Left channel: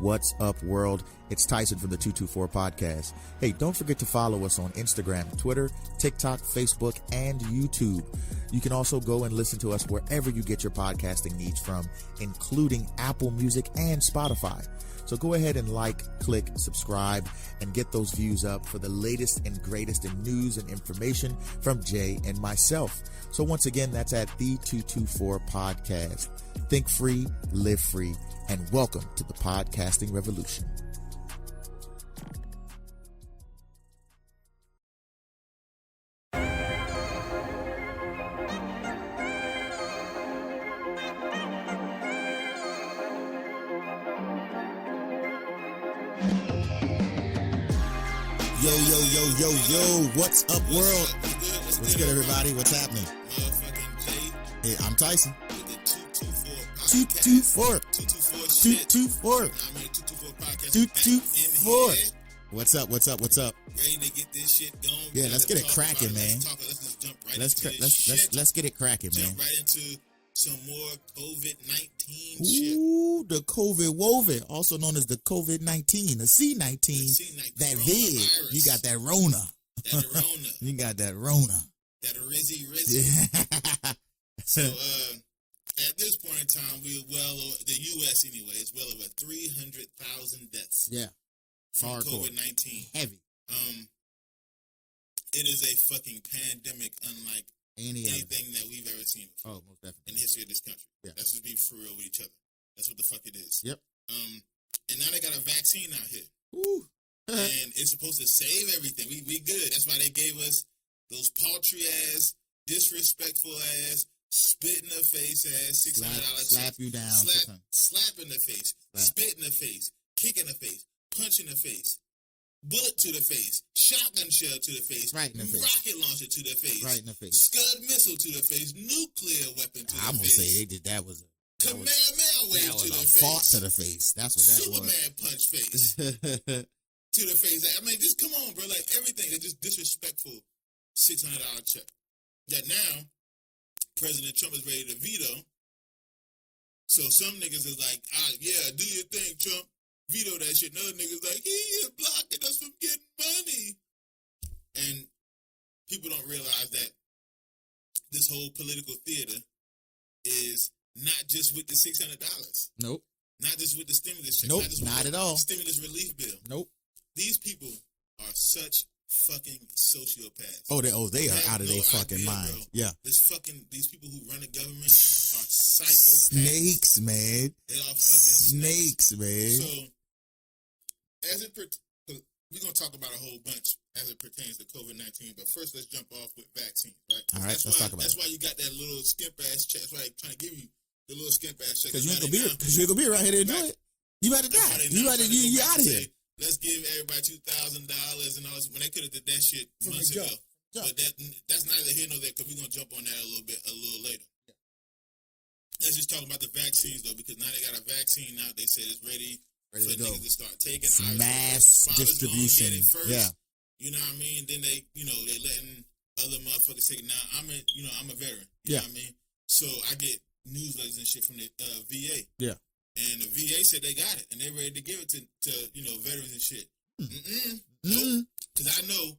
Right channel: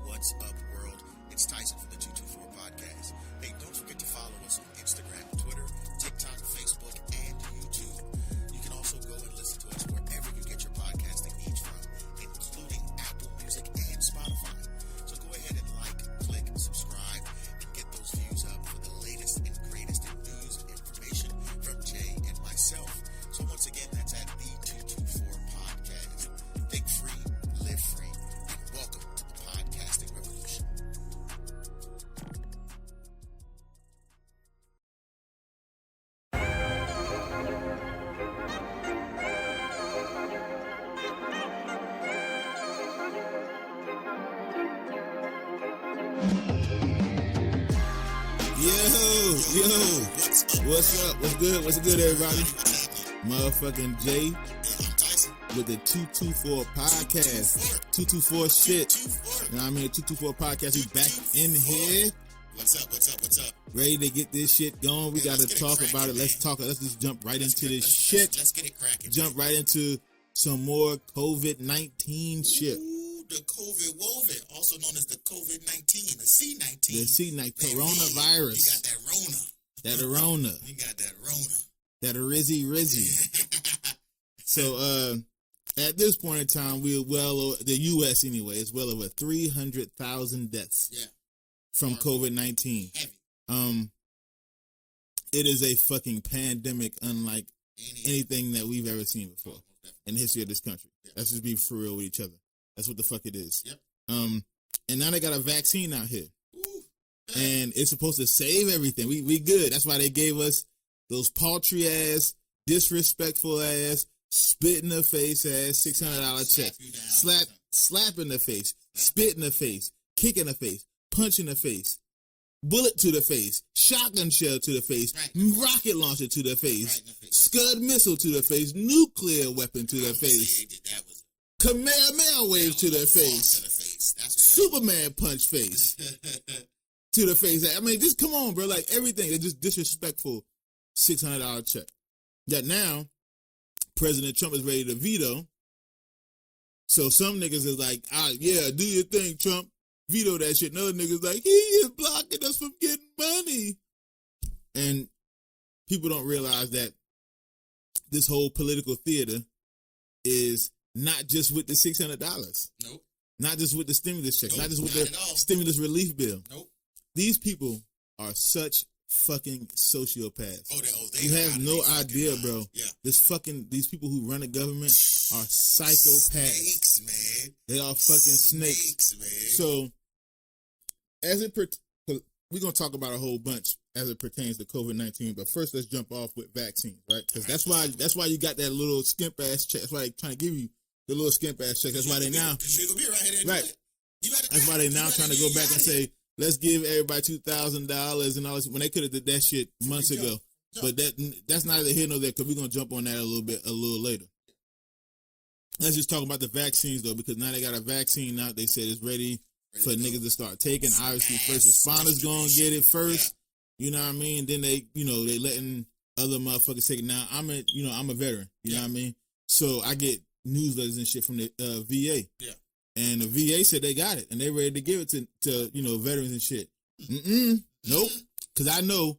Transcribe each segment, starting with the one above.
What's up, world? It's Tyson from the 224 Podcast. Hey, don't forget to follow us on Instagram, Twitter, TikTok, Facebook, and YouTube. You can also go and listen to us wherever you get your podcasting needs from, including Apple Music and Spotify. So go ahead and like, click, subscribe, and get those views up for the latest and greatest in news and information from Jay and myself. So once again, that's at the 224 Podcast. Think free, live free, and welcome to the podcasting revolution. What's up, world? What's good, everybody? What's happening? Motherfucking Jay. Hey, I'm Tyson. With the 224 Podcast. 224 shit. 224. You know what I mean? 224 Podcast is back in here. What's up? Ready to get this shit going. We gotta talk about it. Let's just jump right into it. Let's get it cracking. Jump right into some more COVID-19 shit. Ooh, the COVID-woven, also known as the COVID-19, the C-19. The C-19. That coronavirus. You got that Rona. That Rona. You got that Rona. That Rizzy. So, at this point in time, we're the U.S. anyway, is well over 300,000 deaths. Yeah. From COVID-19. Heavy. It is a fucking pandemic unlike anything that we've ever seen before in the history of this country. Yeah. Let's just be for real with each other. That's what the fuck it is. Yep. And now they got a vaccine out here. Ooh. And it's supposed to save everything. We good. That's why they gave us those paltry ass, disrespectful ass, spit in the face ass, $600 slap you down. Slap in the face, spit in the face, kick in the face, punch in the face, bullet to the face, shotgun shell to the face, rocket launcher to the face, Scud missile to the face, nuclear weapon to the face. That was Kamehameha wave to the face. Superman punch face. To the face. I mean, just come on, bro. Like, everything is just disrespectful. $600 check. That now, President Trump is ready to veto. So some niggas is like, yeah, do your thing, Trump. Veto that shit. No niggas like, he is blocking us from getting money. And people don't realize that this whole political theater is not just with the $600. Nope. Not just with the stimulus check. Nope, not just with not the at all. stimulus relief bill. Nope. These people are such fucking sociopaths. They have no idea, mind. bro. Yeah. These people who run the government are psychopaths. Snakes, man. They are fucking snakes, man. So, we're going to talk about a whole bunch as it pertains to COVID-19, but first let's jump off with vaccines, right? So that's why you got that little skimp ass check. That's why they trying to give you the little skimp ass check. That's why they now. You're going to be right here. Right. That's why they now trying to go back and say, let's give everybody $2,000 and all this, when they could have did that shit months ago. But that's not here nor there, because we're going to jump on that a little later. Let's just talk about the vaccines, though, because now they got a vaccine out. They said it's ready for niggas to start taking. Obviously, first responders going to get it first. Yeah. You know what I mean? Then they letting other motherfuckers take it. Now, I'm a veteran. You know what I mean? So I get newsletters and shit from the VA. Yeah. And the VA said they got it, and they ready to give it to veterans and shit. Nope. Because I know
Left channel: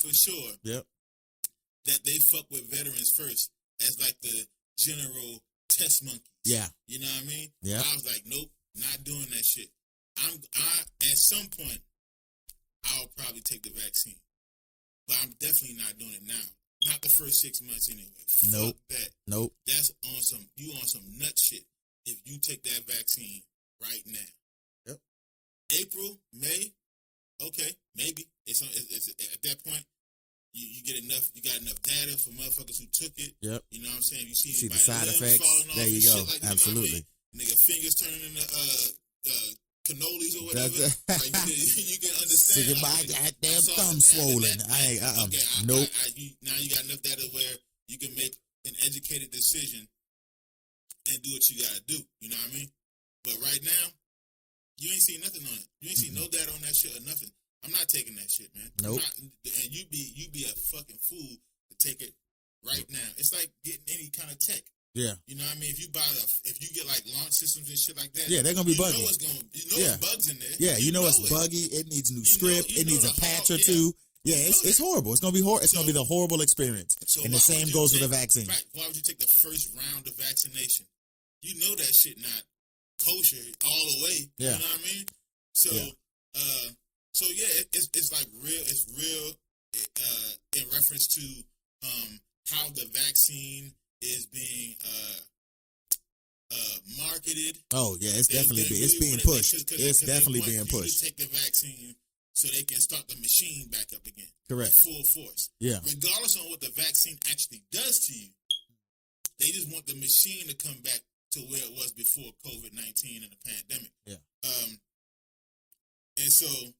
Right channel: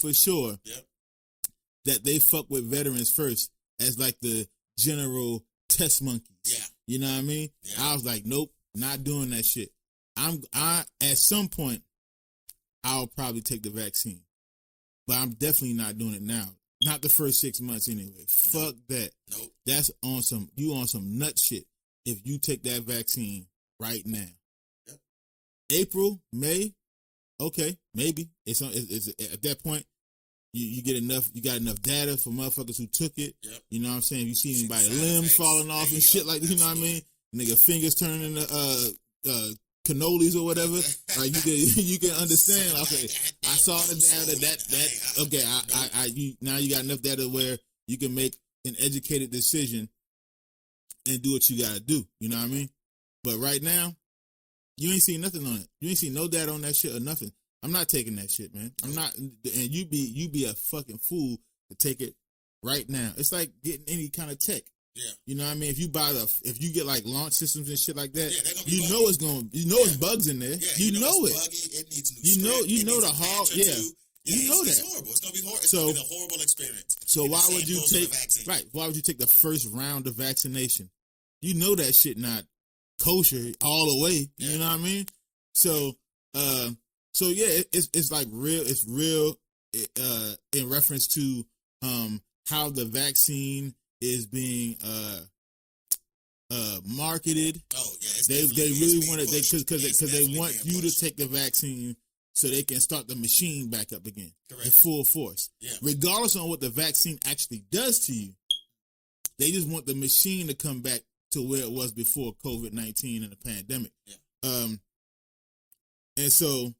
for sure that they fuck with veterans first as like the general test monkey. Yeah. You know what I mean? Yeah. I was like, nope, not doing that shit. At some point, I'll probably take the vaccine, but I'm definitely not doing it now. Not the first 6 months anyway. Fuck that. Nope. That's on some nut shit if you take that vaccine right now. Yep. April, May, okay, maybe. It's at that point, you got enough data from motherfuckers who took it. Yep. You know what I'm saying? You see anybody limbs falling off and shit like, you know what I mean? Niggas' fingers turning into cannolis or whatever. Like you can understand. I saw now you got enough data where you can make an educated decision and do what you gotta do. You know what I mean? But right now, you ain't seen nothing on it. You ain't seen no data on that shit or nothing. I'm not taking that shit, man. Nope. I'm not, and you be a fucking fool to take it right now. It's like getting any kind of check. Yeah. You know what I mean? If you get like launch systems and shit like that, they're gonna be buggy. It's bugs in there. Yeah, you know it's buggy. It needs new script. You know the hard. Yeah, it's horrible. It's gonna be horrible. It's gonna be a horrible experience. So and why the same goes to the vaccine. Right. Why would you take the first round of vaccination? You know that shit not kosher all the way. You know what I mean? So, it's like real. It's real in reference to how the vaccine is being marketed. Oh yeah, it's they really want because they want you to take the vaccine so they can start the machine back up again. Correct. At full force. Yeah. Regardless of what the vaccine actually does to you, they just want the machine to come back to where it was before COVID-19 and the pandemic. Yeah. And so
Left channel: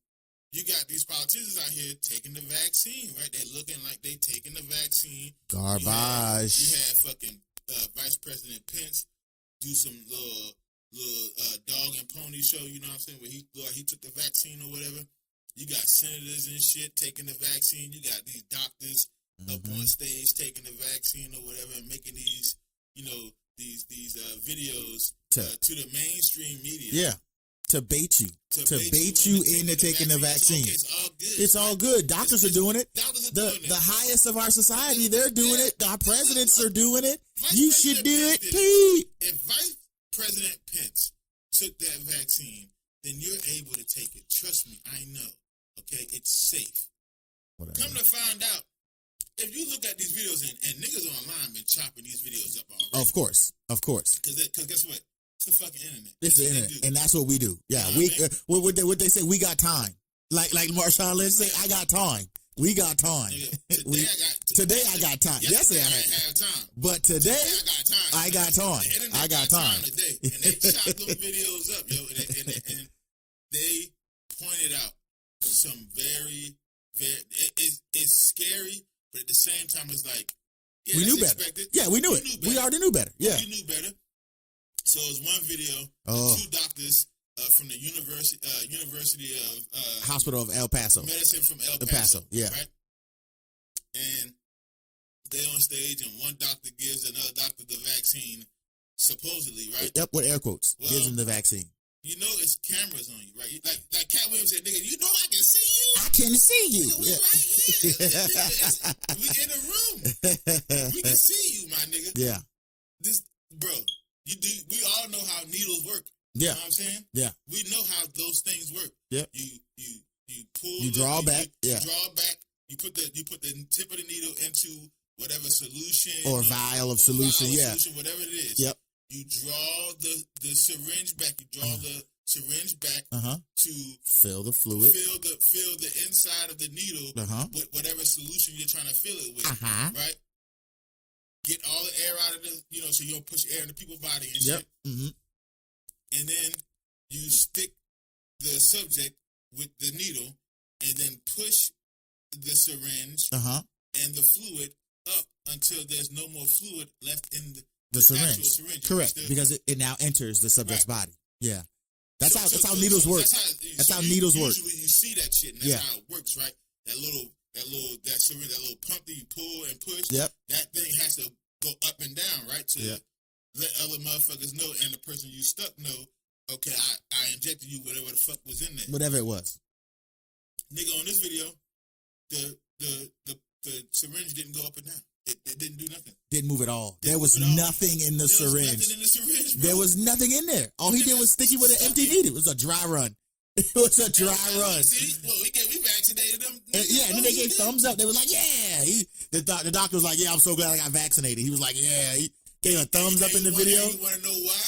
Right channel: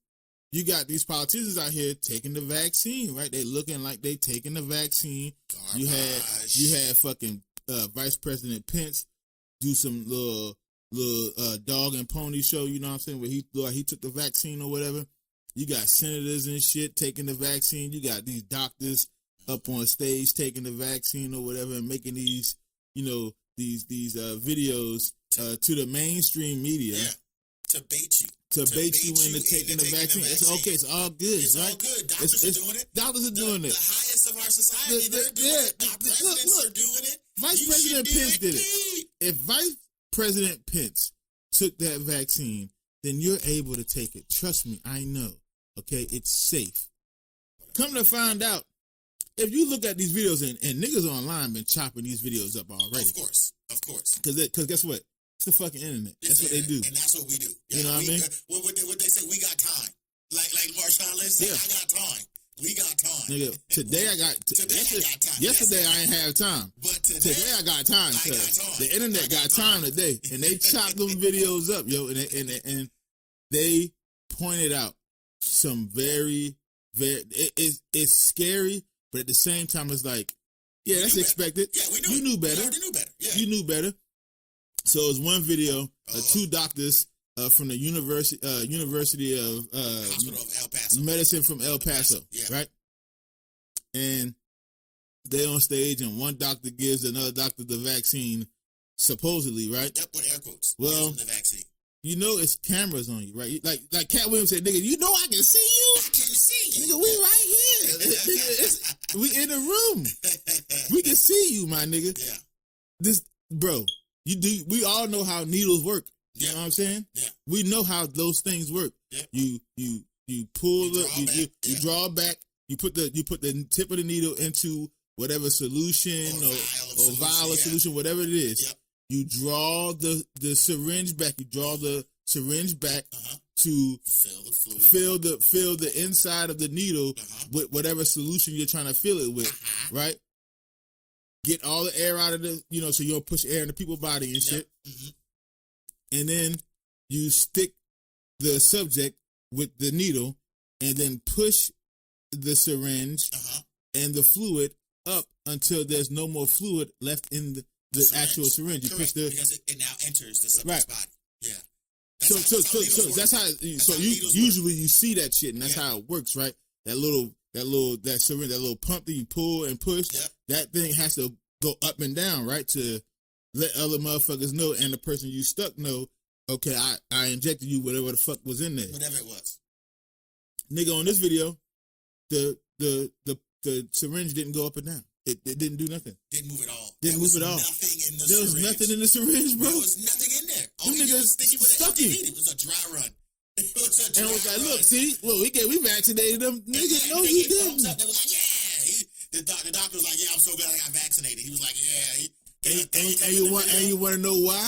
you got these politicians out here taking the vaccine, right? They're looking like they taking the vaccine. Garbage. You had fucking Vice President Pence do some little dog and pony show, you know what I'm saying, where he took the vaccine or whatever. You got senators and shit taking the vaccine. You got these doctors up on stage taking the vaccine or whatever and making these, these videos to the mainstream media. Yeah. To bait you into taking the vaccine. Okay, it's all good. It's all good. Doctors are doing it. Doctors are doing it. The highest of our society, they're doing it. Our presidents are doing it. You should do it too. If Vice President Pence took that vaccine, then you're able to take it. Trust me, I know. Okay, it's safe. Come to find out, if you look at these videos and niggas online been chopping these videos up already. Of course. Because guess what? It's the fucking internet. It's the internet. And that's what we do. Yeah. What they say, we got time. Like Marshawn Lynch said, I got time. We got time. Today I got time. Yesterday I didn't have time. But today I got time. I got time. The internet got time today. And they chop those videos up, and they pointed out some very, very, it's scary, but at the same time it's like, we knew better. Yeah, we knew it. We already knew better. Yeah. You knew better. So it's one video of two doctors from the University of Hospital of El Paso. Medicine from El Paso. Yeah. Right? And they on stage and one doctor gives another doctor the vaccine, supposedly, right? Yep, with air quotes. Well, the vaccine. You know it's cameras on you, right? Like Cat Williams said, nigga, you know I can see you. I can see you. So we right here. We in the room. We can see you, my nigga. Yeah. This, bro, we all know how needles work. You know what I'm saying? Yeah. We know how those things work. Yeah. You pull, you draw back. You draw back. You put the tip of the needle into whatever solution or vial of solution, whatever it is. Yep. You draw the syringe back. You draw the syringe back to fill the fluid. Fill the inside of the needle with whatever solution you're trying to fill it with. Right. Get all the air out of the, so you don't push air in the people's body and shit. And then you stick the subject with the needle and then push the syringe and the fluid up until there's no more fluid left in the actual syringe. Correct, because it now enters the subject's body. Yeah. That's how needles work. That's how needles work. Usually you see that shit, and that's how it works, right? That syringe, that little pump that you pull and push. Yep. That thing has to go up and down, right? To let other motherfuckers know, and the person you stuck know, okay, I injected you whatever the fuck was in there. Whatever it was. Nigga, on this video, the syringe didn't go up and down. It didn't do nothing. Didn't move at all. There was nothing in the syringe. Nothing in the syringe, bro. There was nothing in there. All he did was stick it with an empty needle. It was a dry run. It was a dry run. See, look, we vaccinated them. They thumbs up. They were like, the doctor was like, yeah, I'm so glad I got vaccinated. He was like, they were thumbs up in the video. You want to know why?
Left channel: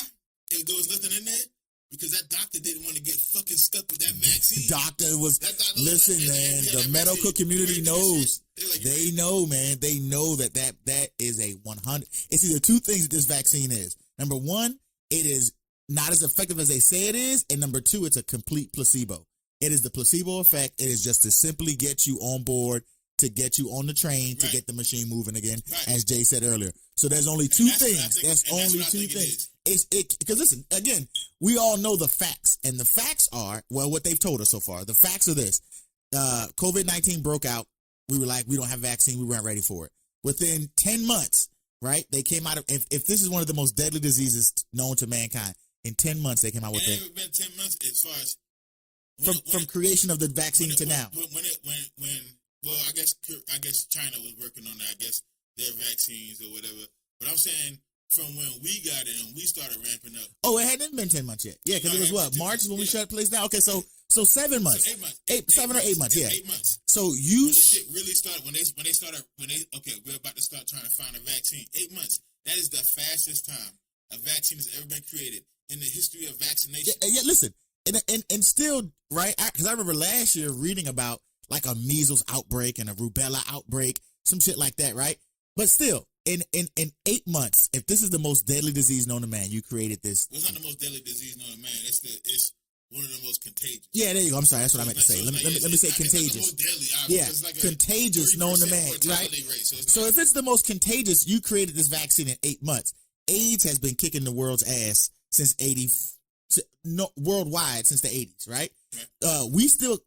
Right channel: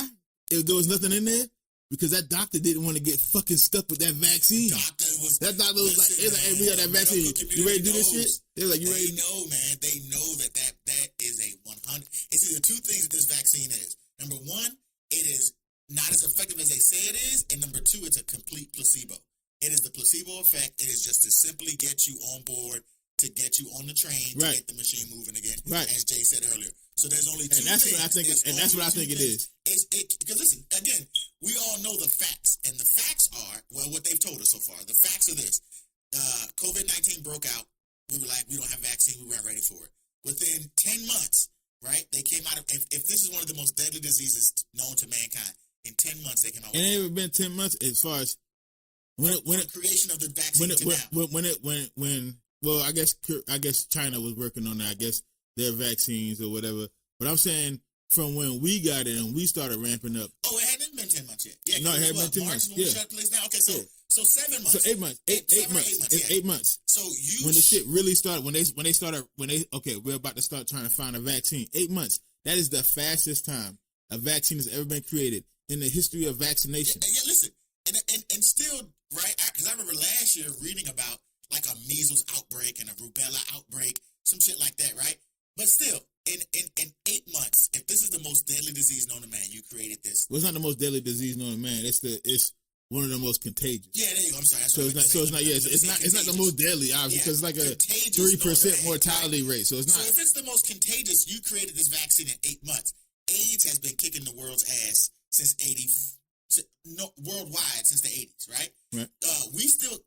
There was nothing in there? Because that doctor didn't want to get fucking stuck with that vaccine. The medical community knows. They know, man. They know that is a 100. It's either two things this vaccine is. Number one, it is not as effective as they say it is. And number two, it's a complete placebo. It is the placebo effect. It is just to simply get you on board, to get you on the train, to get the machine moving again, as Jay said earlier. So there's only two things. There's only two things. Because listen, again, we all know the facts. And the facts are, what they've told us so far. The facts are this. COVID-19 broke out. We were like, we don't have vaccine. We weren't ready for it. Within 10 months, right? They came out of, if this is one of the most deadly diseases known to mankind, in 10 months they came out with it. It ain't been 10 months as far as from creation of the vaccine to now. Well, I guess China was working on that. I guess their vaccines or whatever. But I'm saying from when we got it and we started ramping up. Oh, it hadn't been 10 months yet. Yeah, no, it was March when we started placing out. Okay, so 7 months. So 8 months. 7 or 8 months. Yeah, 8 months. So you when the shit really started when they started okay, we're about to start trying to find a vaccine. 8 months. That is the fastest time a vaccine has ever been created in the history of vaccination. And yet, listen, and still, right? Because I remember last year reading about like a measles outbreak and a rubella outbreak, some shit like that, right? But still, in 8 months, if this is the most deadly disease known to man, you created this. Well, it's not the most deadly disease known to man. It's one of the most contagious. Yeah, there you go. I'm sorry. That's what I meant to say. It's not the most deadly, obviously. Yeah, it's like a contagious known to man. Mortality rate. So if it's the most contagious, you created this vaccine in 8 months. AIDS has been kicking the world's ass since 80s. Worldwide since the 80s, right? We still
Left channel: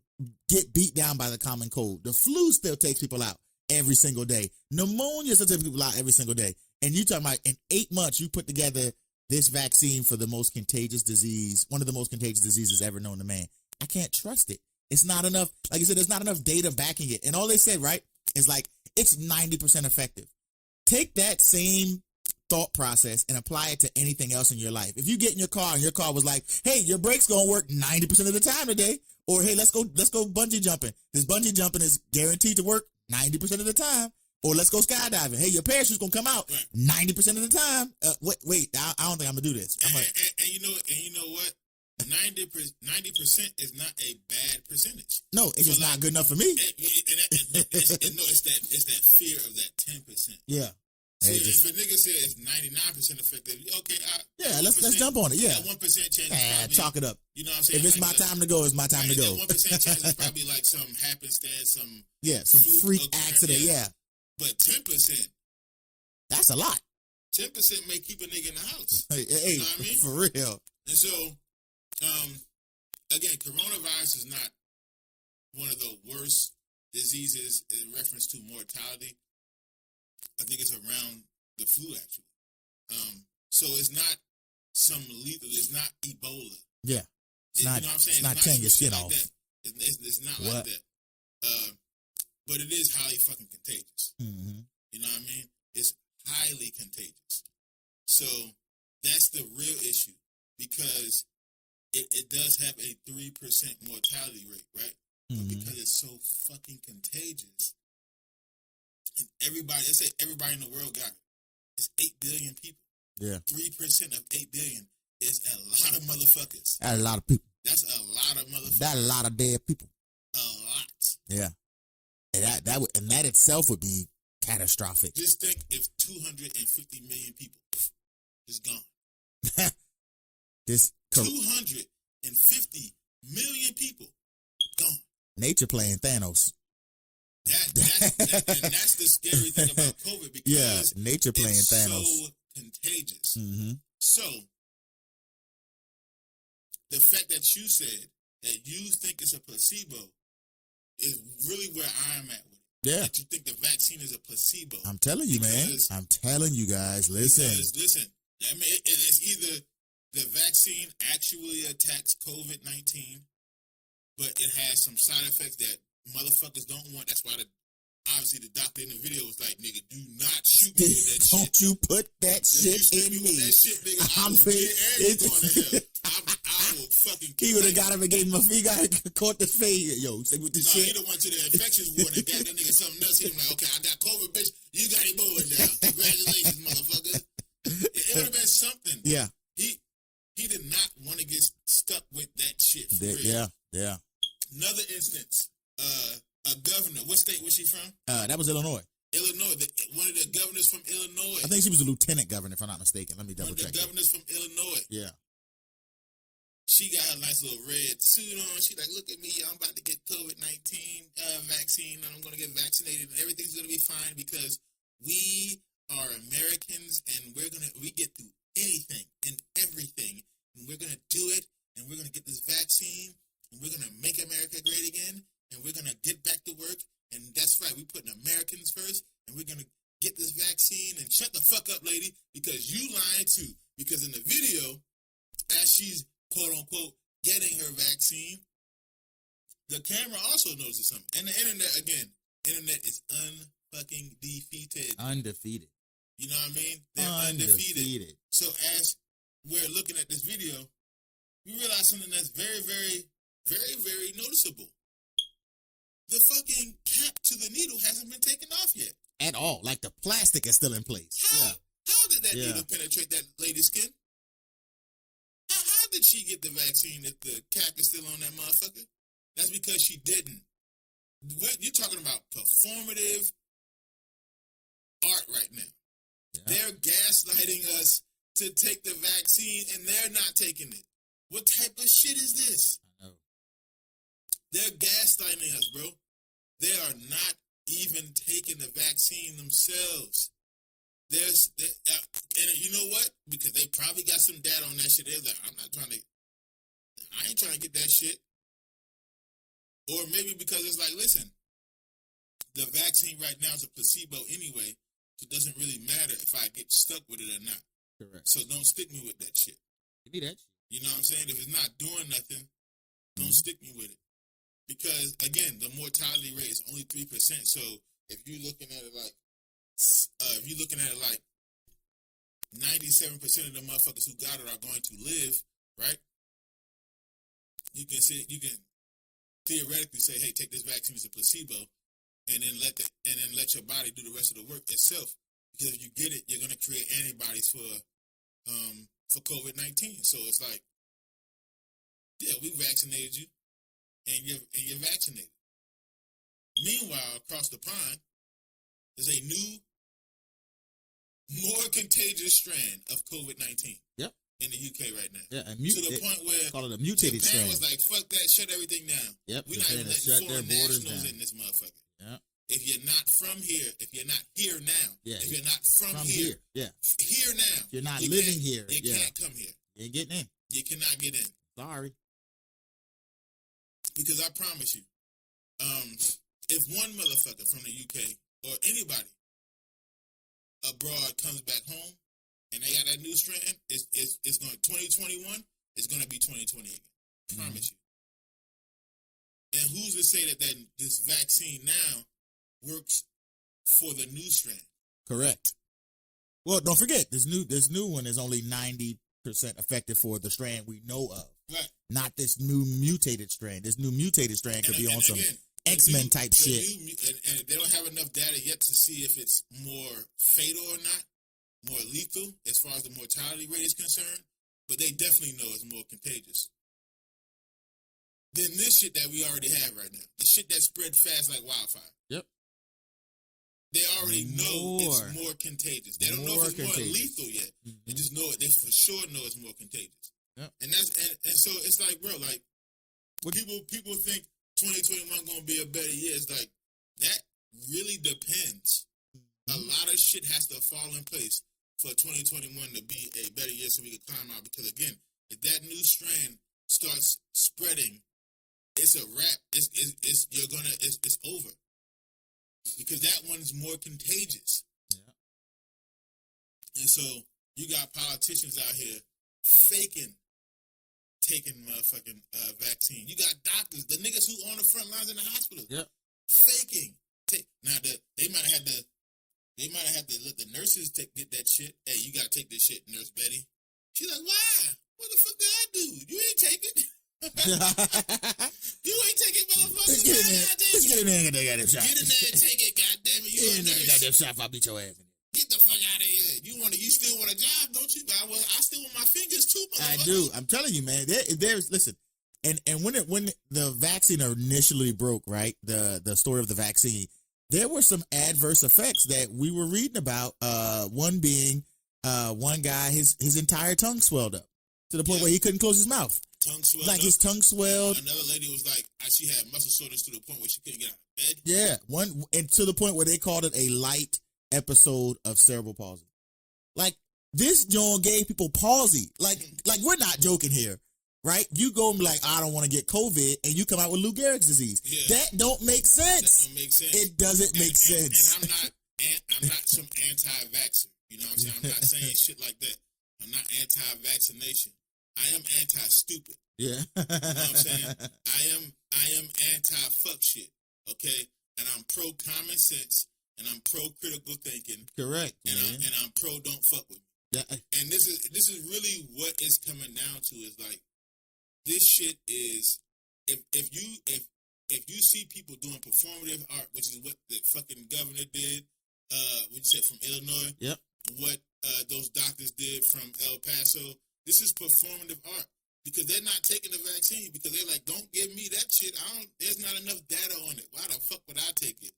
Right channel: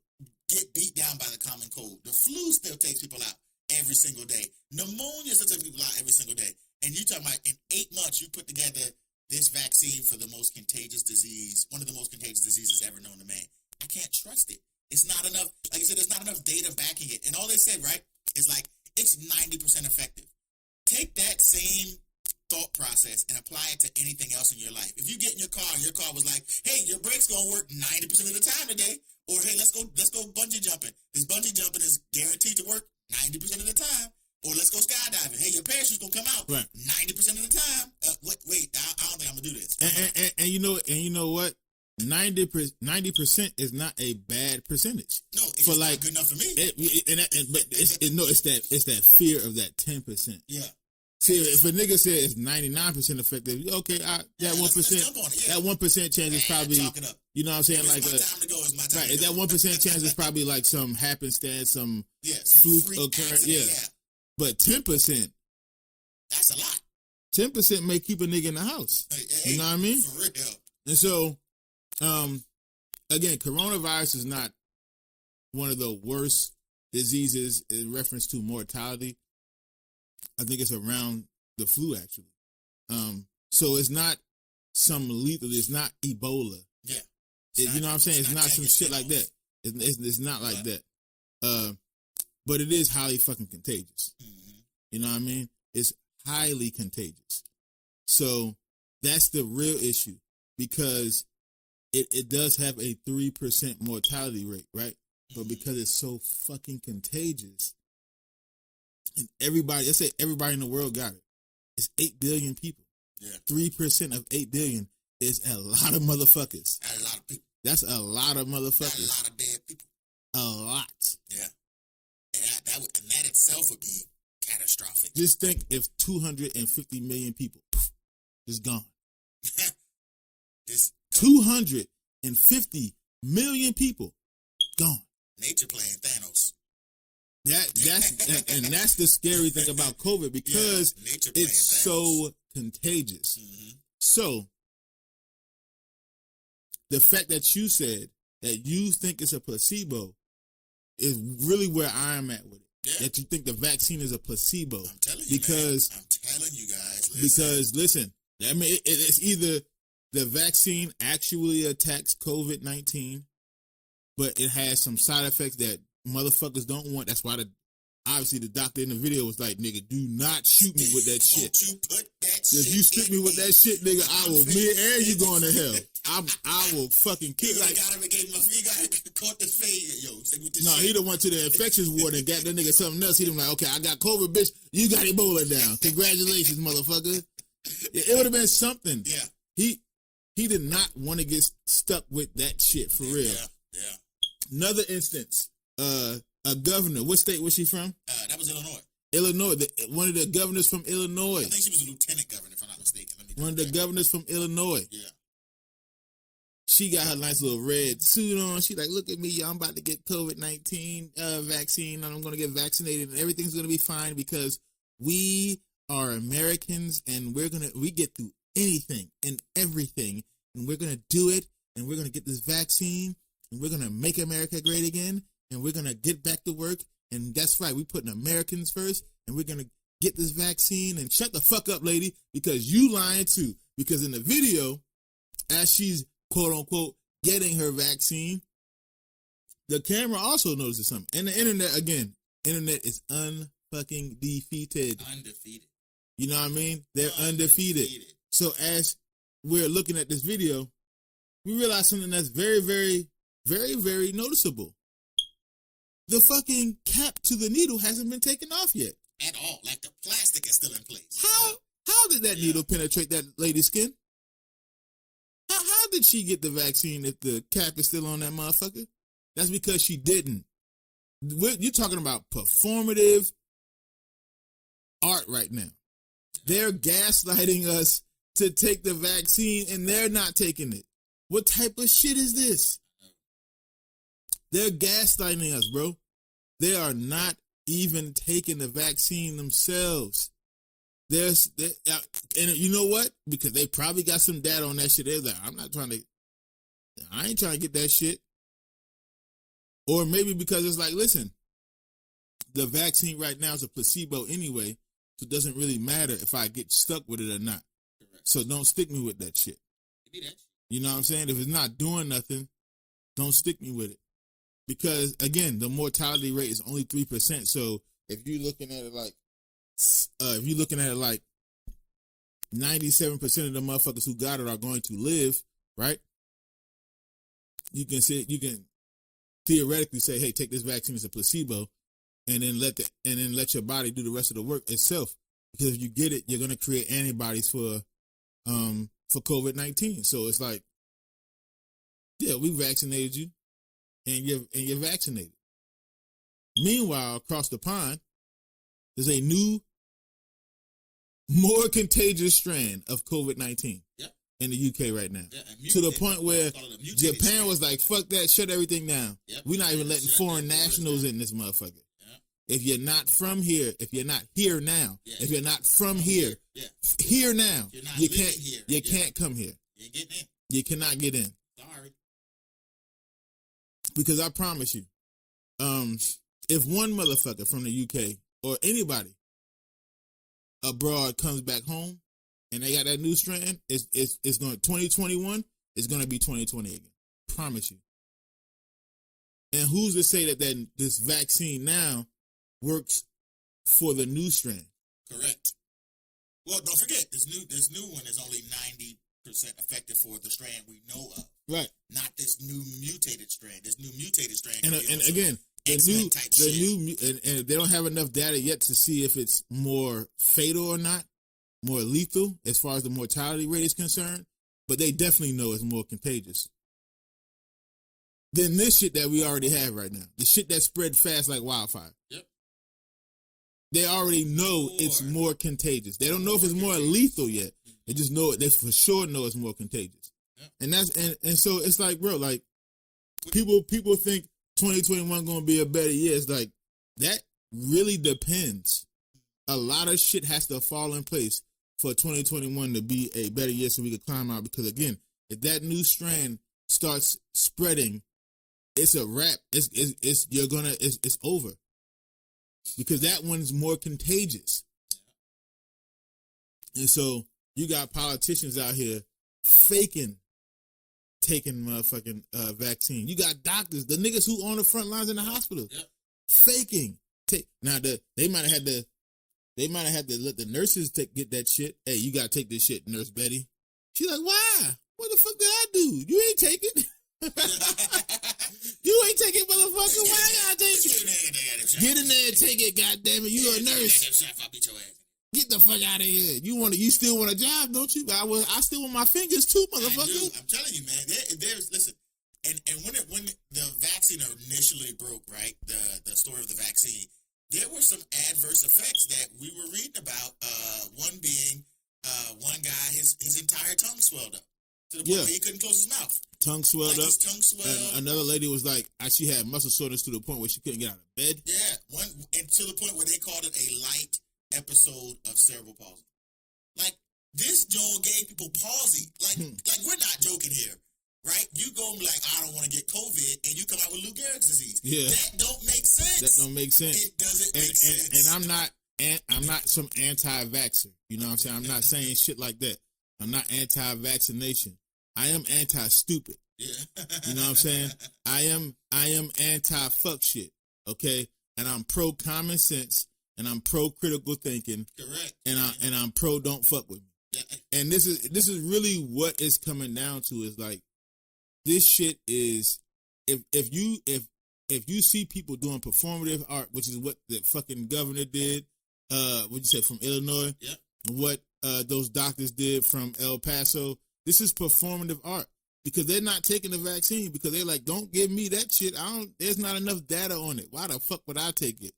get beat down by the common cold. The flu still takes people out every single day. Pneumonia still takes people out every single day. And you talking about in 8 months, you put together this vaccine for the most contagious disease, one of the most contagious diseases ever known to man. I can't trust it. It's not enough. Like you said, there's not enough data backing it. And all they said, right, is like it's 90% effective. Take that same thought process and apply it to anything else in your life. If you get in your car and your car was like, hey, your brakes don't work 90% of the time today, or hey, let's go bungee jumping. This bungee jumping is guaranteed to work 90% of the time. Or let's go skydiving. Hey, your parachutes gonna come out 90% of the time. Wait, I don't think I'm gonna do this. And you know what? 90% is not a bad percentage. No, it's not good enough for me. It's that fear of that 10%. Yeah. If a nigga said it's 99% effective, okay, let's jump on it. Yeah, that 1% chance is probably talk it up. You know what I'm saying? If it's my time to go, it's my time to go. That 1% chance is probably like some happenstance, some freak accident. Yeah, but 10%, that's a lot. 10% may keep a nigga in the house. You know what I mean? For real. And so, again, coronavirus is not one of the worst diseases in reference to mortality. I think it's around the flu, actually. So it's not some lethal. It's not Ebola. Yeah. You know what I'm saying? It's not some shit like that. It's not like that. But it is highly fucking contagious. Mm-hmm. You know what I mean? It's highly contagious. So that's the real issue because it does have a 3% mortality rate, right? Mm-hmm. But because it's so fucking contagious, and let's say everybody in the world got it. It's 8 billion people. Yeah. 3% of 8 billion is a lot of motherfuckers. That's a lot of people. That's a lot of motherfuckers. That's a lot of bad people. A lot. Yeah. And that itself would be catastrophic. Just think if 250 million people is gone. This 250 million people gone. Nature playing Thanos. That's the scary thing about COVID because nature playing it's Thanos. So contagious. Mm-hmm. So the fact that you said that you think it's a placebo is really where I am at with it. Yeah. That you think the vaccine is a placebo. I'm telling you, man. I'm telling you guys. Listen, I mean, it's either the vaccine actually attacks COVID-19, but it has some side effects that motherfuckers don't want. That's why obviously the doctor in the video was like, nigga, do not shoot me with that shit. Don't you put that shit. If you shoot me with that shit, nigga, I will be and you going to hell. I will fucking kill you. He got him and gave him a free guy caught the fade. Yo, no, he don't want you to infection ward and got that nigga something else. He was like, okay, I got COVID, bitch. You got Ebola down. Congratulations, motherfucker. It would have been something. Yeah. He did not want to get stuck with that shit for real. Yeah. Another instance. A governor. What state was he from? That was Illinois. One of the governors from Illinois. I think she was a lieutenant governor, if I'm not mistaken. One of the governors from Illinois. Yeah. She got her nice little red suit on. She's like, look at me, I'm about to get COVID-19 vaccine. I'm going to get vaccinated and everything's going to be fine because we are Americans and we get through anything and everything and we're going to do it and we're going to get this vaccine and we're going to make America great again and we're going to get back to work. And that's right, we're putting Americans first and we're going to get this vaccine and shut the fuck up, lady, because you lying too. Because in the video, as she's quote unquote getting her vaccine, the camera also notices something. And the internet, again, internet is unfucking defeated. Undefeated. You know what I mean? They're undefeated. So as we're looking at this video, we realize something that's very, very, very, very noticeable. The fucking cap to the needle hasn't been taken off yet. At all. Like the plastic is still in place. How did that needle penetrate that lady's skin? How did she get the vaccine if the cap is still on that motherfucker? That's because she didn't. You're talking about performative art right now. Yeah. They're gaslighting us to take the vaccine and they're not taking it. What type of shit is this? They're gaslighting us, bro. They are not even taking the vaccine themselves. And you know what? Because they probably got some data on that shit. They're like, I ain't trying to get that shit. Or maybe because it's like, listen, the vaccine right now is a placebo anyway, so it doesn't really matter if I get stuck with it or not. Correct. So don't stick me with that shit. You know what I'm saying? If it's not doing nothing, don't stick me with it. Because, again, the mortality rate is only 3%. So if you're looking at it like, 97% of the motherfuckers who got it are going to live, right? You can theoretically say, hey, take this vaccine as a placebo, and then let your body do the rest of the work itself. Because if you get it, you're gonna create antibodies for COVID-19. So it's like, yeah, we vaccinated you, and you're vaccinated. Meanwhile, across the pond, there's a new, more contagious strand of COVID-19. Yep. In the UK right now. Yeah, to the point where Japan was like, fuck that, shut everything down. Yep. We're not even letting foreign nationals in this motherfucker. Yep. If you're not from here, if you're not here now, if you're not from here, here now, you're not living here. You can't come here. You ain't getting in. You cannot get in. Sorry. Because I promise you, if one motherfucker from the UK or anybody abroad comes back home, and they got that new strand, it's going 2021, it's going to be 2020 again. Promise you. And who's to say that this vaccine now works for the new strand? Correct. Well, don't forget, this new one is only 90% effective for the strand we know of. Right. Not this new mutated strand. This new mutated strand could be also X-Men type shit. And they don't have enough data yet to see if it's more fatal or not. More lethal as far as the mortality rate is concerned, but they definitely know it's more contagious than this shit that we already have right now. The shit that spreads fast like wildfire. Yep. They already know it's more contagious. They don't know if it's more lethal yet. They just know it. They for sure know it's more contagious. Yep. And so it's like, bro, like people think 2021 going to be a better year. It's like that really depends. A lot of shit has to fall in place for 2021 to be a better year so we can climb out. Because again, if that new strand starts spreading, it's a wrap. It's over. Because that one's more contagious. Yeah. And so you got politicians out here taking motherfucking vaccine. You got doctors, the niggas who on the front lines in the hospital, faking. Now they might have had to let the nurses get that shit. Hey, you gotta take this shit, Nurse Betty. She's like, why? What the fuck did I do? You ain't take it. You ain't taking motherfucker. Why not take it? Get in there and take it, goddammit. You a nurse. I'll beat your ass. Get the fuck out of here. You still want a job, don't you? I still want my fingers too, motherfucker. I do. I'm telling you, man. Listen. And when the vaccine initially broke, right? The story of the vaccine. There were some adverse effects that we were reading about. One being, one guy, his entire tongue swelled up to the point where he couldn't close his mouth. Tongue swelled up. His tongue swelled. Another lady was like, she had muscle soreness to the point where she couldn't get out of bed. Yeah, and to the point where they called it a light episode of cerebral palsy. Like this, gave people palsy. Like we're not joking here. Right? You go and be like, I don't want to get COVID, and you come out with Lou Gehrig's disease. Yeah. That don't make sense. It doesn't make sense. And I'm not I'm not some anti-vaxxer. You know what I'm saying? I'm not saying shit like that. I'm not anti-vaccination. I am anti-stupid. Yeah. You know what I'm saying? I am anti-fuck shit. Okay? And I'm pro-common sense, and I'm pro-critical thinking. Correct. And I'm pro don't fuck with me. And this is really what it's coming down to, is like, this shit is, if you see people doing performative art, which is what the fucking governor did, what you said, from Illinois, yep, what those doctors did from El Paso, this is performative art, because they're not taking the vaccine, because they're like, don't give me that shit. There's not enough data on it. Why the fuck would I take it?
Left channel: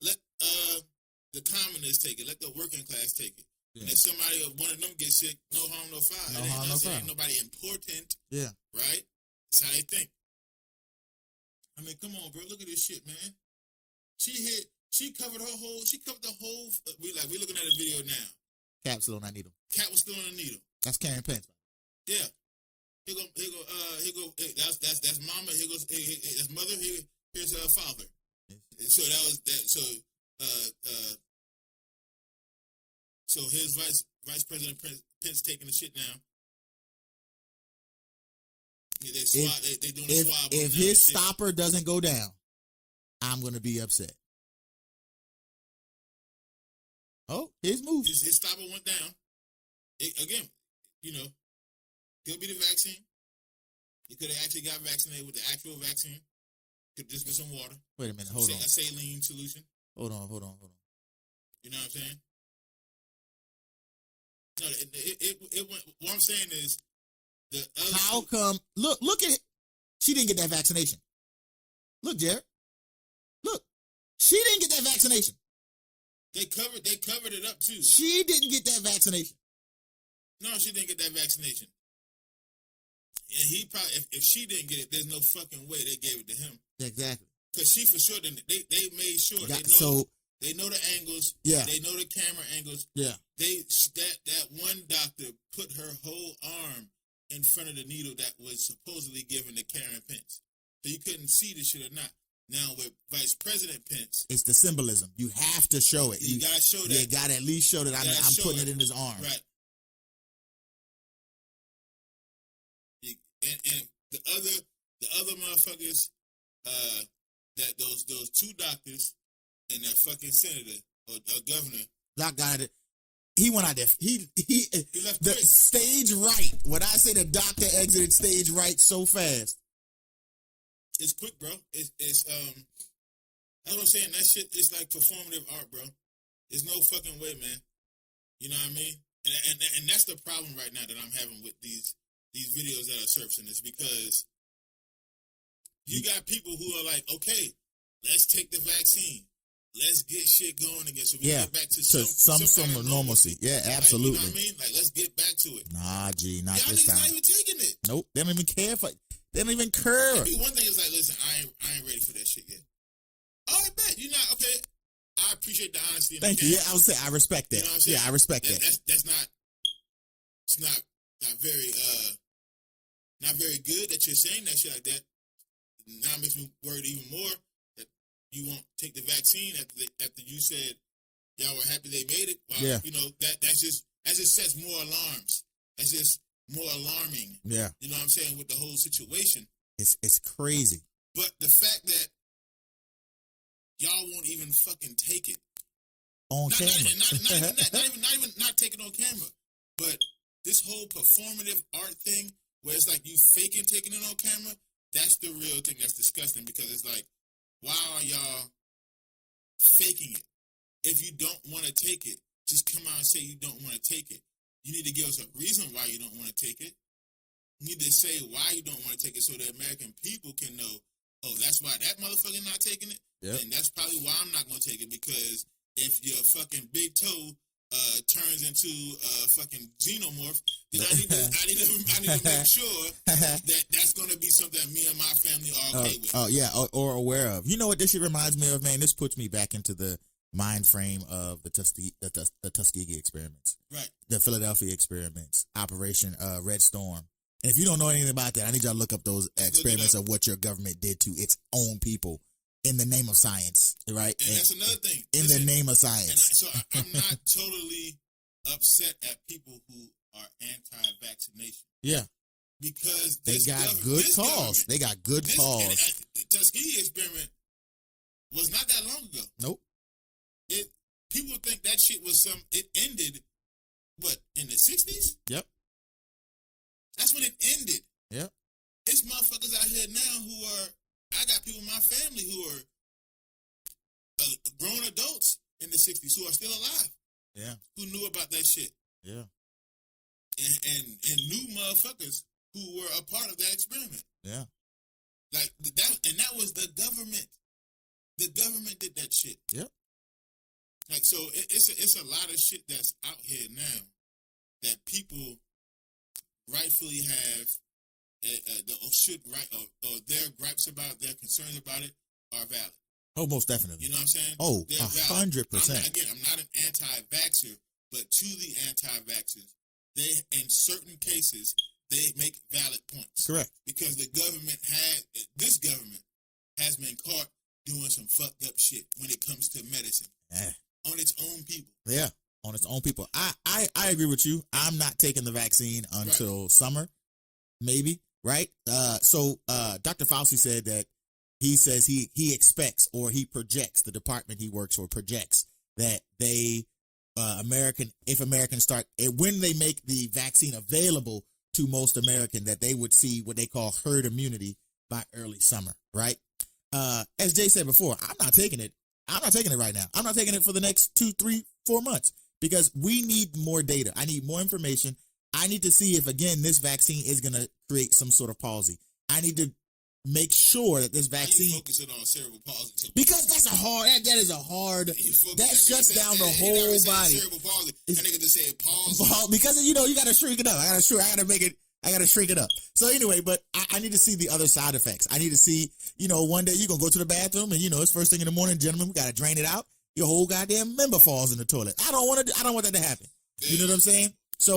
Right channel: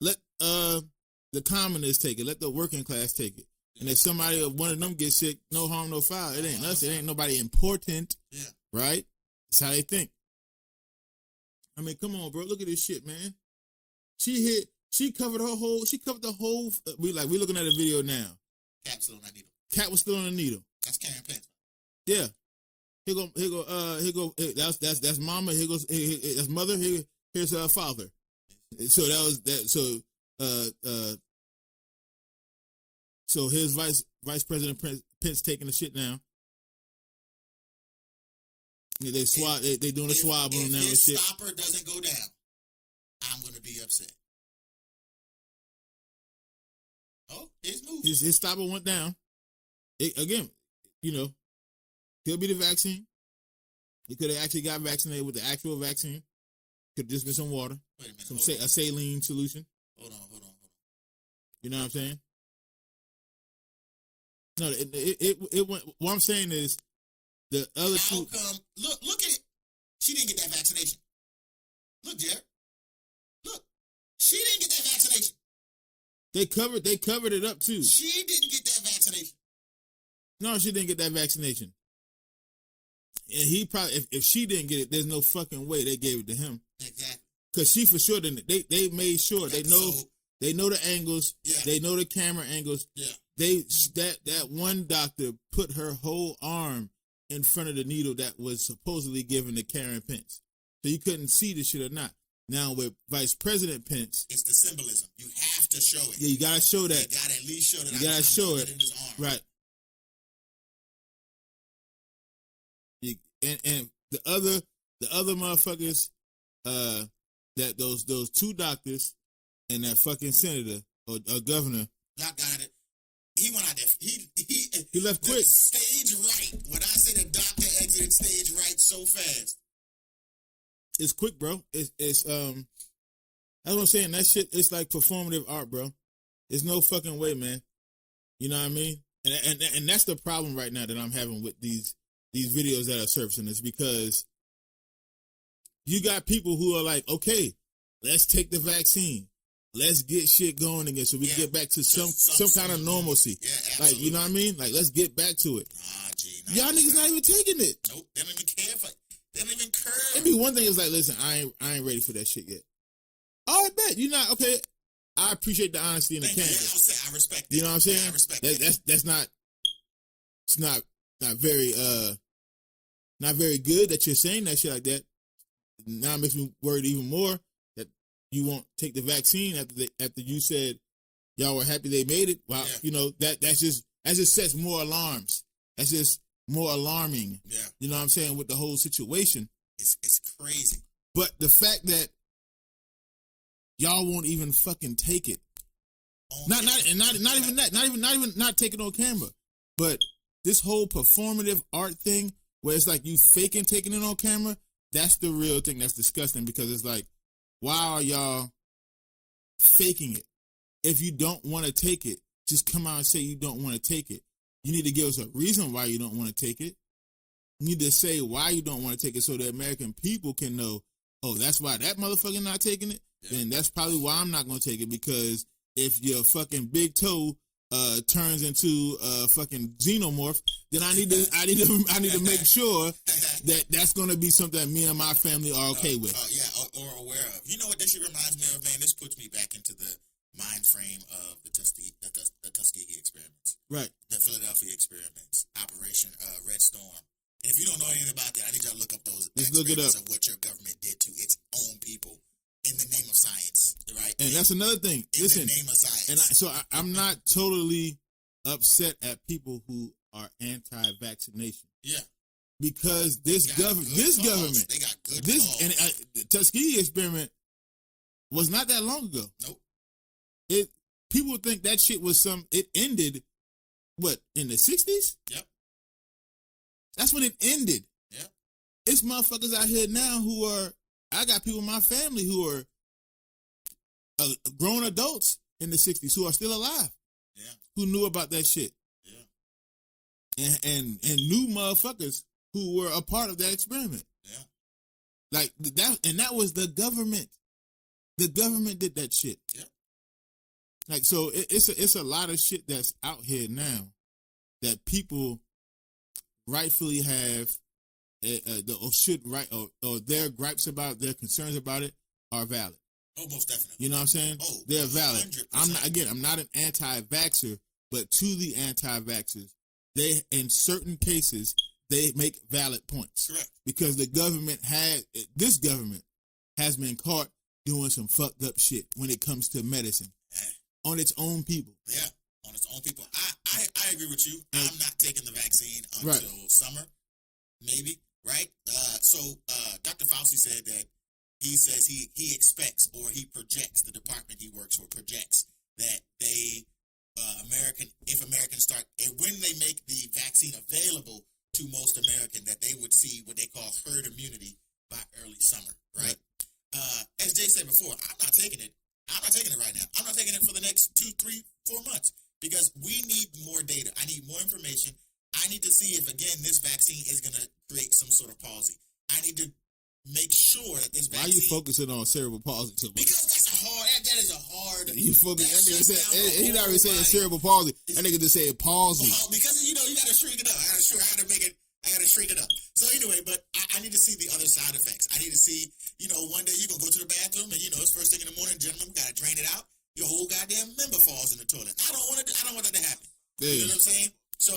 Let the commoners take it. Let the working class take it. And if somebody, one of them gets sick, no harm, no foul. It ain't nothing. It ain't nobody important. Yeah. Right? That's how they think. I mean, come on, bro. Look at this shit, man. She covered the whole, we're looking at a video now. Cat still on that needle. Cat was still on the needle. That's Karen Pence. Yeah. Here go, that's mama. That's mother. Here's her father. So that was that. So here's Vice President Pence taking the shit down. They doing a swab on them. If his stopper doesn't go down, I'm gonna be upset. Oh, his move. His stopper went down. Again, you know, he'll be the vaccine. He could have actually got vaccinated with the actual vaccine. Could just get some water. Wait a minute. Hold on. A saline solution. Hold on. You know what I'm saying? No, it went. What I'm saying is, the other how come? Look at it. She didn't get that vaccination. Look, Jared. Look, she didn't get that vaccination. They covered it up too. She didn't get that vaccination. No, she didn't get that vaccination. And he probably, if she didn't get it, there's no fucking way they gave it to him. Exactly. Because she for sure didn't. They made sure. They know the angles. Yeah. They know the camera angles. Yeah. That one doctor put her whole arm in front of the needle that was supposedly given to Karen Pence. So you couldn't see the shit or not. Now with Vice President Pence, it's the symbolism. You have to show it. You gotta show that. You gotta at least show that I'm putting it in his arm. Right. And the other motherfuckers, that those two doctors and that fucking senator or governor, that guy that he went out there. He left the stage right. When I say the doctor exited stage right so fast, it's quick, bro. It's I was saying that shit. It's like performative art, bro. There's no fucking way, man. You know what I mean? And that's the problem right now that I'm having with these videos that are surfacing, is because you got people who are like, okay, let's take the vaccine. Let's get shit going again so we get back to some kind of normalcy. Yeah, absolutely. Like, you know what I mean? Like, let's get back to it. Nah, G, not y'all niggas not even taking it. Nope, they don't even care. They don't even care. See, one thing is like, listen, I ain't ready for that shit yet. Oh, I bet you're not okay. I appreciate the honesty. Thank you. Yeah, I respect it. You know what I'm saying? Yeah, I respect it. That's not. It's not very good that you're saying that shit like that. Now it makes me worried even more that you won't take the vaccine after you said y'all were happy they made it. Wow, yeah. You know that just sets more alarms. That's just more alarming. Yeah, you know what I'm saying, with the whole situation. It's crazy. But the fact that y'all won't even fucking take it on camera, not even take it on camera, but this whole performative art thing where it's like you faking taking it on camera. That's the real thing that's disgusting, because it's like, why are y'all taking it? If you don't want to take it, just come out and say you don't want to take it. You need to give us a reason why you don't want to take it. You need to say why you don't want to take it so the American people can know, oh, that's why that motherfucker not taking it. Yeah. And that's probably why I'm not going to take it, because if your fucking big toe turns into a fucking xenomorph, then I need to make sure that that's going to be something that me and my family are okay with. Oh yeah, or aware of. You know what this shit reminds me of, man? This puts me back into the mind frame of the Tuskegee experiments, right? The Philadelphia experiments, Operation Red Storm. And if you don't know anything about that, I need you to look up those experiments of what your government did to its own people in the name of science, right? And that's another thing. In the name of science. And I'm not totally upset at people who are anti-vaccination. Yeah. Because this government, they got good cause. The Tuskegee experiment was not that long ago. Nope. People think that shit was it ended, in the 60s? Yep. That's when it ended. Yep. There's motherfuckers out here now I got people in my family who are grown adults in the 60s who are still alive. Yeah. Who knew about that shit. Yeah. And new motherfuckers who were a part of that experiment. Yeah. Like that, and that was the government. The government did that shit. Yep. Like, so it's a lot of shit that's out here now that people rightfully have or their gripes about, their concerns about it are valid. Oh, most definitely. You know what I'm saying? Oh, they're valid. 100%. I'm not an anti-vaxxer, but to the anti-vaxxers, in certain cases, they make valid points. Correct. Because this government has been caught doing some fucked up shit when it comes to medicine. Yeah. On its own people. Yeah, on its own people. I agree with you. I'm not taking the vaccine until summer, maybe, right? So Dr. Fauci said that he says he expects, or he projects, the department he works for projects that they, if Americans start, when they make the vaccine available to most Americans, that they would see what they call herd immunity by early summer, right? As Jay said before, I'm not taking it. I'm not taking it right now. I'm not taking it for the next 2, 3, 4 months because we need more data. I need more information. I need to see if, again, this vaccine is going to create some sort of palsy. I need to make sure that this vaccine... Why are you focusing on cerebral palsy? Because that is a hard... That shuts down the whole body. Cerebral palsy. I think just say palsy. Because, you got to shrink it up. I got to shrink it up. So anyway, but I need to see the other side effects. I need to see, one day you're going to go to the bathroom and, it's first thing in the morning, gentlemen, we got to drain it out. Your whole goddamn member falls in the toilet. I don't want that to happen. Yeah. You know what I'm saying? So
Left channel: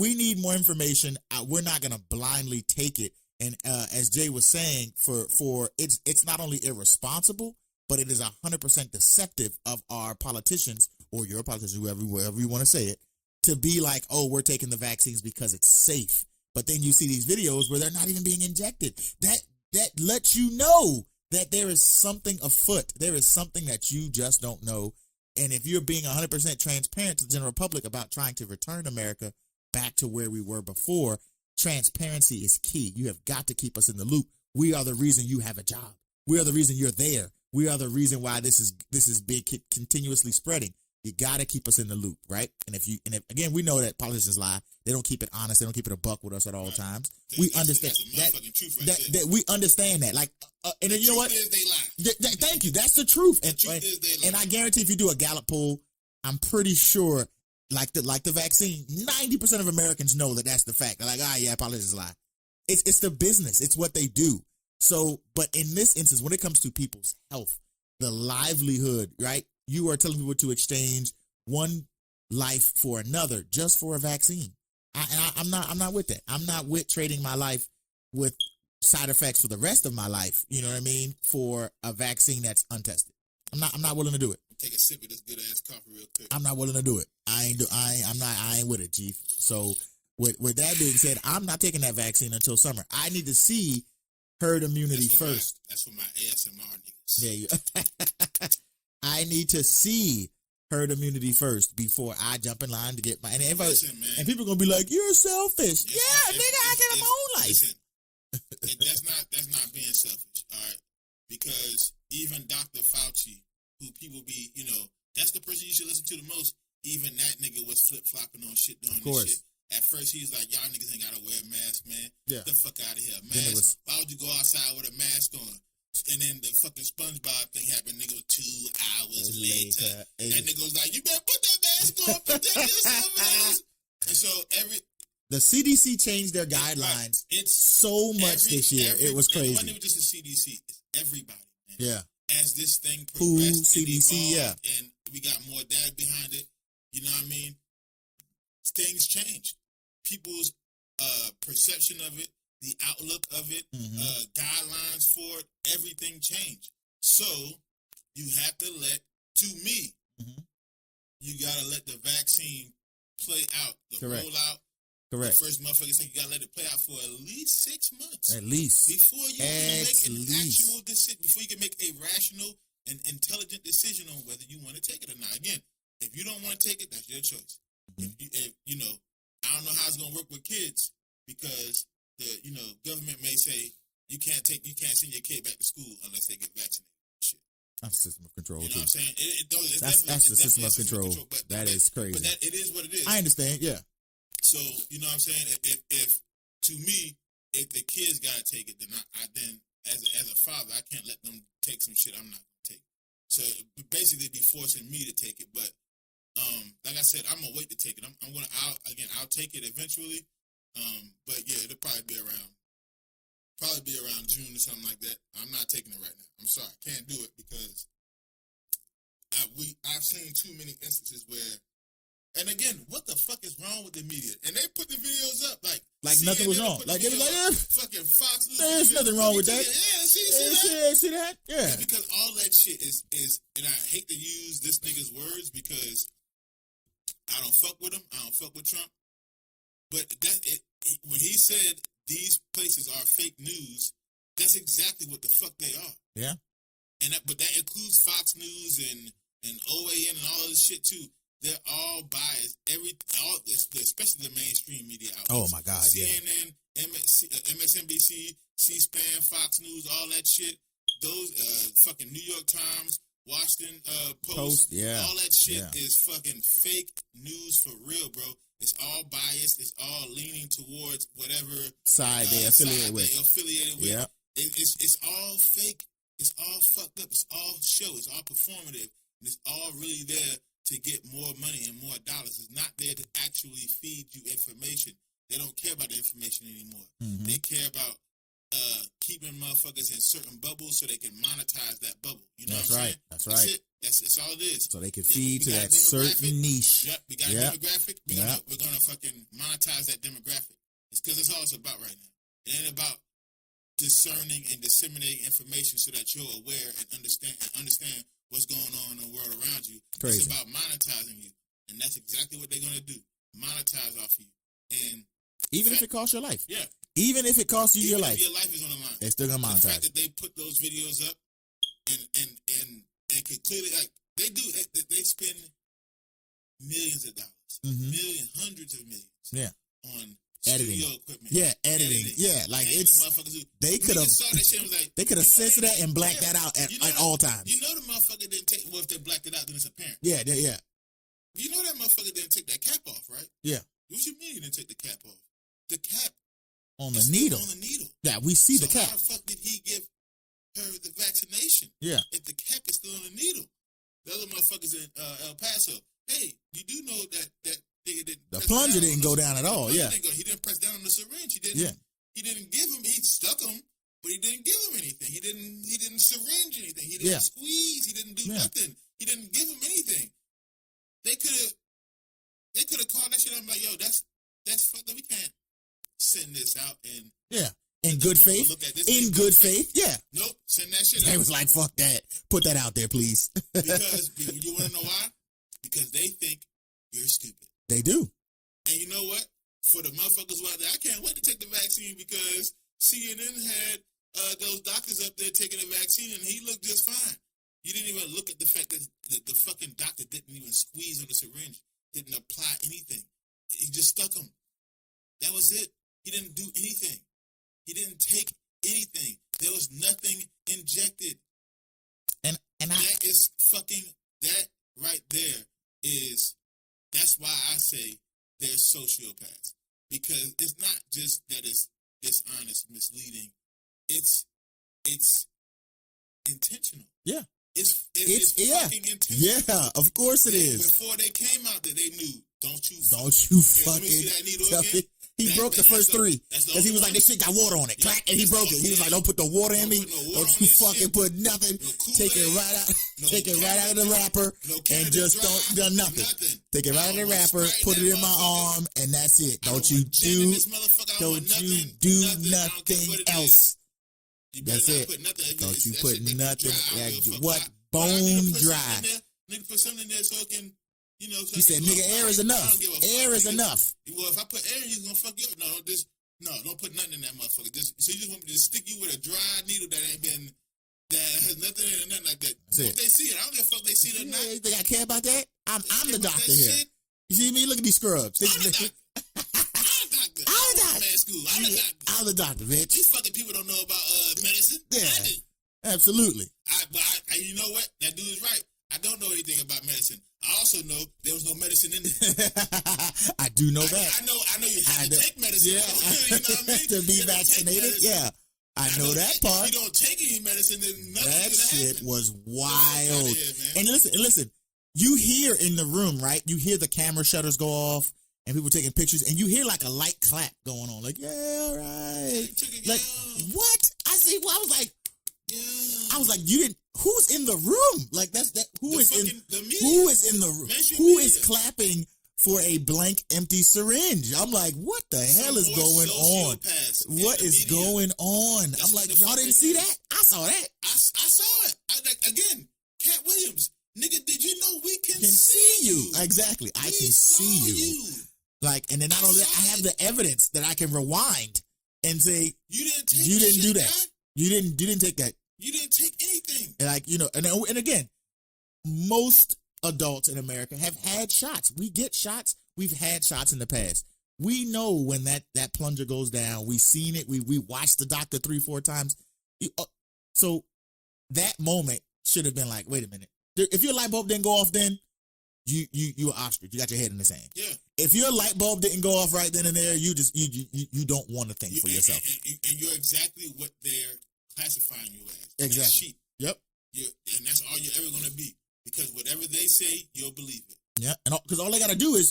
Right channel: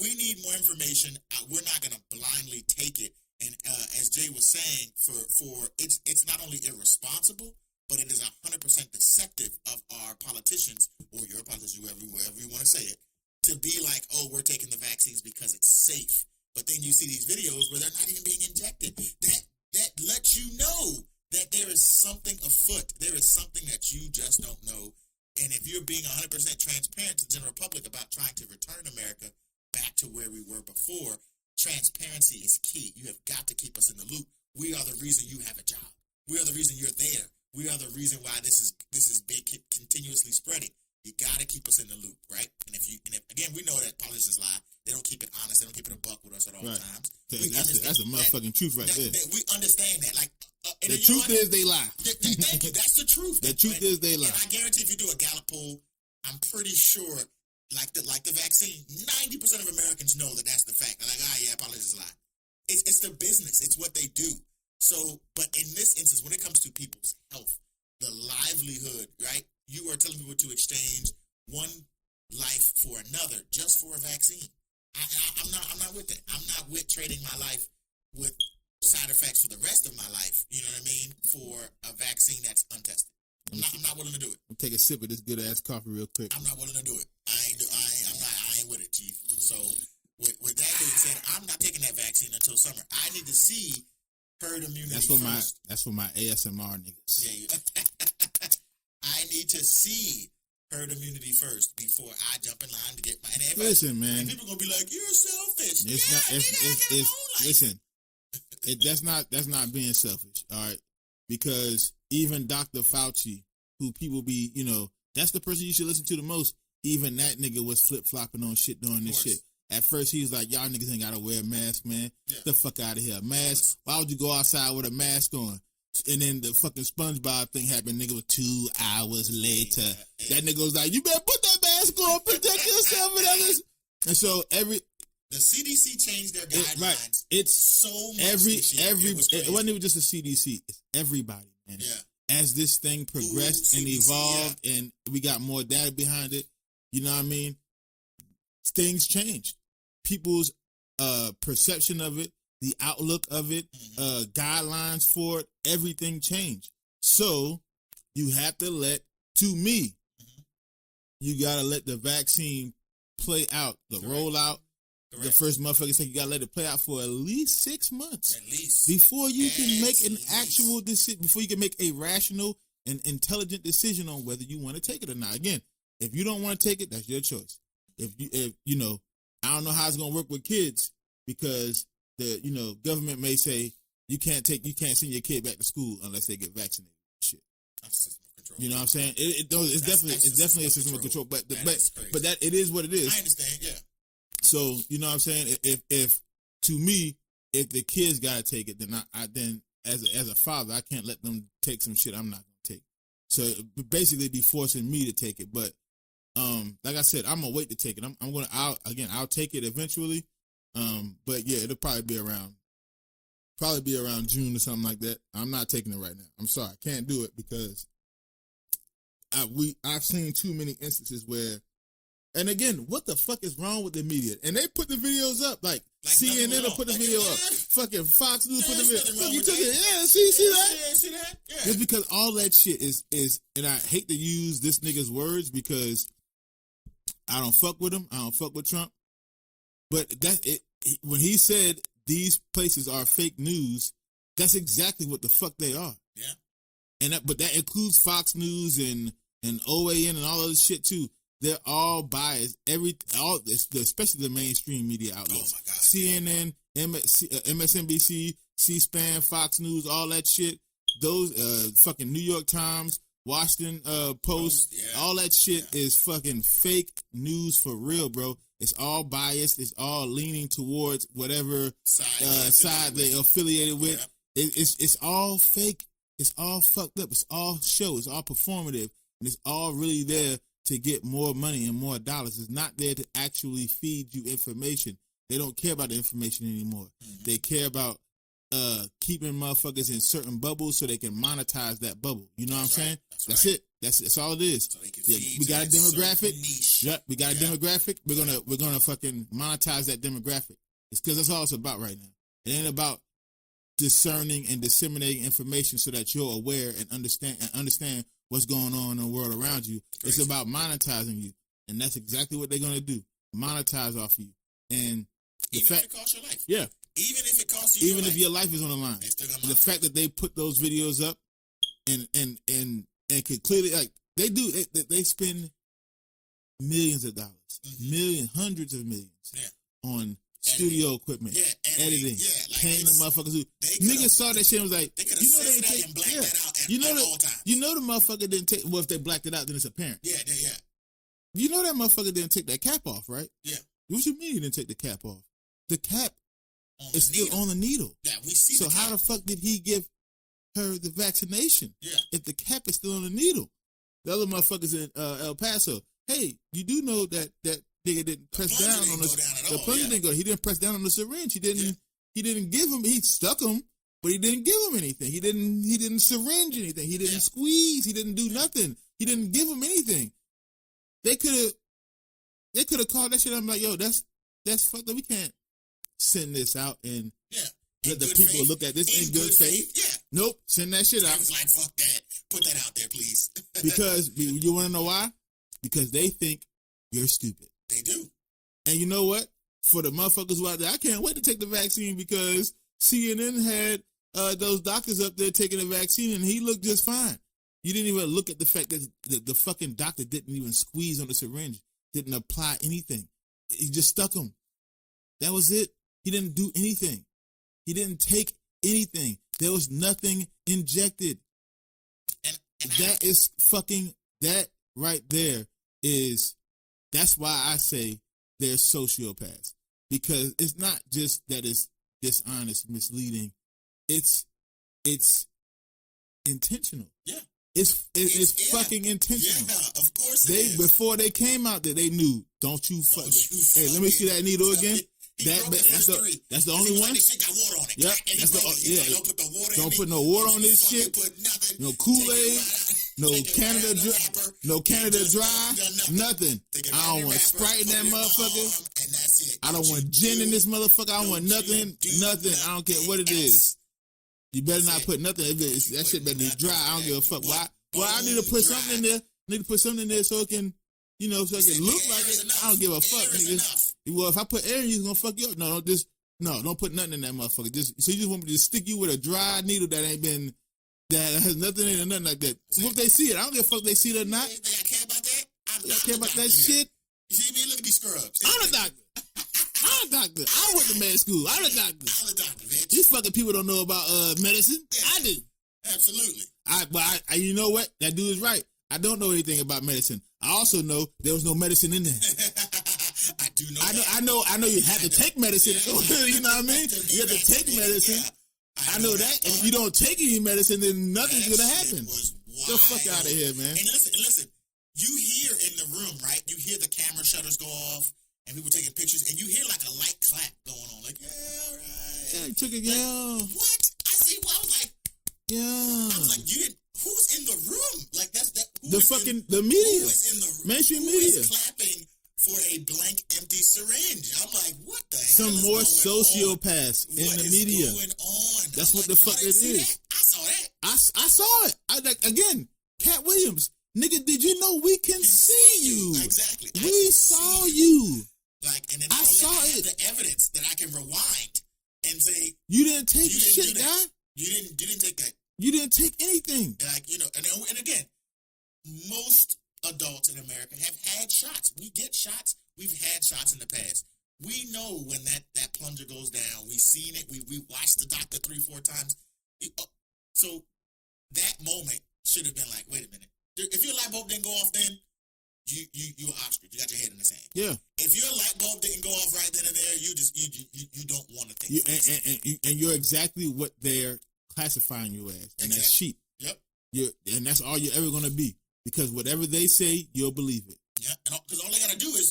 we need more information. We're not going to blindly take it. And as Jay was saying, it's not only irresponsible, but it is 100% deceptive of our politicians, or your politicians, wherever you want to say it, to be like, oh, we're taking the vaccines because it's safe. But then you see these videos where they're not even being injected. That lets you know that there is something afoot. There is something that you just don't know. And if you're being 100% transparent to the general public about trying to return America back to where we were before, transparency is key. You have got to keep us in the loop. We are the reason you have a job. We are the reason you're there. We are the reason why this is big, continuously spreading. You got to keep us in the loop, right? And if again, we know that politicians lie. They don't keep it honest. They don't keep it a buck with us at all times. Yeah, we understand. That's a motherfucking truth right there. We understand that. Like, and the truth is they lie. Thank you. That's the truth. The truth is they lie. And I guarantee if you do a Gallup poll, I'm pretty sure, like the vaccine, 90% of Americans know that that's the fact. They're like, yeah, politicians lie. It's their business. It's what they do. So, but in this instance, when it comes to people's health, the livelihood, right? You are telling people to exchange one life for another just for a vaccine. I'm not with that. I'm not with trading my life with side effects for the rest of my life. You know what I mean? For a vaccine that's untested. I'm not willing to do it. I'll take a sip of this good ass coffee real quick. I'm not willing to do it. I ain't with it, Chief. So with that being said, I'm not taking that vaccine until summer. I need to see herd immunity first. That's for my ASMR niggas. Yeah. I need to see herd immunity first before I jump in line to get my. Listen, man. And people gonna be like, "You're selfish." Listen, that's not being selfish, all right? Because even Dr. Fauci, who people be, that's the person you should listen to the most. Even that nigga was flip flopping on shit doing this shit. At first, he was like, "Y'all niggas ain't gotta wear a mask, man. Get the fuck out of here, mask. Why would you go outside with a mask on?" And then the fucking SpongeBob thing happened, nigga, was 2 hours later. That nigga was like, "You better put that mask on, protect yourself." And so the CDC changed their guidelines. It's so much. It wasn't even just the CDC. It's everybody, man. Yeah. As this thing progressed and evolved, and we got more data behind it, you know what I mean? Things change. People's perception of it, the outlook of it, guidelines for it, everything changed. So you have to let, to me, you gotta let the vaccine play out, the rollout. Correct. The first motherfucker said you gotta let it play out for at least 6 months. At least. Before you can make an actual decision, before you can make a rational and intelligent decision on whether you want to take it or not. Again, if you don't want to take it, that's your choice. If you know, I don't know how it's gonna work with kids because the government may say you can't send your kid back to school unless they get vaccinated. That's system of control. You know what I'm saying? It's definitely system of control. But that is crazy. But it is what it is. I understand. Yeah. So you know what I'm saying? If to me, if the kids gotta take it, then I as a father, I can't let them take some shit I'm not gonna take. So basically, be forcing me to take it. But like I said, I'm gonna wait to take it. I'll take it eventually. But yeah, it'll probably be around June or something like that. I'm not taking it right now. I'm sorry, I can't do it because I've seen too many instances where. And again, what the fuck is wrong with the media? And they put the videos up like nothing was wrong. Put the video up. Fucking Fox News. There's nothing wrong with that. Yeah, see that? Yeah. It's because all that shit is, and I hate to use this nigga's words because I don't fuck with him. I don't fuck with Trump. But that's it. When he said these places are fake news, that's exactly what the fuck they are. Yeah. But that includes Fox News and OAN and all other shit too. They're all biased. Especially the mainstream media outlets. Oh my God! CNN, MSNBC, C-SPAN, Fox News, all that shit. Those fucking New York Times, Washington Post, all that shit is fucking fake news for real, bro. It's all biased. It's all leaning towards whatever side they're affiliated with. Yeah. It's all fake. It's all fucked up. It's all show. It's all performative. And it's all really there to get more money and more dollars. It's not there to actually feed you information. They don't care about the information anymore. Mm-hmm. They care about keeping motherfuckers in certain bubbles so they can monetize that bubble. You know what I'm saying? That's right. That's all it is. So they can feed we got a demographic. Yep, we got a demographic. We're gonna fucking monetize that demographic. It's because that's all it's about right now. It ain't about discerning and disseminating information so that you're aware and understand what's going on in the world around you. It's about monetizing you. And that's exactly what they're going to do. Monetize off you. And even if it costs your life. Yeah. Even if it costs you your life. Your life is on the line. They're still going to monetize. The fact that they put those videos up and to clearly, like, they spend millions of dollars. Mm-hmm. Millions, hundreds of millions. Yeah. On studio equipment. Yeah, editing. Yeah, like the motherfuckers who they could have started things like they could have fixed that and blacked that out at all times. You know the motherfucker didn't take if they blacked it out, then it's apparent. Yeah. You know that motherfucker didn't take that cap off, right? Yeah. What you mean he didn't take the cap off? The cap on the needle. Yeah, we see the cap. How the fuck did he give her the vaccination? Yeah. If the cap is still on the needle. The other motherfuckers in El Paso. Hey, you do know that nigga didn't go down at all. Yeah. He didn't press down on the syringe. He didn't give him. He stuck him, but he didn't give him anything. He didn't syringe anything. He didn't squeeze. He didn't do nothing. He didn't give him anything. They could have called that shit. I'm like, yo, that's fucked up. We can't send this out and in good faith. Look at this in good faith. Yeah. Nope. Send that shit out. I was like, fuck that. Put that out there, please. Because you want to know why? Because they think you're stupid. They do. And you know what? For the motherfuckers who out there, I can't wait to take the vaccine because CNN had those doctors up there taking the vaccine and he looked just fine. You didn't even look at the fact that the fucking doctor didn't even squeeze on the syringe, didn't apply anything. He just stuck him. That was it. He didn't do anything. He didn't take anything. There was nothing injected. And that is fucking, that right there is, that's why I say they're sociopaths. Because it's not just that it's dishonest, misleading. It's intentional. Yeah. It's fucking intentional. Yeah, of course it is. Before they came out there, they knew. Don't you hey, let me see that needle again. He broke the first three. That's the only one. He got water on it. Yeah. And he broke it. He was like, don't put the water in it. Don't put no water on this shit. Put nothing. No Kool-Aid. Take it right out. No Canada wrapper. No Canada dry. Nothing. Take it out of the wrapper. Put it in my arm. And that's it. I don't want gin in this motherfucker. I want nothing. Do nothing. I don't care what it is. You better not put nothing in there. That shit better be dry. I don't give a fuck. Why I need to put something in there? Need to put something in there so it can, you know, so it can look like air is enough. I don't give a fuck. Air is enough. Well, if I put air, he's gonna fuck you up. No, don't put nothing in that motherfucker. So you just want me to stick you with a dry needle that ain't been, that has nothing in it, nothing like that. What they see it? I don't give a fuck if they see it or not. You think I care about that? I'm the doctor here. You see me? Look at these scrubs. I'm a doctor. I'm a doctor. I went to med school. I'm a doctor. I'm a doctor, man. These fucking people don't know about medicine. Yeah. I do. Absolutely. But you know what? That dude is right. I don't know anything about medicine. I also know there was no medicine in there. I do know that. I know you have to take medicine. You know what I mean? To be vaccinated. Yeah. I know that part. If you don't take any medicine, then nothing's gonna happen. It was wild. Here, man. And listen. You hear in the room, right? You hear the camera shutters go off and people taking pictures, and you hear like a light clap going on. Like, yeah, right. What? I was like, yeah. I was like, who's in the room? Like, who is in the room? Who is clapping for a blank, empty syringe? I'm like, what the hell is going on? What is going on? I'm like, y'all didn't see that? I saw it. I saw it. I was like, again, Cat Williams. Nigga, did you know we can see you? Exactly. We saw you. Like, and then I have the evidence that I can rewind and say, you didn't do that. You didn't take that. You didn't take anything. And like, you know, and again, most adults in America have had shots. We get shots. We've had shots in the past. We know when that plunger goes down. We've seen it. We watched the doctor 3-4 times. So that moment should have been like, wait a minute. If your light bulb didn't go off then, you're ostrich. You got your head in the sand. Yeah. If your light bulb didn't go off right then and there, you don't want to think for yourself. And you're exactly what they're classifying you as. Exactly. Yep. And that's all you're ever going to be. Because whatever they say, you'll believe it. Yeah. And because all they got to do is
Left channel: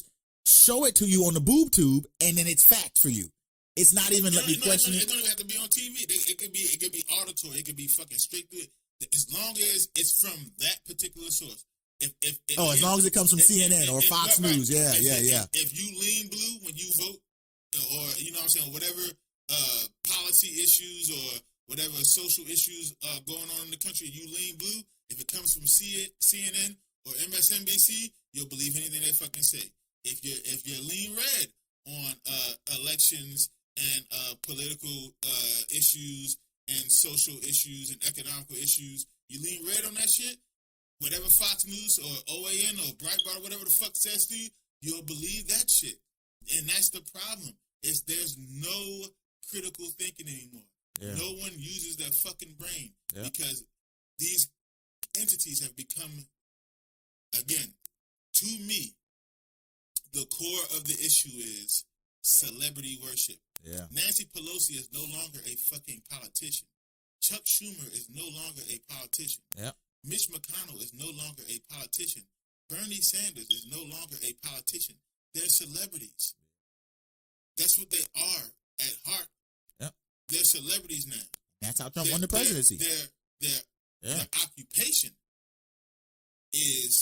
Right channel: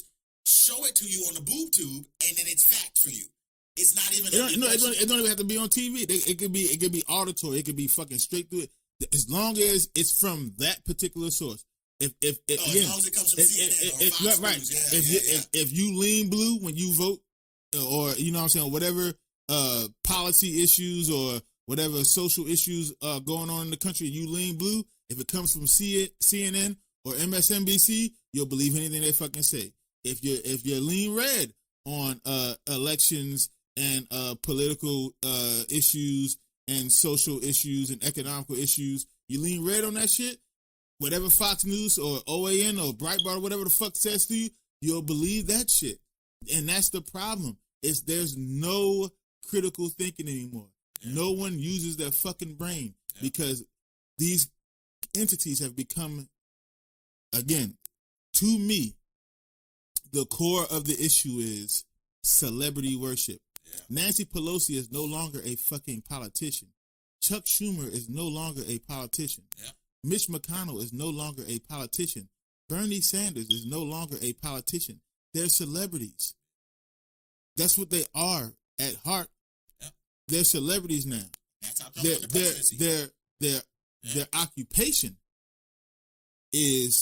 show it to you on the boob tube, and then it's fact for you. It's not even it don't even have to be on TV. It could be auditory. It could be fucking straight through it. As long as it's from that particular source. As long as it comes from CNN or Fox News. Yeah. If you lean blue when you vote, or, you know what I'm saying, whatever policy issues or whatever social issues going on in the country, you lean blue, if it comes from CNN or MSNBC, you'll believe anything they fucking say. If you lean red on elections and political issues and social issues and economical issues, you lean red on that shit, whatever Fox News or OAN or Breitbart, whatever the fuck says to you, you'll believe that shit. And that's the problem. There's no critical thinking anymore. Yeah. No one uses their fucking brain because these entities have become, again, to me, the core of the issue is celebrity worship. Yeah. Nancy Pelosi is no longer a fucking politician. Chuck Schumer is no longer a politician. Yeah. Mitch McConnell is no longer a politician. Bernie Sanders is no longer a politician. They're celebrities. That's what they are at heart. Yeah. They're celebrities now. That's how Trump won the presidency. Their occupation is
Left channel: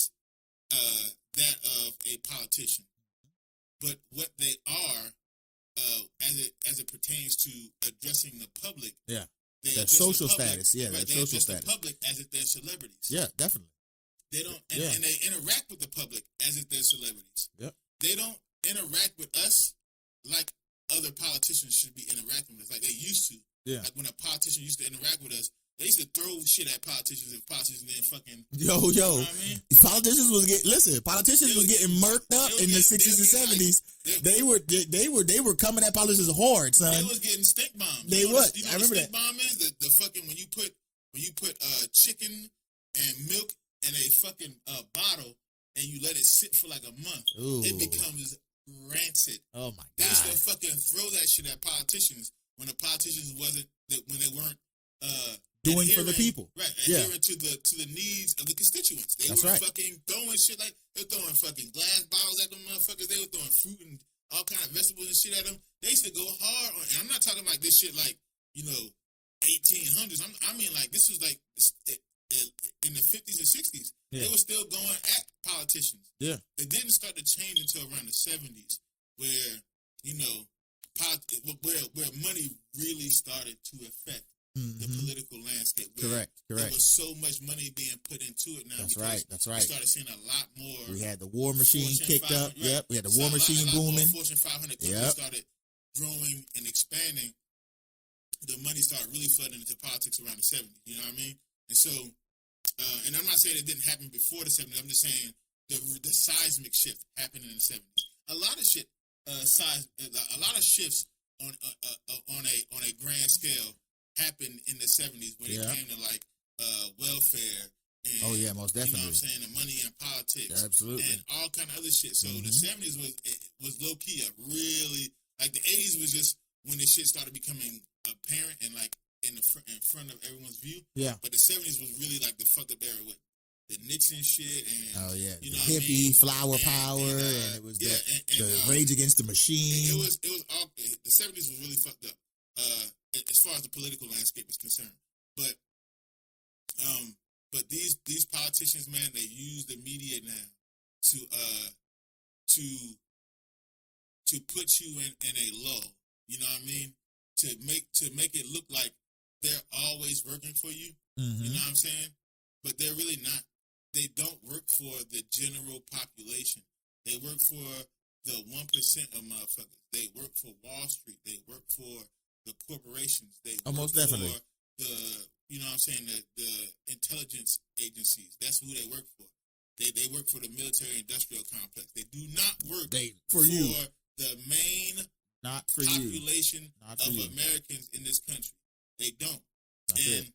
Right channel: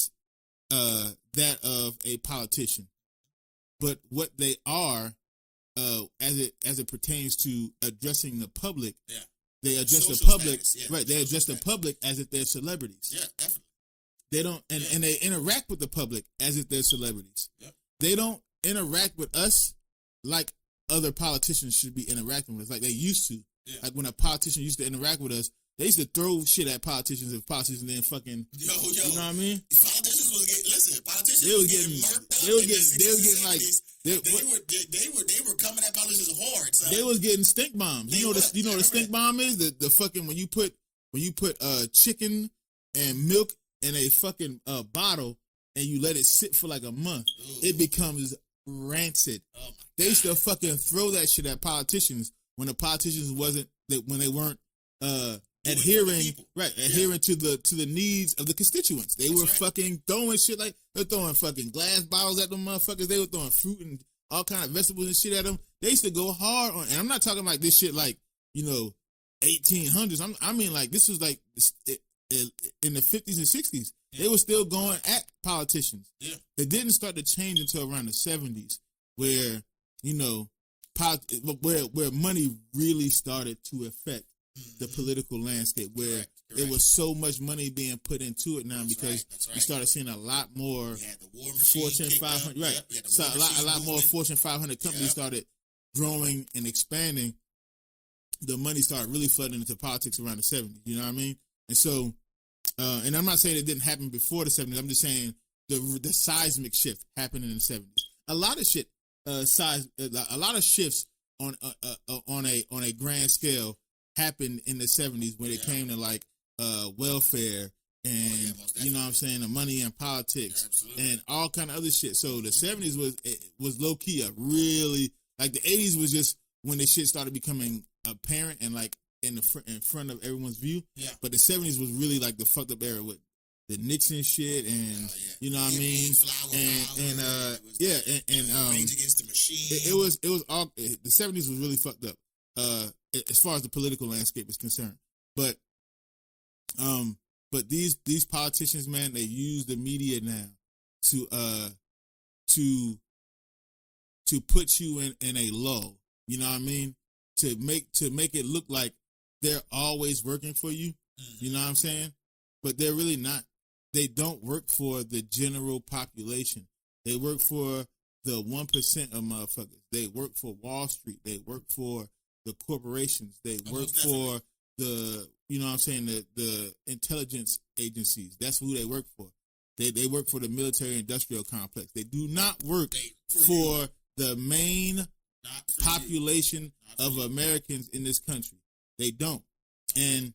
that of a politician. But what they are, as it pertains to addressing the public, they address the public, they address the public as if they're celebrities. Yeah, definitely. They don't, and they interact with the public as if they're celebrities. Yep. They don't interact with us like other politicians should be interacting with us, like they used to. Yeah. Like when a politician used to interact with us, they used to throw shit at politicians if politicians didn't fucking you know what I mean? Politicians was getting murked up in the 60s and 70s. They were coming at politicians hard, son. They were getting stink bombs. You know what a stink bomb is? The fucking when you put chicken and milk in a fucking bottle and you let it sit for like a month, it becomes rancid. Oh my god. They used to fucking throw that shit at politicians when the politicians when they weren't adhering to the needs of the constituents. They were fucking throwing shit like they're throwing fucking glass bottles at them motherfuckers. They were throwing fruit and all kinds of vegetables and shit at them. They used to go hard on, and I'm not talking like this shit like 1800s. I mean like this was like in the 50s and 60s. Yeah. They were still going at politicians. Yeah, it didn't start to change until around the 70s, where where money really started to affect the political landscape. Where there was so much money being put into it now because we started seeing a lot more. We had the war machine kicked up. Right. Yep. We had the war machine a lot more Fortune 500 companies started growing and expanding. The money started really flooding into politics around the 70s. You know what I mean? And so, and I'm not saying it didn't happen before the 70s. I'm just saying the seismic shift happened in the 70s. A lot of shit, a lot of shifts on a grand scale happened in the 70s when it came to like welfare and most definitely. You know what I'm saying, the money and politics, and all kind of other shit. So the 70s was low key a really like the 80s was just when the shit started becoming apparent and like in front of everyone's view. Yeah. But the 70s was really like the fucked up era with the Nixon shit and you know what I mean, flower power. And Rage Against the Machine. It was all the 70s was really fucked up as far as the political landscape is concerned. But these politicians, man, they use the media now to put you in a lull. You know what I mean? To make it look like they're always working for you. You know what I'm saying? But they're really not. They don't work for the general population. They work for the 1% of motherfuckers. They work for Wall Street. They work for the corporations. They work for the, you know what I'm saying, the intelligence agencies. That's who they work for. They work for the military industrial complex. They do not work for the main population of Americans in this country. They don't. And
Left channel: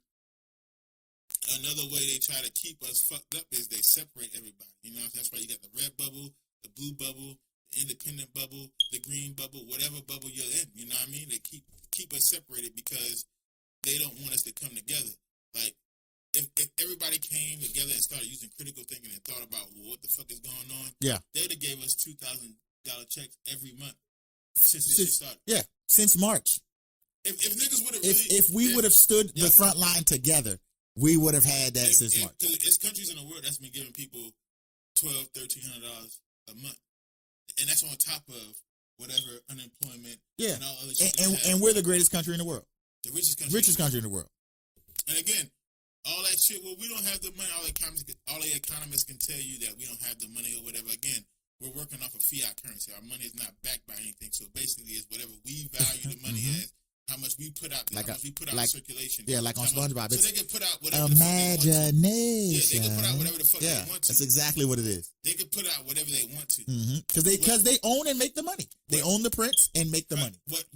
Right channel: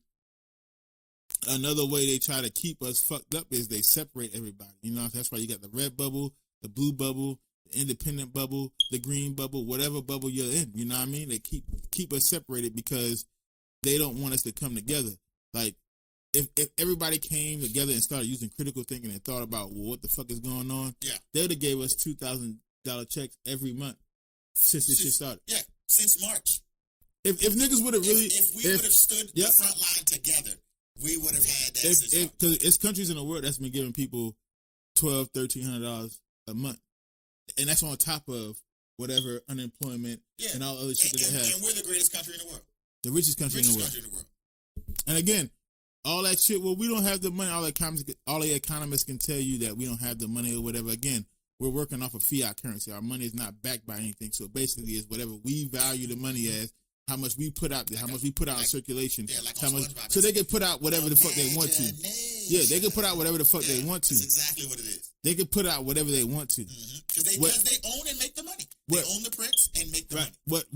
another way they try to keep us fucked up is they separate everybody. You know, that's why you got the red bubble, the blue bubble, the independent bubble, the green bubble, whatever bubble you're in. You know what I mean? They keep us separated because they don't want us to come together. Like, if everybody came together and started using critical thinking and thought about, well, what the fuck is going on? Yeah. They'd have gave us $2,000 checks every month since we started. Yeah, since March. If niggas would have really... If we would have stood the front line together, we would have had that since March. There's countries in the world that's been giving people $1,200, $1,300 a month. And that's on top of whatever unemployment and all other shit. And we're the greatest country in the world. The richest country in the world. And again, all that shit, well, we don't have the money. All the economists can tell you that we don't have the money or whatever. Again, we're working off of fiat currency. Our money is not backed by anything. So basically, it's whatever we value the money as, how much we put out there, how much we put out in circulation. Yeah, like on SpongeBob. So they can put out whatever the fuck they want to. Yeah, they can put out whatever the fuck they want to. That's exactly what it is. They can put out whatever they want to. Because they own and make the money. They own the prince and make the money. What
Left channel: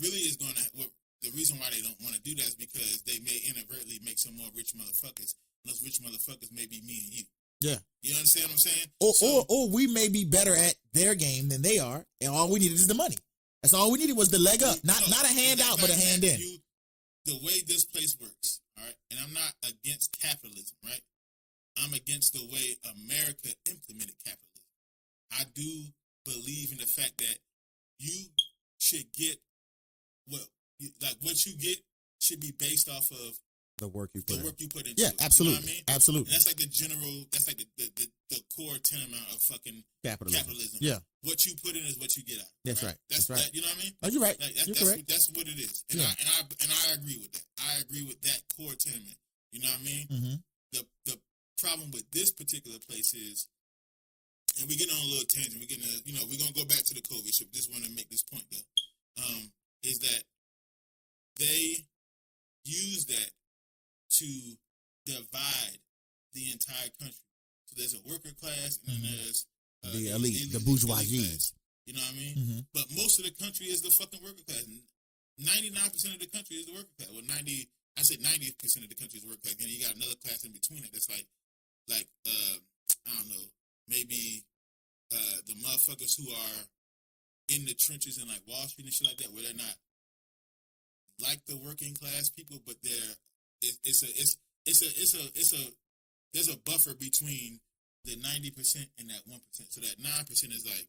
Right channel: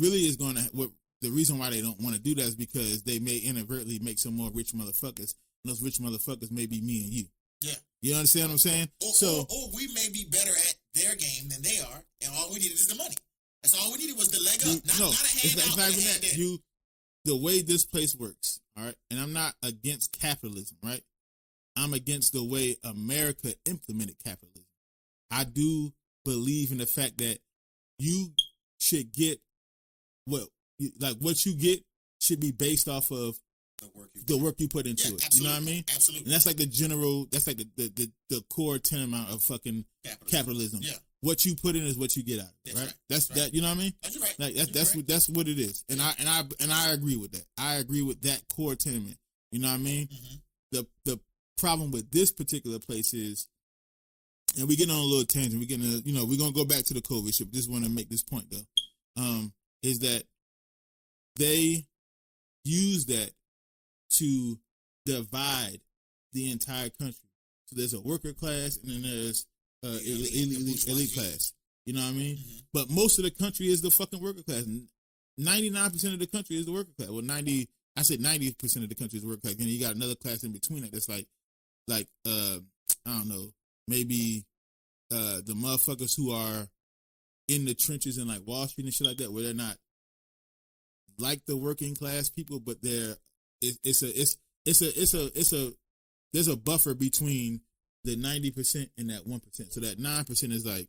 really is going to... The reason why they don't want to do that is because they may inadvertently make some more rich motherfuckers. And those rich motherfuckers may be me and you. Yeah. You understand what I'm saying? Or we may be better at their game than they are, and all we needed is the money. That's all we needed was the leg up. Not a hand out, but a hand in. The way this place works, all right? And I'm not against capitalism, right? I'm against the way America implemented capitalism. I do believe in the fact that you should get what you get should be based off of the work you put into it. Absolutely. You know what I mean? Absolutely. And that's like the core term of fucking capitalism. Yeah. What you put in is what you get out. That's right. That's right. That, you know what I mean? Oh, you're right. That's what it is. And I agree with that. I agree with that core tenement. You know what I mean? The problem with this particular place is, and we're getting on a little tangent. We're gonna go back to the COVID trip. Just want to make this point though. Is that they use that to divide the entire country. So there's a worker class and there's the bourgeois class. You know what I mean? But most of the country is the fucking worker class. 99% of the country is the worker class. Well, 90% of the country is the worker class. And you got another class in between it that's like I don't know, maybe the motherfuckers who are in the trenches in like Wall Street and shit like that, where they're not like the working class people, but there's a buffer between the 90% and that 1%. So that 9% is like,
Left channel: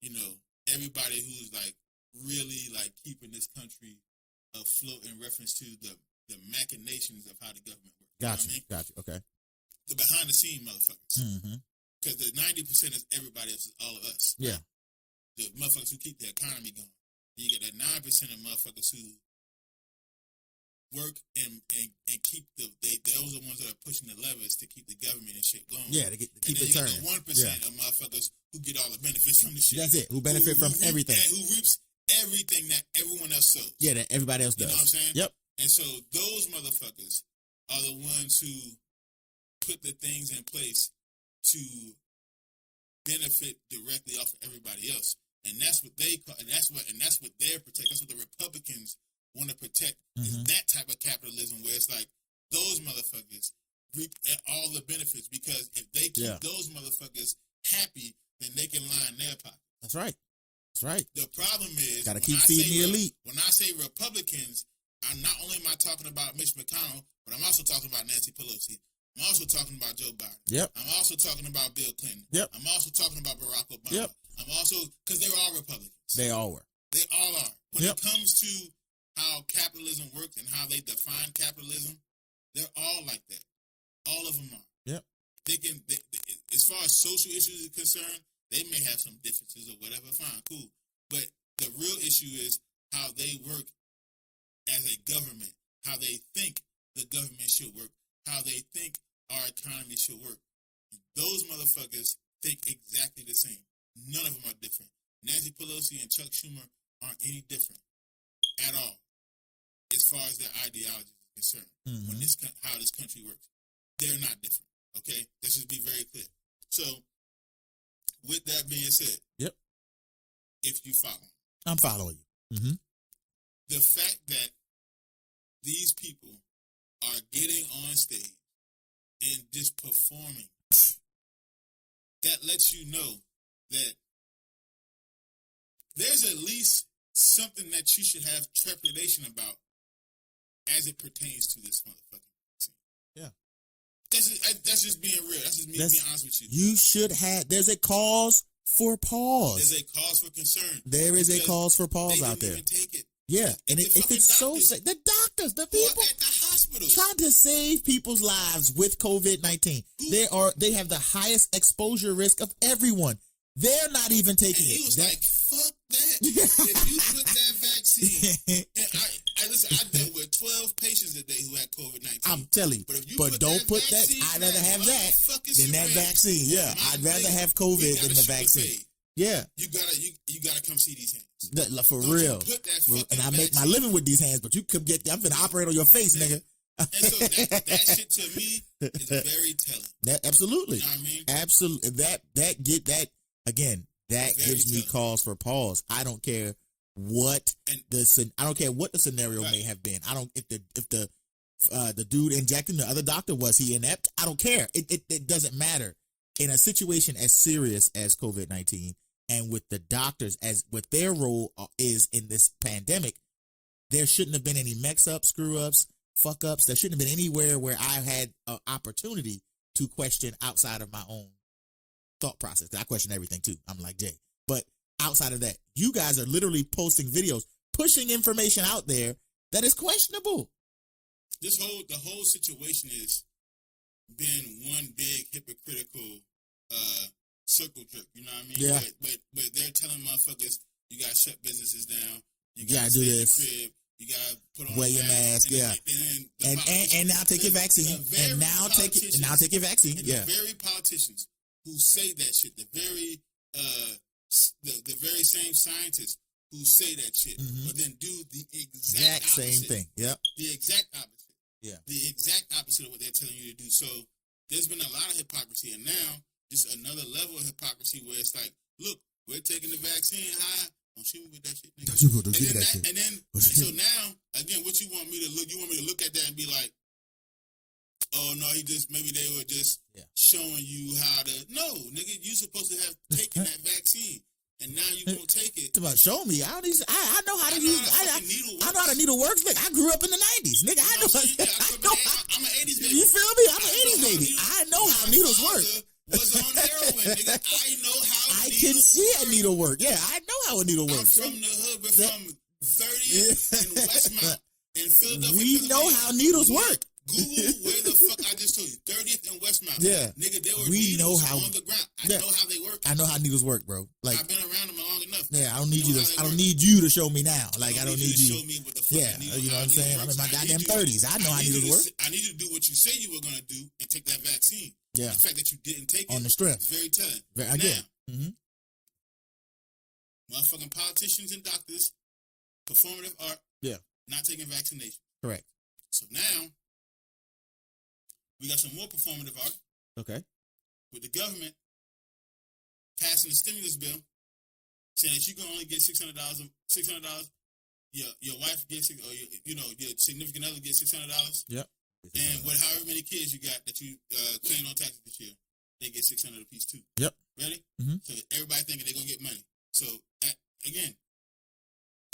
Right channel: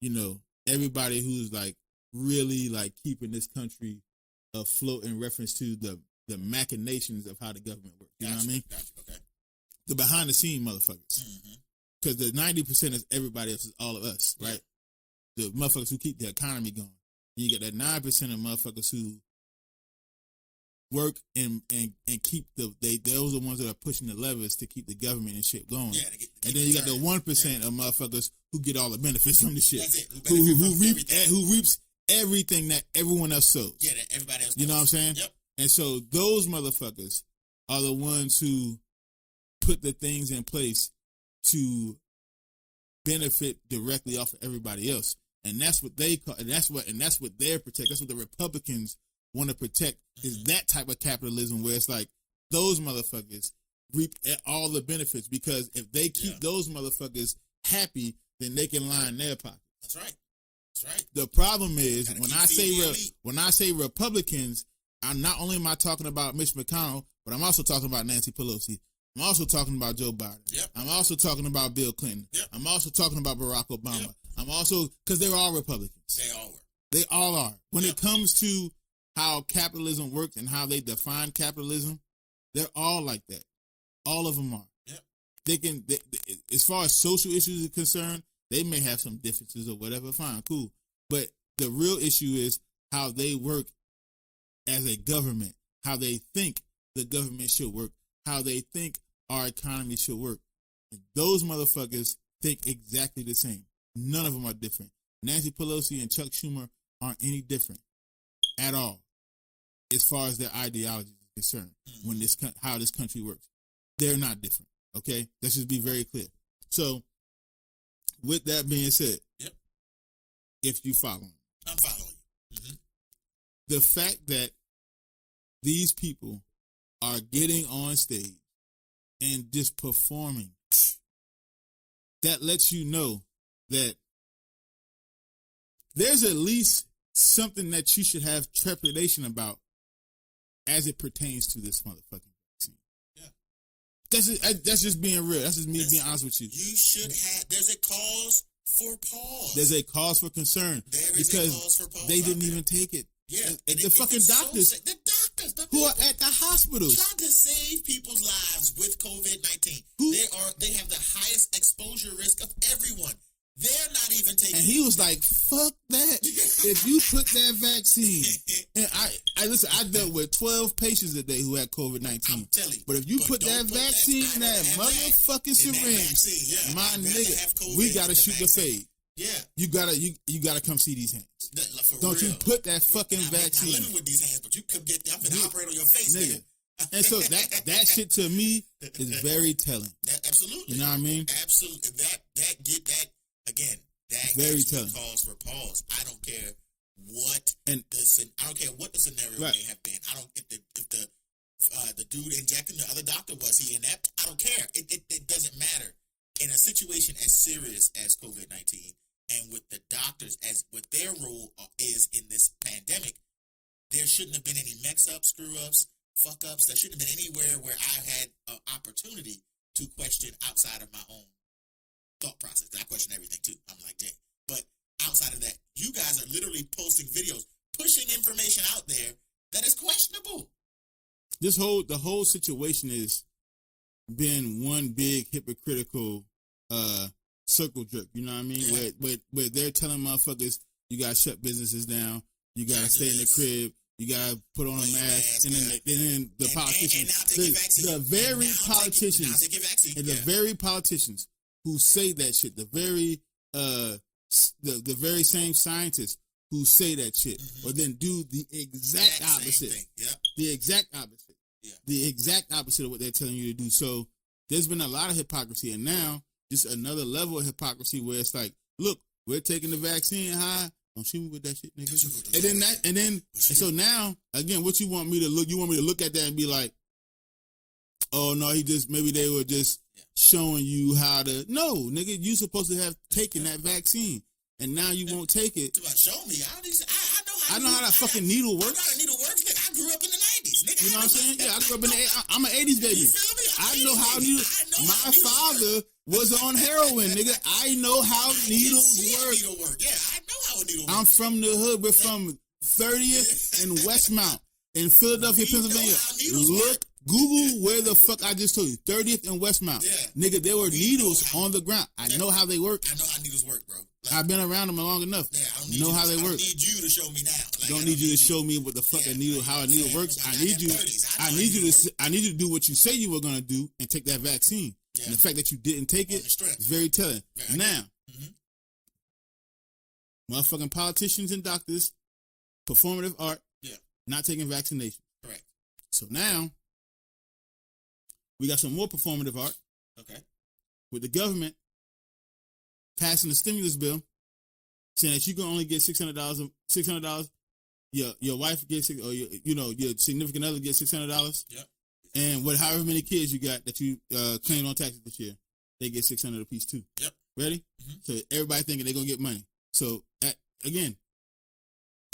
you know, everybody who's like really like keeping this country afloat in reference to the machinations of how the government works. You know what I mean? Gotcha. Okay. The behind the scenes motherfuckers. Because the 90% is everybody else, is all of us. Right? Yeah. The motherfuckers who keep the economy going. And you got that 9% of motherfuckers who work and keep those are the ones that are pushing the levers to keep the government and shit going. Yeah, and then you got the 1% of motherfuckers who get all the benefits from the shit. That's it. Who benefit from everything. Who reaps everything that everyone else shows. Yeah, that everybody else does. You know what I'm saying? Yep. And so those motherfuckers are the ones who put the things in place to benefit directly off of everybody else. And that's what they call, and that's what they're protect. That's what the Republicans want to protect, is that type of capitalism where it's like those motherfuckers reap all the benefits, because if they keep those motherfuckers happy, then they can line their pocket. That's right. That's right. The problem is when I say Republicans, I'm not only am I talking about Mitch McConnell, but I'm also talking about Nancy Pelosi. I'm also talking about Joe Biden. Yep. I'm also talking about Bill Clinton. Yep. I'm also talking about Barack Obama. Yep. I'm also, because they're all Republicans. They all were. They all are. When it comes to how capitalism works and how they define capitalism, they're all like that. All of them are. Yep. As far as social issues are concerned, they may have some differences or whatever. Fine, cool. But the real issue is how they work as a government, how they think the government should work, how they think our economy should work. And those motherfuckers think exactly the same. None of them are different. Nancy Pelosi and Chuck Schumer aren't any different at all as far as their ideology is concerned, when how this country works. They're not different, okay? Let's just be very clear. So, with that being said, if you follow, I'm following you. The fact that these people are getting on stage and just performing, that lets you know that there's at least something that you should have trepidation about as it pertains to this motherfucking team. Yeah. That's just being real. That's just me being honest with you. You should have, there's a cause for pause. There's a cause for concern. There is a cause for pause out there. They didn't even take it. Yeah. And the fucking doctors. The doctors. The who people are at the hospital trying to save people's lives with COVID-19. They have the highest exposure risk of everyone. They're not even taking it. He was like, fuck that. If you put that vaccine. I dealt with 12 patients a day who had COVID-19. I'm telling you. But if you put that vaccine, I'd rather have that vaccine. Yeah. I'd rather have COVID than the vaccine. Yeah. You gotta come see these hands. For Don't real. You put that fucking I make my living with these hands, but you could get, I'm going to operate on your face, nigga. And so that shit to me is very telling. Absolutely. You know what I mean? Absolutely. Again, that gives me cause for pause. I don't care what the scenario may have been. I don't if the dude injecting the other doctor, was he inept? I don't care. It doesn't matter. In a situation as serious as COVID-19, and with the doctors as what their role is in this pandemic, there shouldn't have been any mix-ups, screw-ups, fuck-ups. There shouldn't have been anywhere where I had an opportunity to question outside of my own thought process. I question everything too. I'm like, yeah. But outside of that, you guys are literally posting videos, pushing information out there that is questionable. The whole situation is been one big hypocritical circle jerk. You know what I mean? Yeah. Where they're telling motherfuckers, you gotta shut businesses down, you gotta stay in the crib, you gotta put on a mask, and now take your vaccine. Now take your vaccine. The very politicians who say that shit, the very same scientists who say that shit, but then do the exact opposite. Thing. Yep. The exact opposite. Yeah. The exact opposite of what they're telling you to do. So there's been a lot of hypocrisy, and now just another level of hypocrisy where it's like, look, we're taking the vaccine, Don't shoot me with that shit. And then so now again, what you want me to look? You want me to look at that and be like, oh no, maybe they were just showing you how to. No, nigga, you supposed to have taken that vaccine, and now you won't take it. You're like, show me. I know how that fucking needle works. I know how the needle works, but I grew up in the 90s, nigga. I'm an 80s baby. You feel me? I know how needle works. Was on heroin, nigga. I know how a needle works. Yeah, I know how a needle works. I'm from the hood. We're from 30th and Westmount. And we know how needles work. Google where the fuck I just told you. 30th and Westmount. Yeah. Nigga, there were needles on the ground. I know how they work. I know how needles work, bro. Like, I've been around them long enough. Yeah, I don't need you to show me now. Like, I don't need you to show me what the fuck needle, how a needle works. I need you to do what you say you were going to do and take that vaccine. Yeah. And the fact that you didn't take it is very telling. Now, motherfucking politicians and doctors, performative art, not taking vaccinations. Correct. So now, we got some more performative art. Okay. With the government passing the stimulus bill, saying you can only get $600. Your wife gets it, or your significant other gets $600. Yep. And with however many kids you got, if you claim on taxes this year, they get $600 apiece too. Yep. Ready? Mm-hmm. So everybody thinking they're gonna get money. So again,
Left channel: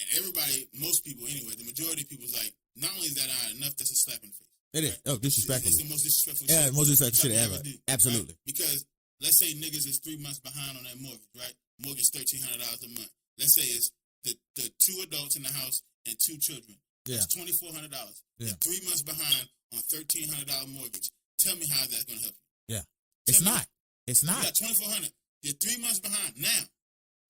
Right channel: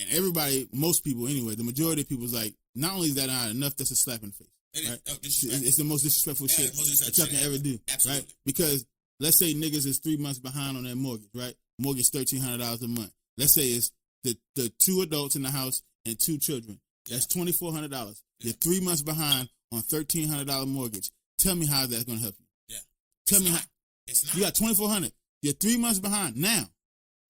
and everybody, most people anyway, the majority of people is like, not only is that not enough, that's a slap in the face. It is. Right? Oh, disrespectful. It's the most disrespectful shit. Yeah, most disrespectful shit ever do. Absolutely. Right? Because let's say niggas is 3 months behind on their mortgage, right? Mortgage $1,300 a month. Let's say it's the 2 adults in the house and 2 children. Yeah. That's $2,400. Yeah. You're 3 months behind on $1,300 mortgage. Tell me how that's gonna help you. Yeah. It's not. You got $2,400. You're 3 months behind now.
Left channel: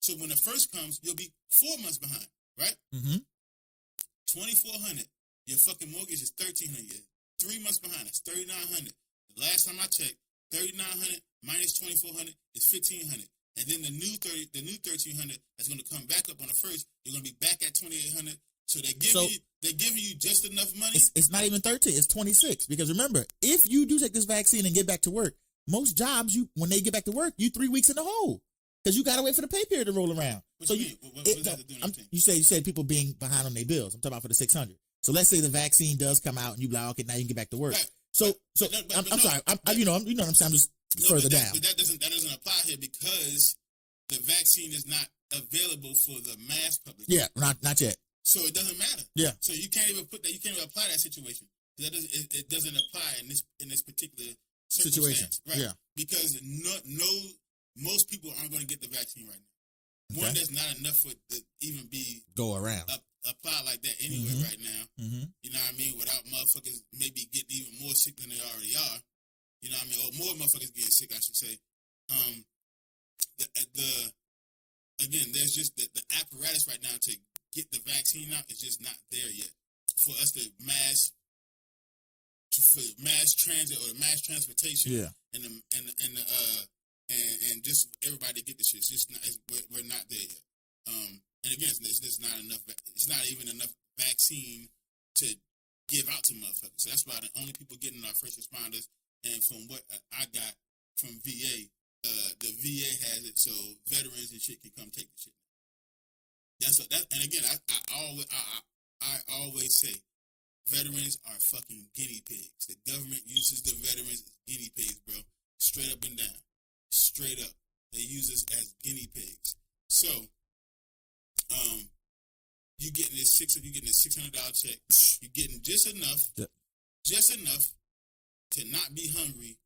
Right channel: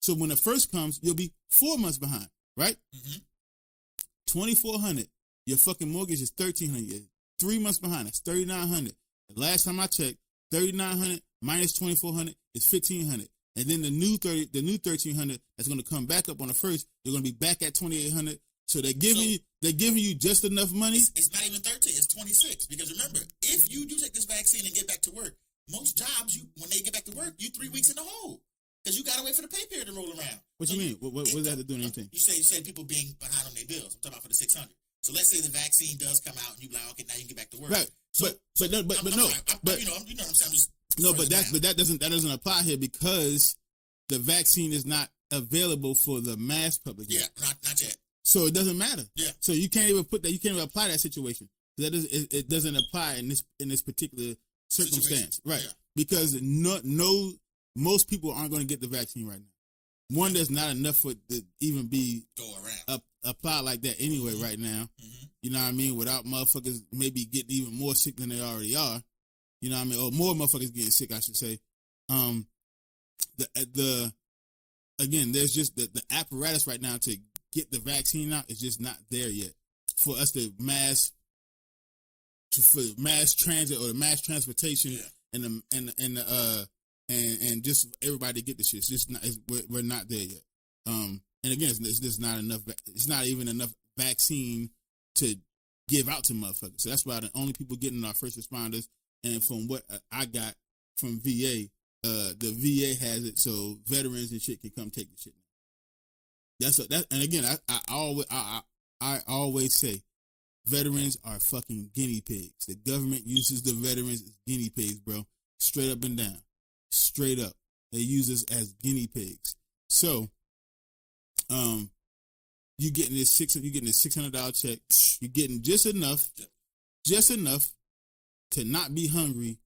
So when the first comes, you'll be 4 months behind, right? Mm-hmm. $2,400. Your fucking mortgage is $1,300. 3 months behind. It's $3,900. The last time I checked, $3,900 minus $2,400 is $1,500. And then the new $1,300 that's going to come back up on the first. You're going to be back at $2,800. So they're giving you just enough money. It's not even 13. It's 26. Because remember, if you do take this vaccine and get back to work, most jobs, when they get back to work, you 3 weeks in a hole. Because you got to wait for the pay period to roll around. What do you mean? What does that do anything? You said people being behind on their bills. I'm talking about for the $600. So let's say the vaccine does come out and you like, okay, now you can get back to work. Right. I'm sorry. I'm sounding but that doesn't apply here because the vaccine is not available for the mass public. Yeah, not yet. So it doesn't matter. Yeah. So you can't even apply that situation. It doesn't apply in this particular circumstance. Right. Yeah. Because most people aren't going to get the vaccine right now. One, there's not enough for it to even go around. Apply like that anyway right now. Mm-hmm. You know what I mean? Without motherfuckers maybe getting even more sick than they already are. You know what I mean? Or more motherfuckers getting sick, I should say. Again, there's just the apparatus right now to get the vaccine out is just not there yet. For us to mass transit or mass transportation and just everybody to get this shit. We're not there yet. And again, it's just not enough. It's not even enough vaccine to give out to motherfuckers. So that's why the only people getting our first responders. And from what I got from VA, the VA has it so veterans and shit can come take the shit. And again, I always say veterans are fucking guinea pigs. The government uses the veterans as guinea pigs, bro. Straight up and down. Straight up. They use us as guinea pigs. So, you're getting this $600 check. You're getting just enough to not be hungry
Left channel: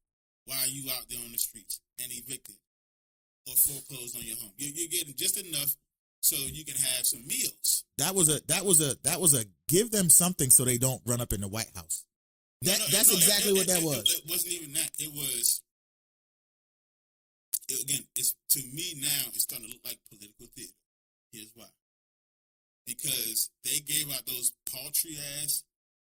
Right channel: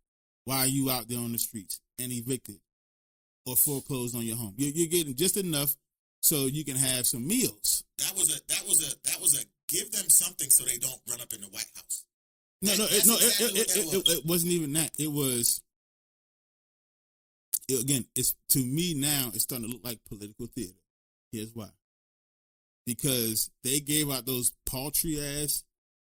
while you out there on the streets and evicted or foreclosed on your home. You're getting just enough so you can have some meals. That was a give them something so they don't run up in the White House. That's exactly what that was. It wasn't even that. It was. Again, to me now, it's starting to look like political theater. Here's why. Because they gave out those paltry-ass,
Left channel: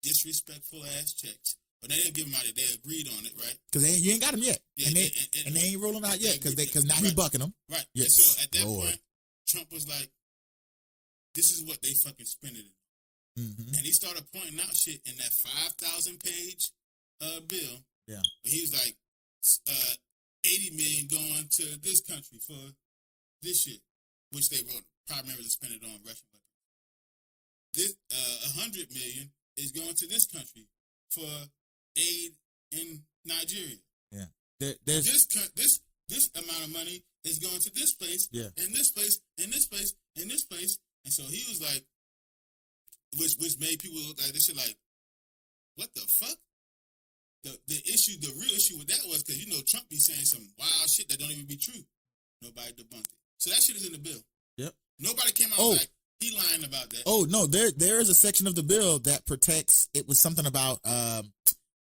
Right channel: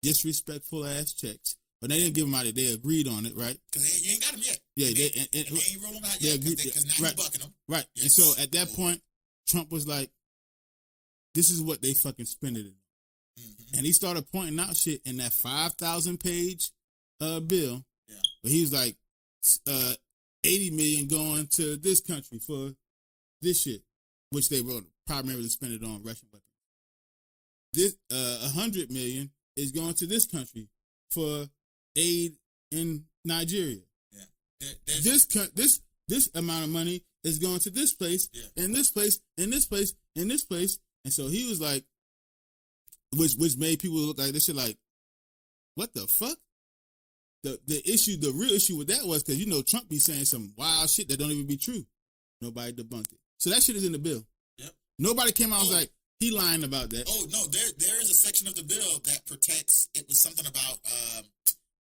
disrespectful-ass checks. But they didn't give them out. They agreed on it, right? Because you ain't got them yet. Yeah, and they ain't rolling out yet because now we're bucking them. Right. Yeah. So at that point, Trump was like, this is what they fucking spent it in. Mm-hmm. And he started pointing out shit in that 5,000-page bill. Yeah. But he's like, 80 million going to this country for this shit, which they wrote primarily spent it on Russian weapons. This 100 million is going to this country for aid in Nigeria. Yeah, this amount of money is going to this place, and this place, and this place, and this place, and so he was like, which made people look like this shit like, what the fuck? The real issue with that was because, Trump be saying some wild shit that don't even be true. Nobody debunked it. So that shit is in the bill. Yep. Nobody came out like, he lying about that. Oh, no, there is a section of the bill that protects, it was something about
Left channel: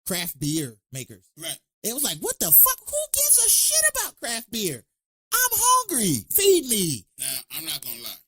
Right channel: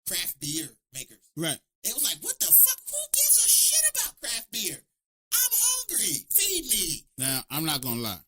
craft beer makers. Right. It was like, what the fuck? Who gives a shit about craft beer? I'm hungry. Feed me. Now, I'm not gonna lie.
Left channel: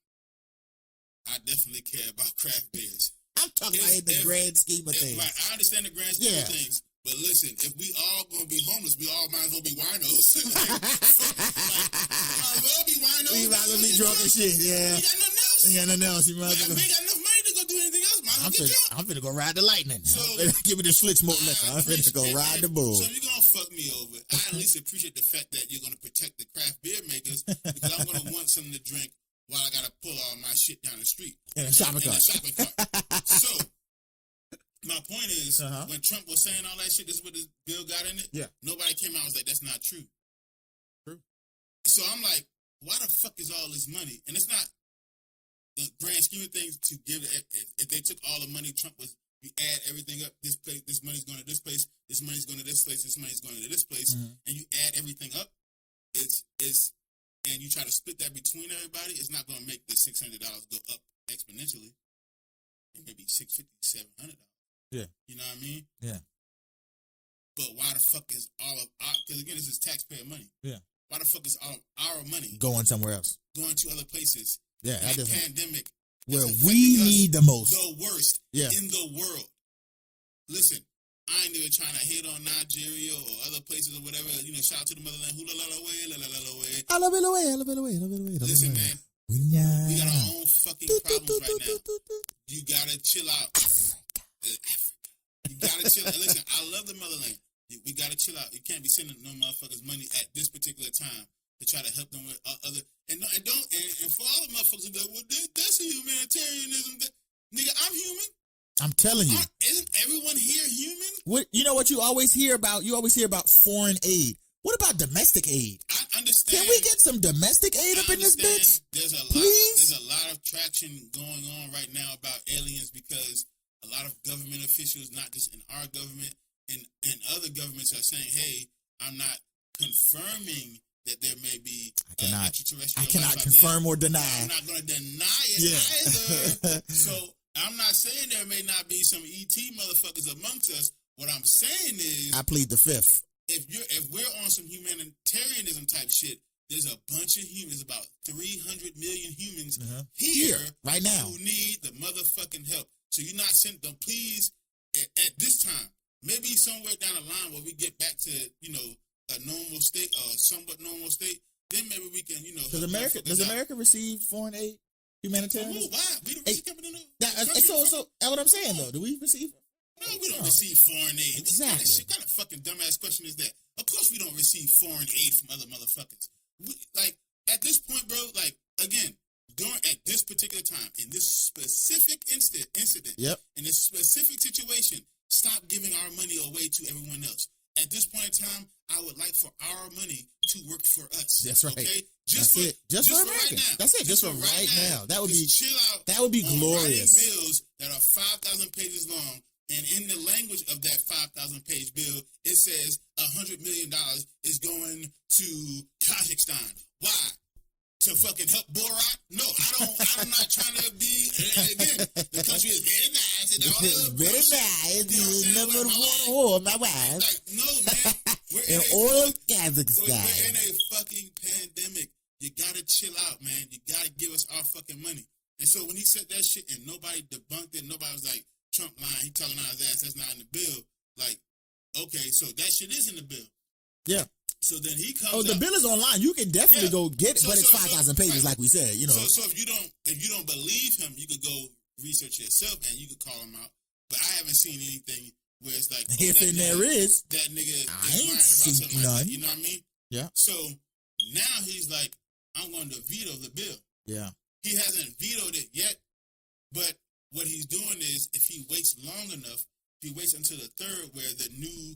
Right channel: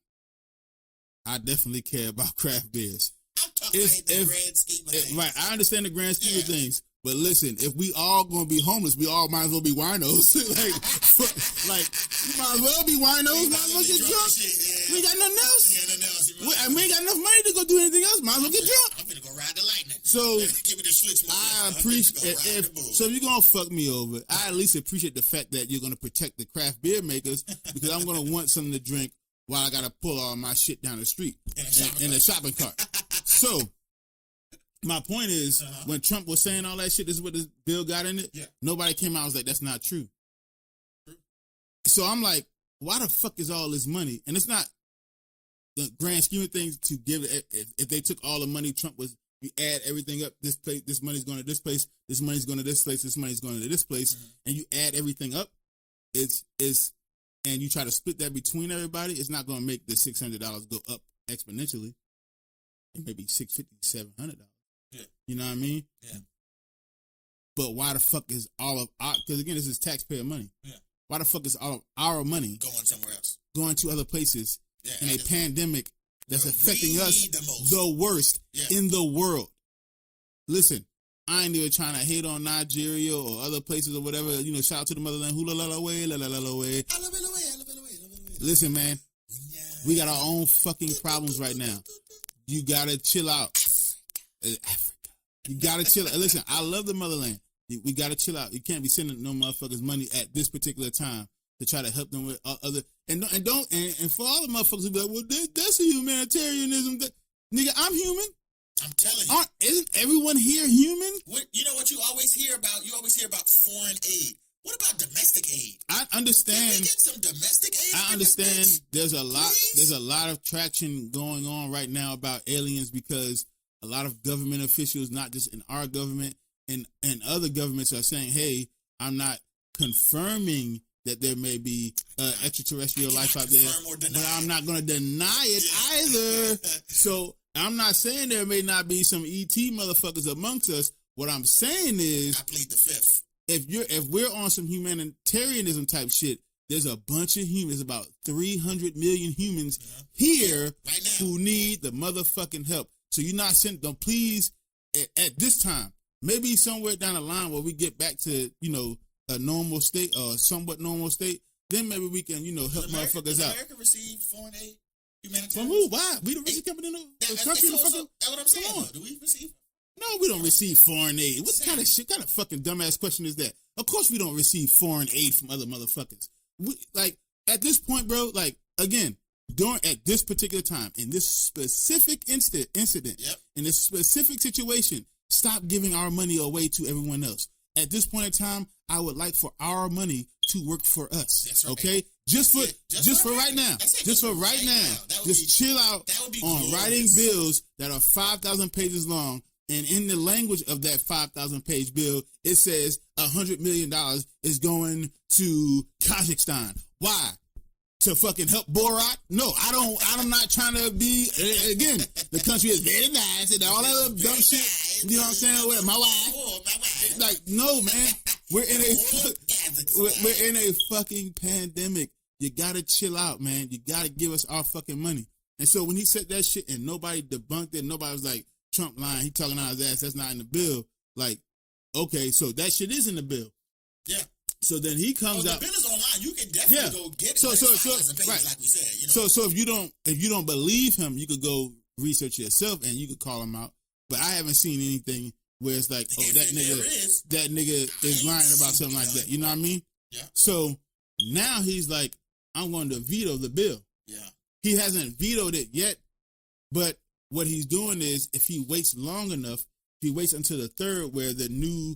I definitely care about craft beers. I'm talking about the grand scheme of things. Right, I understand the grand scheme of things. But listen, if we all gonna be homeless, we all might as well be winos. like, you might as well be winos. We got nothing else. We got nothing else. We got nothing else. We ain't got enough money to go do anything else. Might as well get drunk. I'm finna go ride the lightning. So give me this flick smoke. I'm finna go ride the bull. So you're gonna fuck me over. I at least appreciate the fact that you're gonna protect the craft beer makers because I'm gonna want something to drink while I gotta pull all my shit down the street in a shopping cart. So my point is, when Trump was saying all that shit, this is what this bill got in it. Yeah. Nobody came out and was like, that's not true. True. So I'm like, why the fuck is all this money? And it's not the grand scheme of things to give it. If they took all the money, Trump was, you add everything up, this place, this money's going to this place, this money's going to this place, this money's going to this place, and you add everything up, and you try to split that between everybody, it's not going to make the $600 go up exponentially. Maybe $650, $700. Yeah. You know what I mean? Yeah. But why the fuck is all of our, because again, this is taxpayer money. Yeah. Why the fuck is all of our money going somewhere else? Going to other places? Yeah. In the pandemic. Where we need the most. The worst in the world. Listen, I ain't even trying to hate on Nigeria or other places or whatever. You know, shout out to the motherland. Hula la la way, la la la la way. Listen, man. We got our own fucking problems right now. You gotta chill out. You gotta chill out. Listen, I love the motherland. We gotta chill out. You can't be sending no motherfuckers money at this particular time to try to help them with other and for all the motherfuckers who be like, well, that's humanitarianism. Nigga, I'm human. I'm telling you. Is everyone here human? You know what you always hear about? You always hear about foreign aid. What about domestic aid? I understand. Can we get some domestic aid? I understand. There's a lot of traction going on right now about aliens because a lot of government officials, not just in our government, and other governments are saying, hey, I'm not confirming that there may be extraterrestrial life out there. Confirm or deny. I'm not going to deny it either. So I'm not saying there may not be some ET motherfuckers amongst us. What I'm saying is, I plead the fifth. If we're on some humanitarianism type shit, there's a bunch of humans, about 300 million humans here right now who need the motherfucking help. So you're not sending them, please, at this time, maybe somewhere down the line where we get back to, a normal state or somewhat normal state, then maybe we can, help motherfuckers out. Does America receive foreign aid? Humanitarian? Who? Why? We don't really come in that's what I'm saying. Do we receive? No, we don't receive foreign aid. What kind of fucking dumbass question is that? Of course we don't receive foreign aid from other motherfuckers. At this point, bro, again, at this particular time, in this specific incident, in this specific situation, stop giving our money away to everyone else. At this point in time, I would like for our money to work for us. That's right. Okay? Just for right now. Just for right now. That would chill out. That would be writing bills that are 5,000 pages long. And in the language of that 5,000-page bill, it says $100 million is going to Kazakhstan. Why? To fucking help Borat? No, I'm not trying to be, again, the country is very nice and all of them very nice. You know what I'm saying? My wife. Like, no, man. We're in a fucking pandemic. You gotta chill out, man. You gotta give us our fucking money. And so when he said that shit and nobody debunked it, nobody was like, Trump lying, he talking out his ass, that's not in the bill. Like, okay, so that shit is in the bill. Yeah. So then he comes the bill is online. You can definitely go get 5,000 pages, like we said. So if you don't believe him, you could go research yourself and you could call him out. But I haven't seen anything where it's like, that nigga is lying about something like that. You know what I mean? Yeah. So now he's like, I'm going to veto the bill. Yeah. He hasn't vetoed it yet, but what he's doing is, if he waits long enough, he waits until the 3rd where the new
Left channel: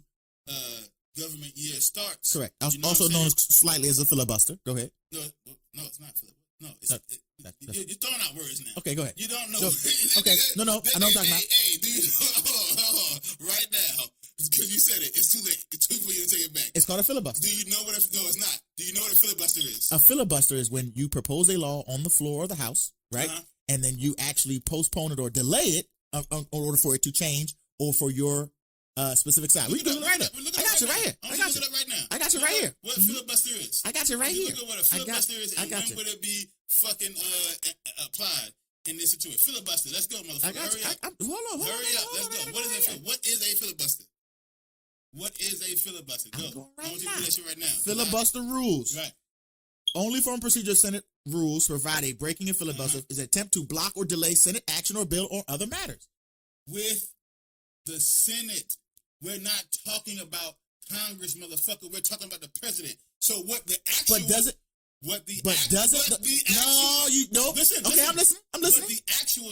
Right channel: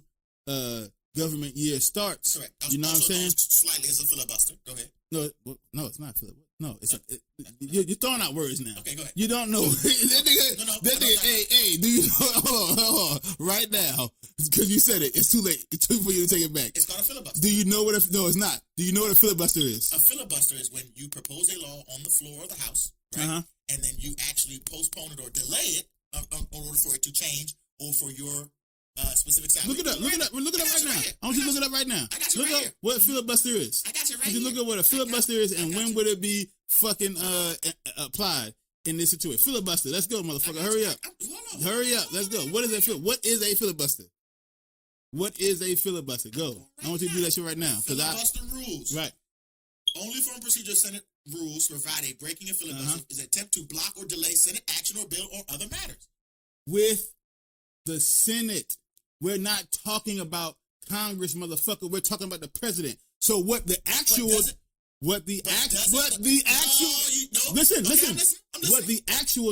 government year starts. Correct. Also known slightly as a filibuster. Go ahead. No, it's not filibuster. No, you're throwing out words now. Okay, go ahead. You don't know. Okay, no. Hey, do you hold on, right now? Because you said it, it's too late for you to take it back. It's called a filibuster. Do you know what? No, it's not. Do you know what a filibuster is? A filibuster is when you propose a law on the floor of the House, right? And then you actually postpone it or delay it in order for it to change or for your specific side. We're looking right here. I want you to look it up right now. I got you right here. What filibuster is? I got you right here. here. Look at what a filibuster is and when would it be fucking applied in this situation? Filibuster. Let's go, motherfucker. Hurry up. Hurry up. Let's go. What is that? What is a filibuster? What is a filibuster? Go. I want you to do that shit right now. Filibuster rules. Right. Only form procedure Senate rules provide a breaking in filibuster is an attempt to block or delay Senate action or bill or other matters. With the Senate, we're not talking about Congress, motherfucker. We're talking about the president. So what the actual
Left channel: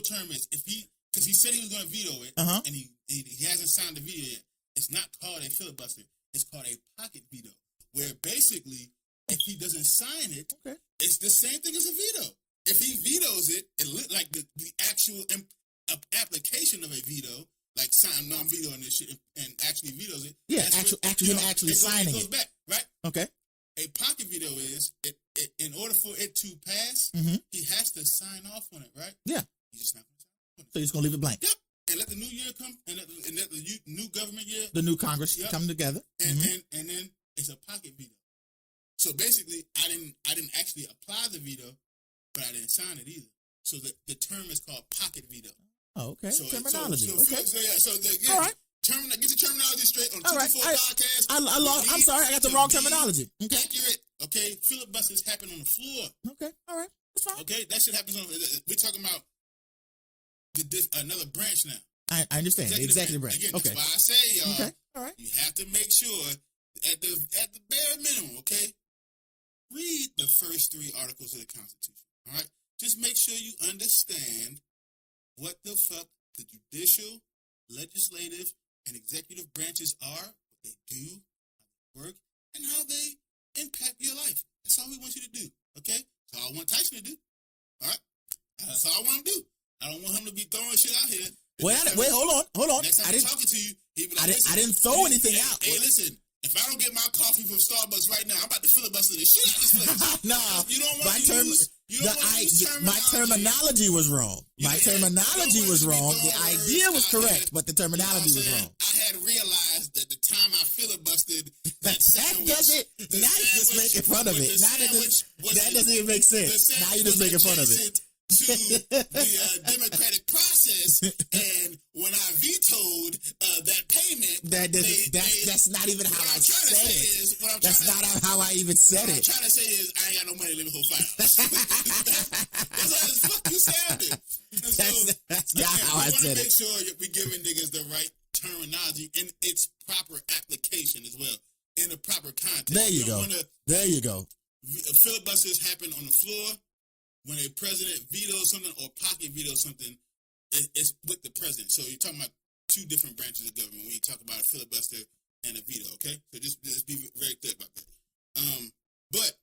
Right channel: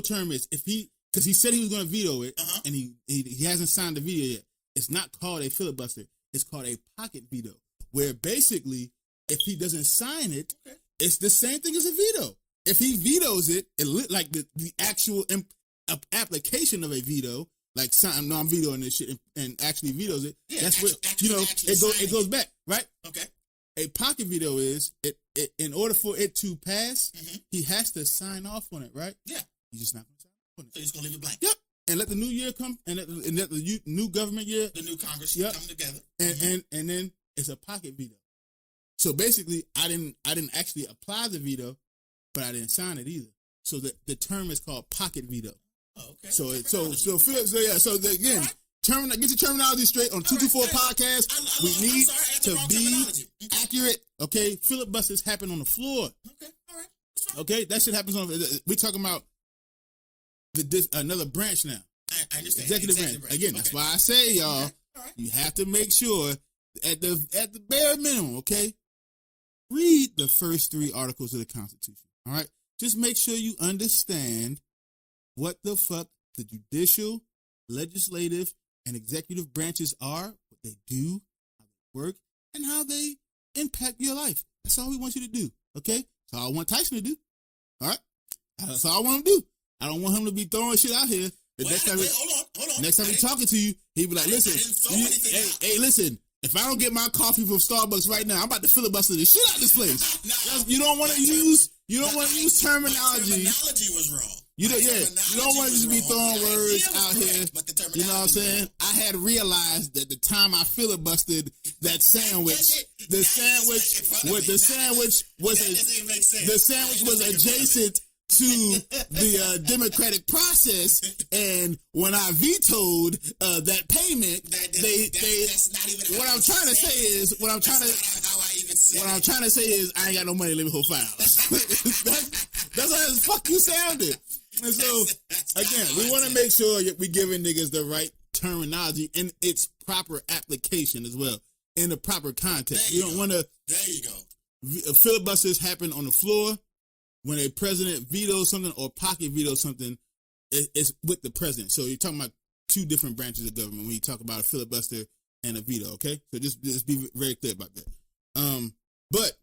term is, if because he said he was going to veto it, and he hasn't signed the veto yet. It's not called a filibuster. It's called a pocket veto, where basically, if he doesn't sign it, it's the same thing as a veto. If he vetoes it, like the actual application of a veto, like I'm vetoing this shit and actually vetoes it. Yeah, that's it goes back, right? Okay. A pocket veto is in order for it to pass, he has to sign off on it, right? Yeah. He's not going to sign off on it. So he's going to leave it blank. Yep. And let the new year come, and let the new government year, the new Congress come together, and then it's a pocket veto. So basically, I didn't actually apply the veto, but I didn't sign it either. So the term is called pocket veto. Oh, okay. So get your terminology straight on 224 podcast. I'm sorry, I got the wrong terminology. Accurate. Okay, filibusters happen on the floor. Okay, all right. Okay, that shit happens on. We're talking about another branch now. I understand. Executive branch. Again, that's why I say, y'all, you have to make sure at the bare minimum, okay, read the first 3 articles of the Constitution. All right, just make sure you understand what the fuck the judicial, legislative, and executive branches are, what they do, how they work, and how they impact your life. That's all we want you to do. Okay, that's all I want Tyson to do. All right, that's all I want him to do. I don't want him to be throwing shit out here. Wait, hold on. Next time I'm talking to you, he be like, listen, I didn't throw anything out. Hey, listen, if I don't get my coffee from Starbucks right now, I'm about to filibuster the shit out of this place. You don't want to use terminology. My terminology was wrong. My terminology was wrong. The idea was correct, but the terminology was wrong. I had realized that the time I filibustered that sandwich, the sandwich doesn't even make sense. The sandwich was basic to the democratic process, and when I vetoed that payment, that's not even what I'm trying to say is what I'm trying to how I even said what I'm trying to say is I ain't got no money to live for file. That's how the fuck you sounded. And so again, we want to make sure that we giving niggas the right terminology in its proper application as well, in the proper context. There you go. Filibusters happen on the floor. When a president vetoes something or pocket vetoes something, it's with the president. So you're talking about 2 different branches of government when you talk about a filibuster and a veto, okay? So just be very clear about that. But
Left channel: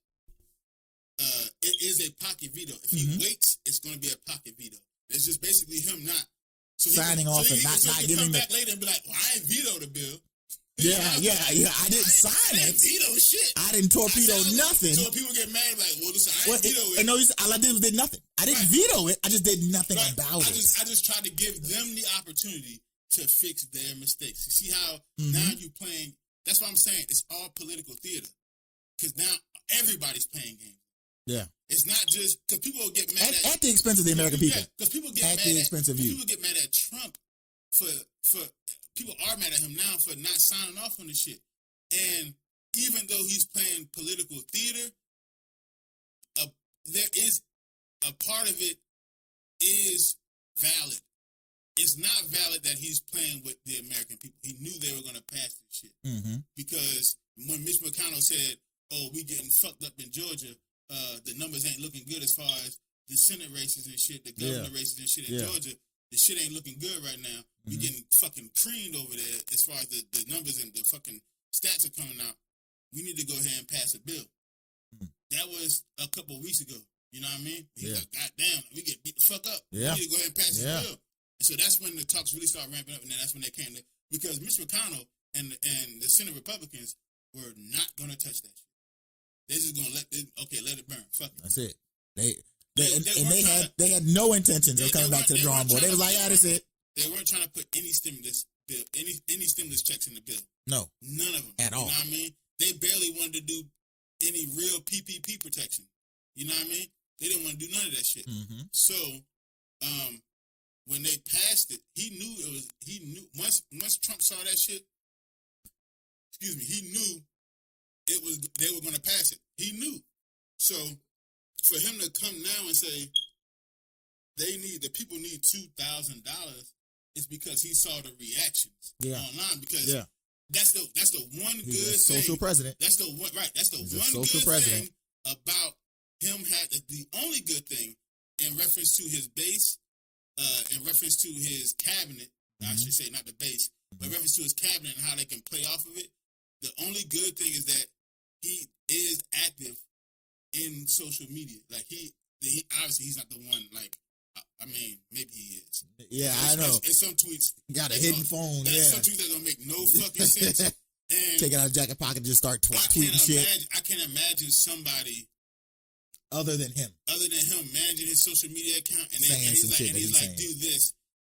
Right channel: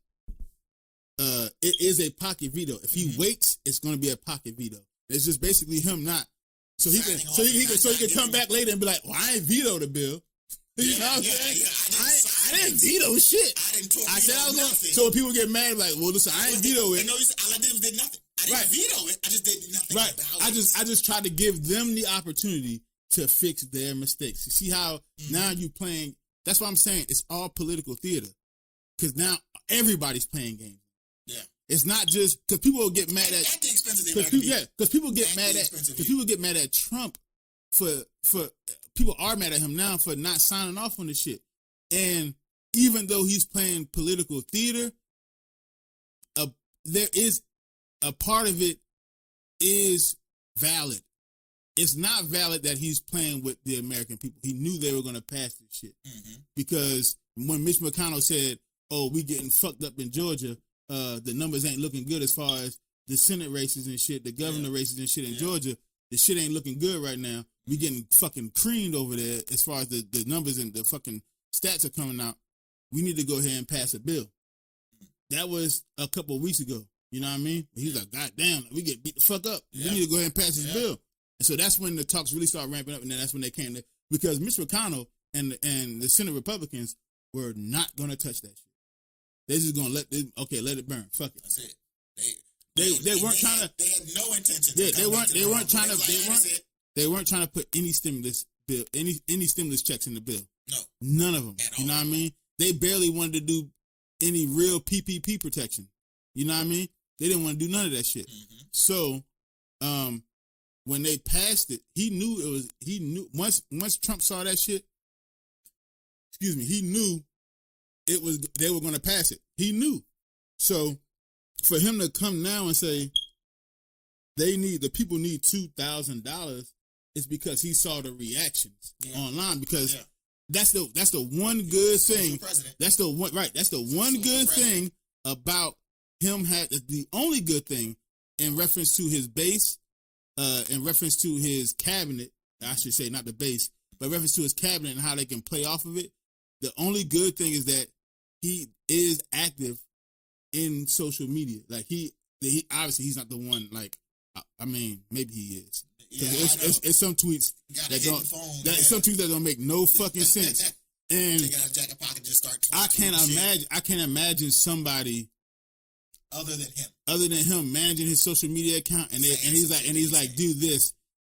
it is a pocket veto. If he waits, it's going to be a pocket veto. It's just basically him not. So he can come back later and be like, well, I ain't veto the bill. Yeah. I didn't veto shit. I didn't torpedo nothing. So people get mad like, well, listen, I didn't veto it. And all I did was did nothing. I didn't veto it. I just did nothing about it. I just tried to give them the opportunity to fix their mistakes. You see how now you playing? That's what I'm saying. It's all political theater because now everybody's playing games. Yeah, it's not just because people get mad at the expense of the American people. Because people get mad at Trump for. People are mad at him now for not signing off on this shit. And even though he's playing political theater, there is a part of it is valid. It's not valid that he's playing with the American people. He knew they were going to pass this shit. Because when Mitch McConnell said, oh, we getting fucked up in Georgia, the numbers ain't looking good as far as the Senate races and shit, the governor races and shit in Georgia. The shit ain't looking good right now. We getting fucking creamed over there as far as the numbers and the fucking stats are coming out. We need to go ahead and pass a bill. That was a couple of weeks ago. You know what I mean? We was like, God damn, we get beat the fuck up. We need to go ahead and pass this bill. And so that's when the talks really started ramping up, and then that's when they came to, because Mitch McConnell and the Senate Republicans were not going to touch that shit. They were going to let it burn. Fuck it. That's it. They had no intention. They weren't trying to put any stimulus any stimulus checks in the bill. No. None of them. At all. all. You know what I mean? They barely wanted to do any real PPP protection. You know what I mean? They didn't want to do none of that shit. Mm-hmm. So, when they passed it, he knew once Trump saw that shit, he knew they were going to pass it. He knew. So, for him to come now and say the people need $2,000, it's because he saw the reactions online. Because that's the one good thing. President. That's the one right. That's the one good thing about him. The only good thing in reference to his base, in reference to his cabinet. I should say not the base, but in reference to his cabinet and how they can play off of it. The only good thing is that he is active in social media. Like he obviously he's not the one. Like I mean, maybe he is. Yeah, I know. It's some tweets. Got a hidden phone. Some tweets that don't make no fucking sense. And take out a jacket pocket and just start talking. I can't imagine somebody other than him managing his social media account and he's like do this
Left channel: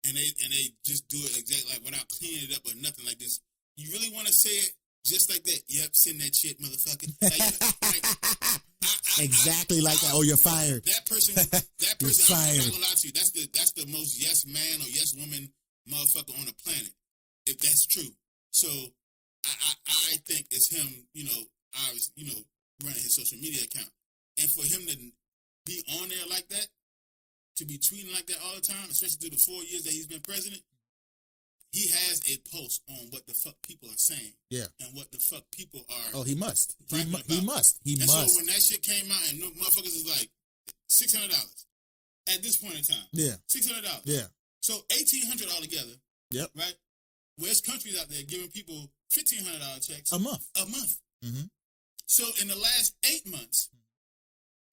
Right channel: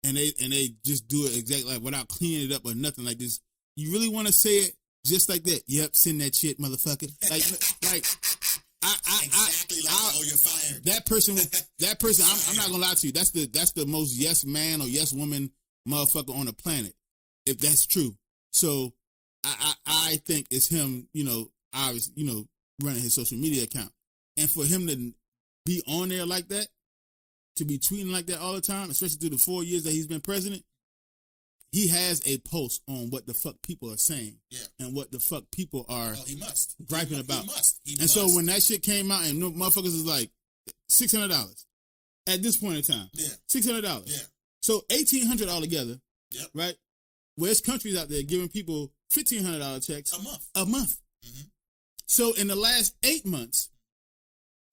and they just do it exactly like without cleaning it up or nothing like this. You really want to say it just like that? Yep, send that shit, motherfucker. Exactly like that. Oh, you're fired. That person. I'm not gonna lie to you. That's the most yes man or yes woman motherfucker on the planet. If that's true. So I think it's him. Running his social media account, and for him to be on there like that, to be tweeting like that all the time, especially through the 4 years that he's been president. He has a pulse on what the fuck people are saying. Yeah. And what the fuck people are. Oh, he must. Griping about. He must. So when that shit came out and motherfuckers was like, $600 at this point in time. Yeah. $600. Yeah. So $1,800 altogether. Yep. Right? Well, there's countries out there giving people $1,500 checks. A month. Mm-hmm. So in the last 8 months,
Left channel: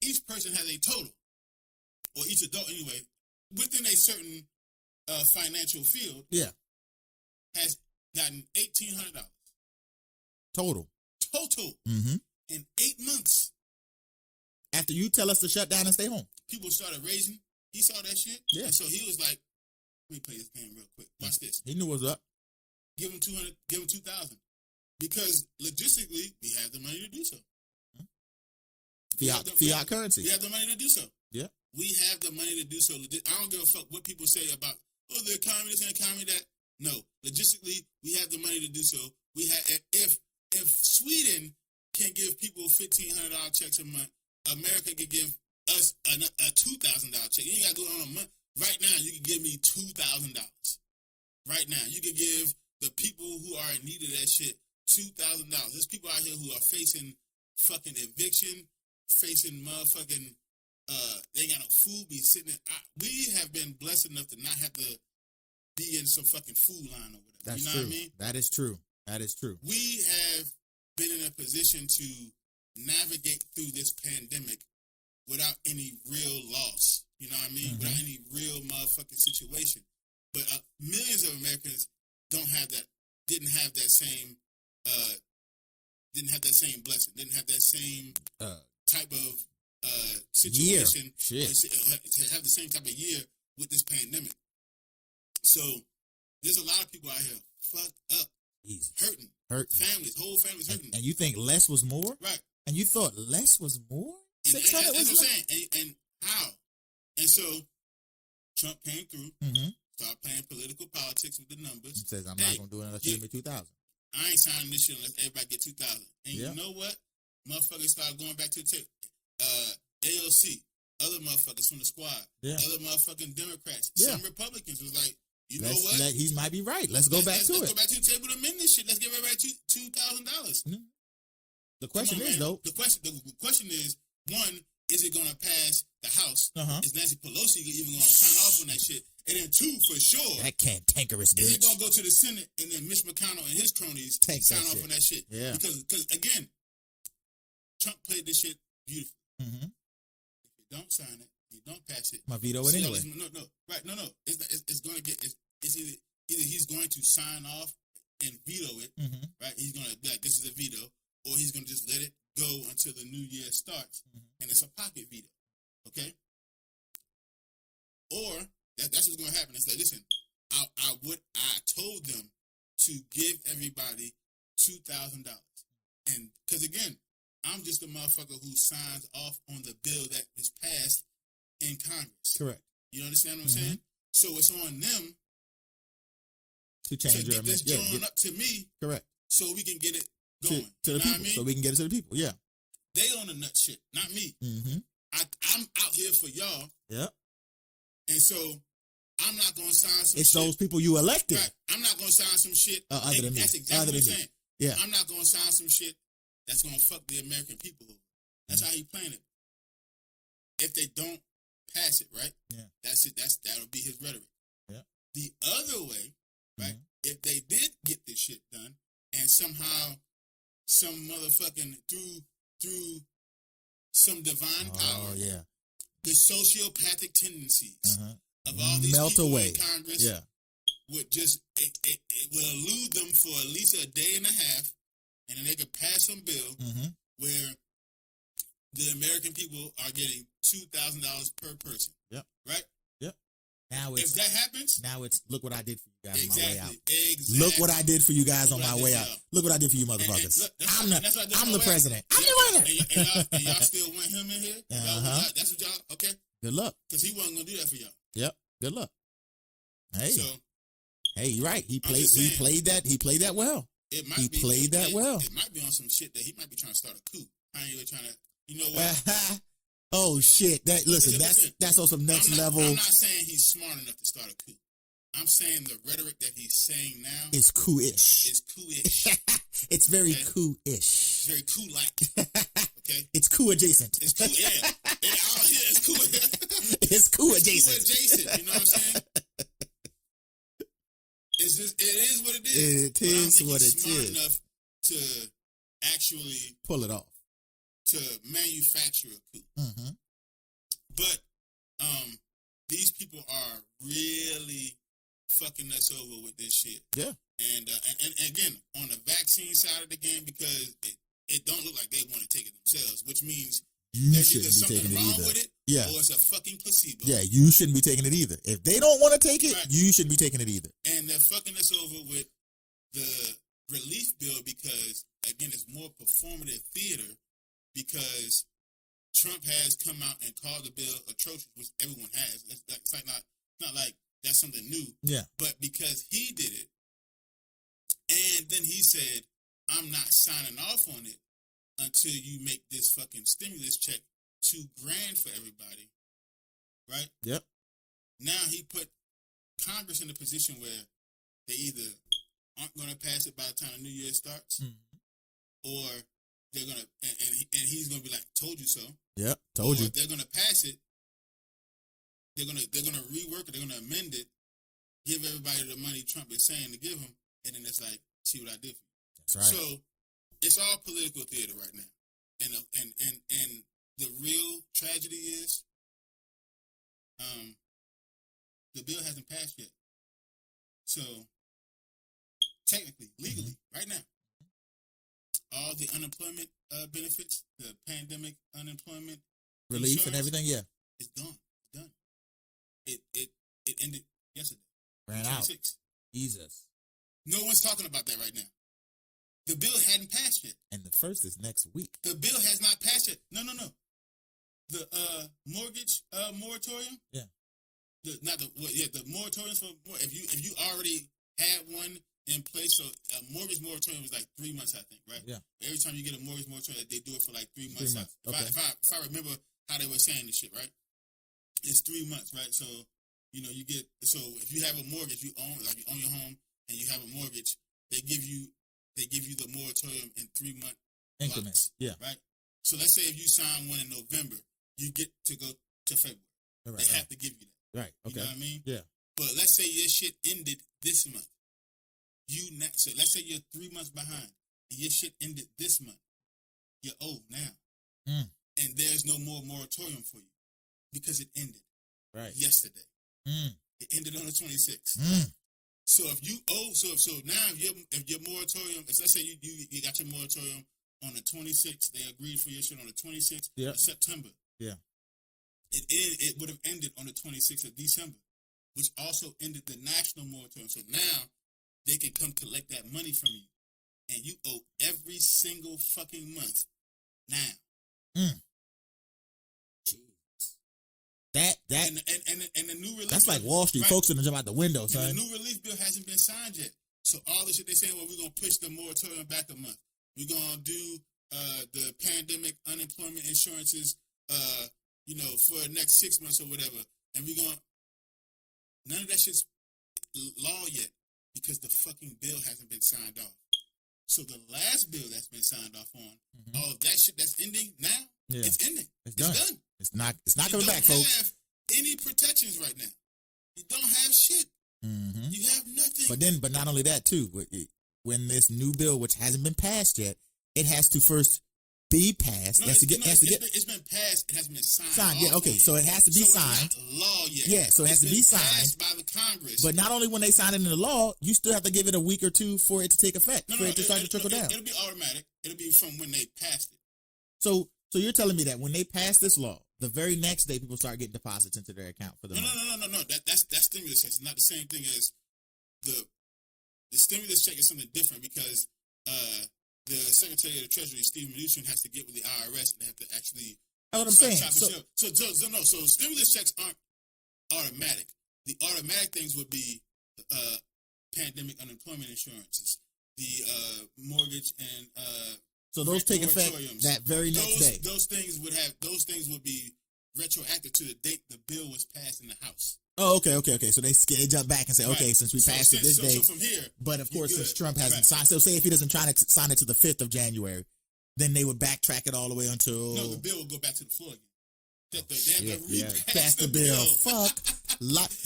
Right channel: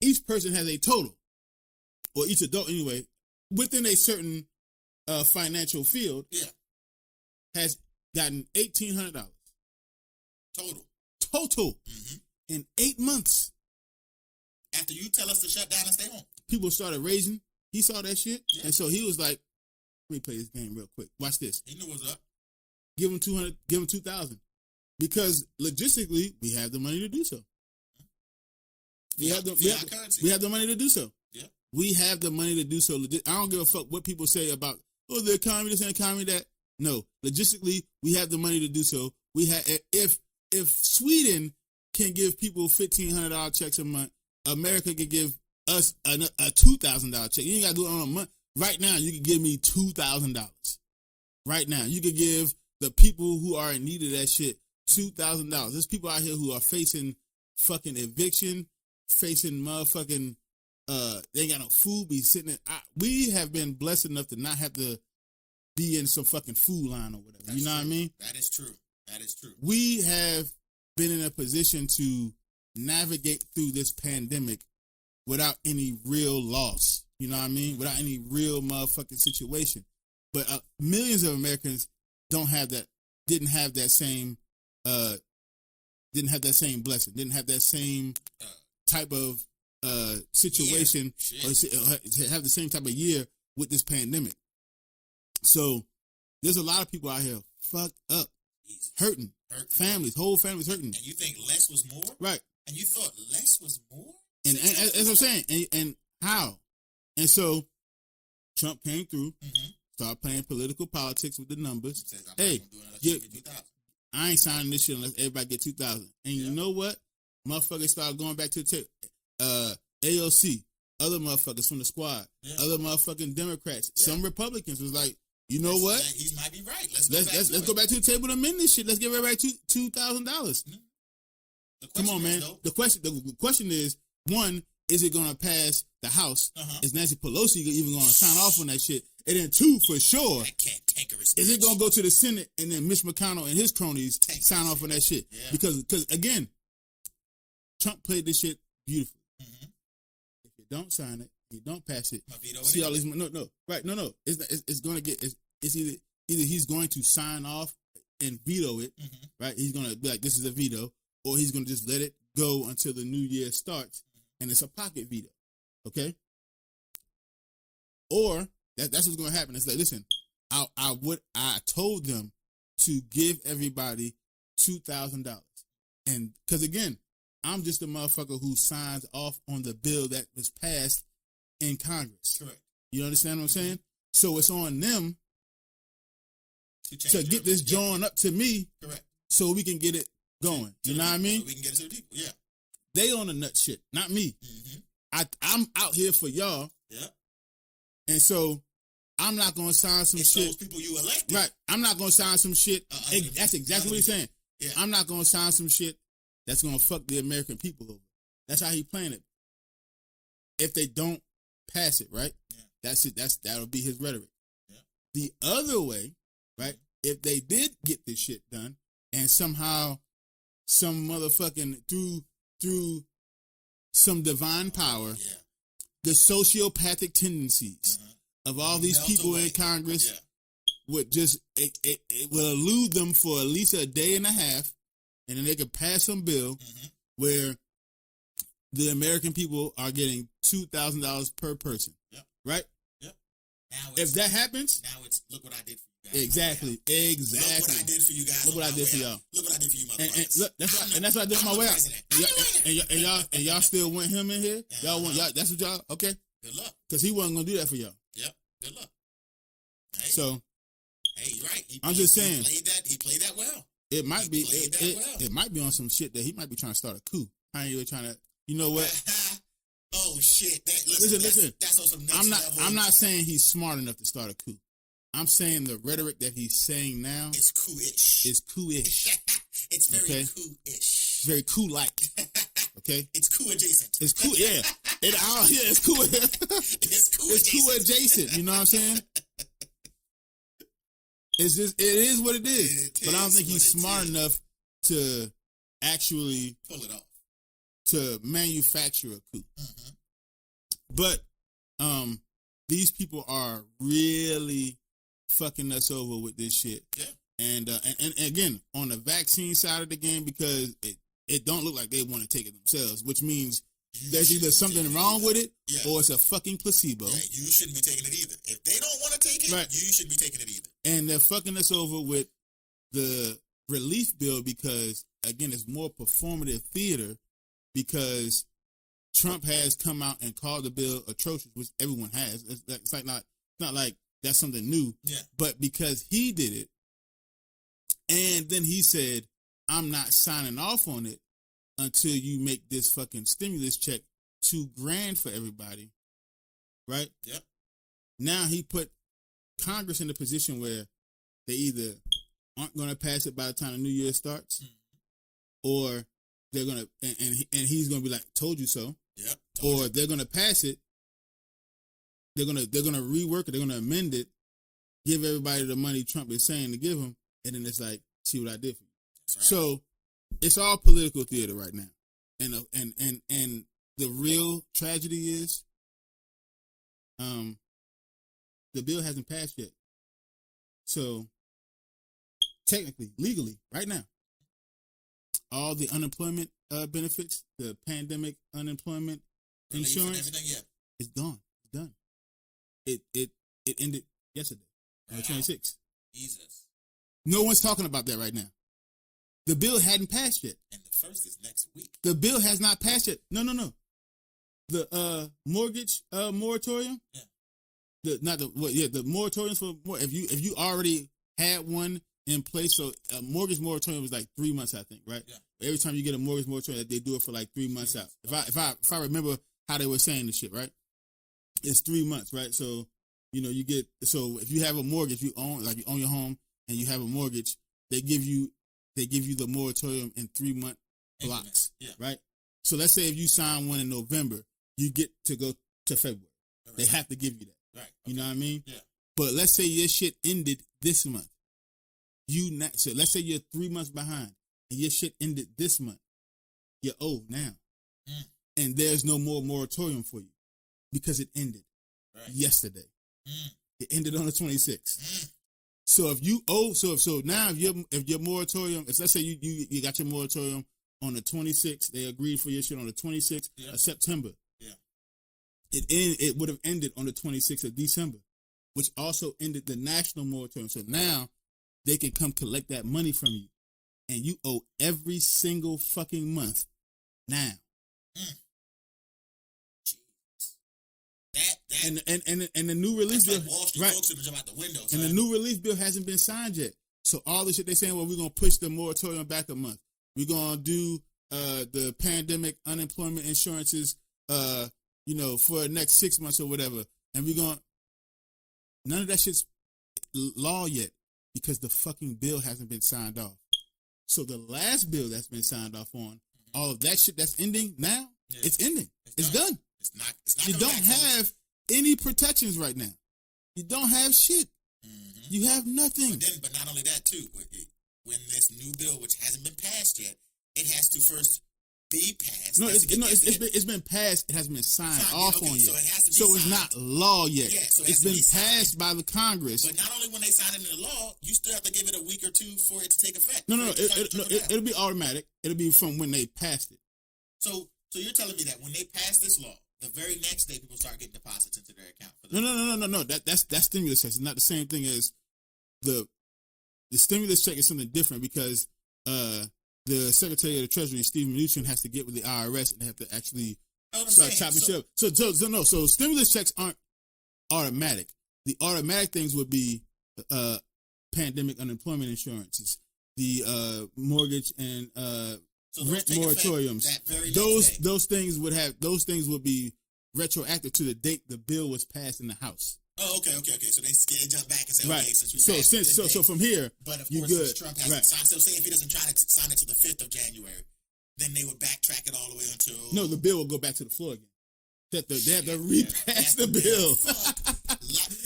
each person has a total, or each adult anyway, within a certain financial field. Yeah. Has gotten $1,800 total. Mm-hmm. In 8 months. After you tell us to shut down and stay home, people started raising. He saw that shit, and so he was like, "Let me play this game real quick. Watch this." He knew what's up. Give him 200. Give him 2,000, because logistically we have the money to do so. We have the money to do so. Yeah, we have the money to do so. I don't give a fuck what people say about the economy, this and economy that. No, logistically, we have the money to do so. We have if Sweden can give people $1,500 checks a month, America can give us a $2,000 check. You ain't gotta do it on a month. Right now, you can give me $2,000. Right now, you can give the people who are in need of that shit $2,000. There's people out here who are facing fucking eviction, facing motherfucking they got no food. We have been blessed enough to not have to be in some fucking food line or whatever. That's you know true. What I mean? That is true. That is true. We have been in a position to navigate through this pandemic without any real loss. You know what I mean? Mm-hmm. Without any real motherfucking situation. But millions of Americans didn't have that same blessing, didn't have that same type of situation, or have the same type of year with this pandemic. So there's a lot of people out here fucked up, hurting, families, whole families hurting. And you think less was more? Right. And you thought less was more? And that's what I'm saying. And how? And so Trump came through, started playing political politics with the numbers. He says, I'm not going to do it unless I get 2,000. I ain't signing this shit unless everybody get 2,000. And you know what? Motherfuckers started going back to AOC, other motherfuckers from the squad, other motherfucking Democrats, some Republicans was like, you know what? He might be right. Let's go back to the table and amend this shit. Let's give everybody $2,000. The question is, one, is it going to pass the House? Is Nancy Pelosi even going to sign off on that shit? And then two, for sure, that cantankerous bitch. Is it going to go to the Senate and then Mitch McConnell and his cronies sign off on that shit? Yeah. Because again, Trump played this shit beautiful. If you don't sign it, you don't pass it. My veto anyway. No. It's going to get. Either he's going to sign off and veto it, right? He's going to be like, this is a veto, or he's going to just let it go until the new year starts, and it's a pocket veto, okay? Or that's what's going to happen. It's like, listen, I told them to give everybody $2,000. And because again, I'm just a motherfucker who signs off on the bill that was passed in Congress. Correct. You understand what I'm saying? So it's on them to get this going up to me. Correct. So we can get it going. You know what I mean? So we can get it to the people. Yeah. They on the nut shit, not me. Mm-hmm. I'm out here for y'all. Yeah. And so I'm not going to sign some it's shit. those people you elected. Right. I'm not going to sign some shit. That's exactly what he's saying. Yeah. I'm not going to sign some shit that's going to fuck the American people over. That's how he's playing it. If they don't pass it, right? Yeah. That'll be his rhetoric. Yeah. The other way, right? If they did get this shit done, and somehow some motherfucking through some divine power, the sociopathic tendencies of all these people in Congress would just it would elude them for at least a day and a half, and then they could pass some bill where the American people are getting $2,000 per person. Yep. Right? Yep. Now if that happens, now it's look what I did for you guys. Exactly. Look what I did for you guys on my way out. Look what I did for you motherfuckers. That's what I did for my president. And y'all still want him in here? Y'all want that's what y'all okay. Good luck. Because he wasn't gonna do that for y'all. Yep. Good luck. Hey. So you're right. He played that well. It might be played that well. It might be on some shit that he might be trying to start a coup. I ain't really trying to you know what? Oh shit! Listen, that's on some next level. I'm not saying he's smart enough to start a coup. I'm saying the rhetoric that he's saying now is coup-ish. It's very coup-ish. Very coup-like. Okay? It's coup-adjacent. It's coup, yeah. It's coup. It's coup-adjacent. Coup-adjacent. You know what I'm saying? It is what it is. But I don't think he's smart enough to actually pull it off. To manufacture a coup. But these people are really fucking us over with this shit. Yeah. And again, on the vaccine side of the game, because it don't look like they want to take it themselves, which means there's either something wrong with it or it's a fucking placebo. Yeah, you shouldn't be taking it either. If they don't want to take it, you shouldn't be taking it either. And they're fucking us over with the relief bill because, again, it's more performative theater because Trump has come out and called the bill atrocious, which everyone has. It's not like that's something new. Yeah. But because he did it, and then he said, I'm not signing off on it until you make this fucking stimulus check $2,000 for everybody. Right? Yep. Now he put Congress in a position where they either aren't going to pass it by the time the new year starts, or they're gonna and he's gonna be like, "Told you so." Yeah. Or they're gonna pass it. They're gonna rework it. They're gonna amend it. Give everybody the money Trump is saying to give them, and then it's like, "See what I did for you." Right. So it's all political theater right now, and the real tragedy is, the bill hasn't passed yet. So technically, legally, right now, all the unemployment benefits, the pandemic unemployment relief and everything, it's gone. It's done. It ended yesterday. Right. 26th. Jesus. No one's talking about that right now. The bill hadn't passed yet. And the first is next week. The bill has not passed yet. No. The mortgage moratorium? Yeah. The moratorium for if you already had one in place, so a mortgage moratorium was like 3 months, I think, right? Yeah. Every time you get a mortgage moratorium, they do it for like 3 months out. Okay. If I remember how they were saying this shit, right? It's 3 months, right? So, you get, so if you have a mortgage, you own your home and you have a mortgage, they give you the moratorium in 3 month blocks. Yeah. Right? So let's say if you sign one in November, you get to go to February. Right. They have to give you that. Right. Okay. You know what I mean? Yeah. But let's say your shit ended this month. Let's say you're 3 months behind and your shit ended this month. You're owed now. And there's no more moratorium for you because it ended yesterday. It ended on the 26th. So if you owe, so now if your moratorium, let's say you got your moratorium on the 26th, they agreed for your shit on the 26th of September. Yeah. It would have ended on the 26th of December, which also ended the national moratorium. So now they can come collect that money from you, and you owe every single fucking month now. That And the new release, that's like Wall Street folks in them out the windows, and right? the new release bill hasn't been signed yet. So all this shit they're saying, well, we're gonna push the moratorium back a month. We're gonna do the pandemic unemployment insurances, for the next 6 months or whatever, and none of that shit's law yet because the fucking bill hasn't been signed off. So the last bill that's been signed off on, all of that shit that's ending now, it's ending. It's done. It's not You don't have any protections right now. You don't have shit. You have nothing. But not only that too. When this new bill, which hasn't been passed yet, it has to first be passed. No, it's been passed. It hasn't been signed. Okay, so it has to be signed. It's not law yet. Yeah, so it's been passed by the Congress. But not only when they sign it into law, you still have to give it a week or two for it to take effect. It'll be automatic. It'll be from when they pass it. So you're telling me that when they pass this law, the very next day people start getting deposits into their account for the No. That's stimulus check. It's not the same thing as the stimulus check is something different because the Secretary of the Treasury, Stephen Mnuchin, has to get with the IRS and have to actually So stimulus checks aren't automatic. The automatic things would be pandemic unemployment insurances, the mortgage and moratoriums. Those things would be retroactive to the date the bill was passed in the House. Oh, okay. So they jump back and say, okay, since we passed it, so from here, but of course, Trump hasn't signed. So say if he doesn't sign it to the 5th of January, then they would backtrack it all the way until. No, the bill will go back to the floor again. They have to repass the bill.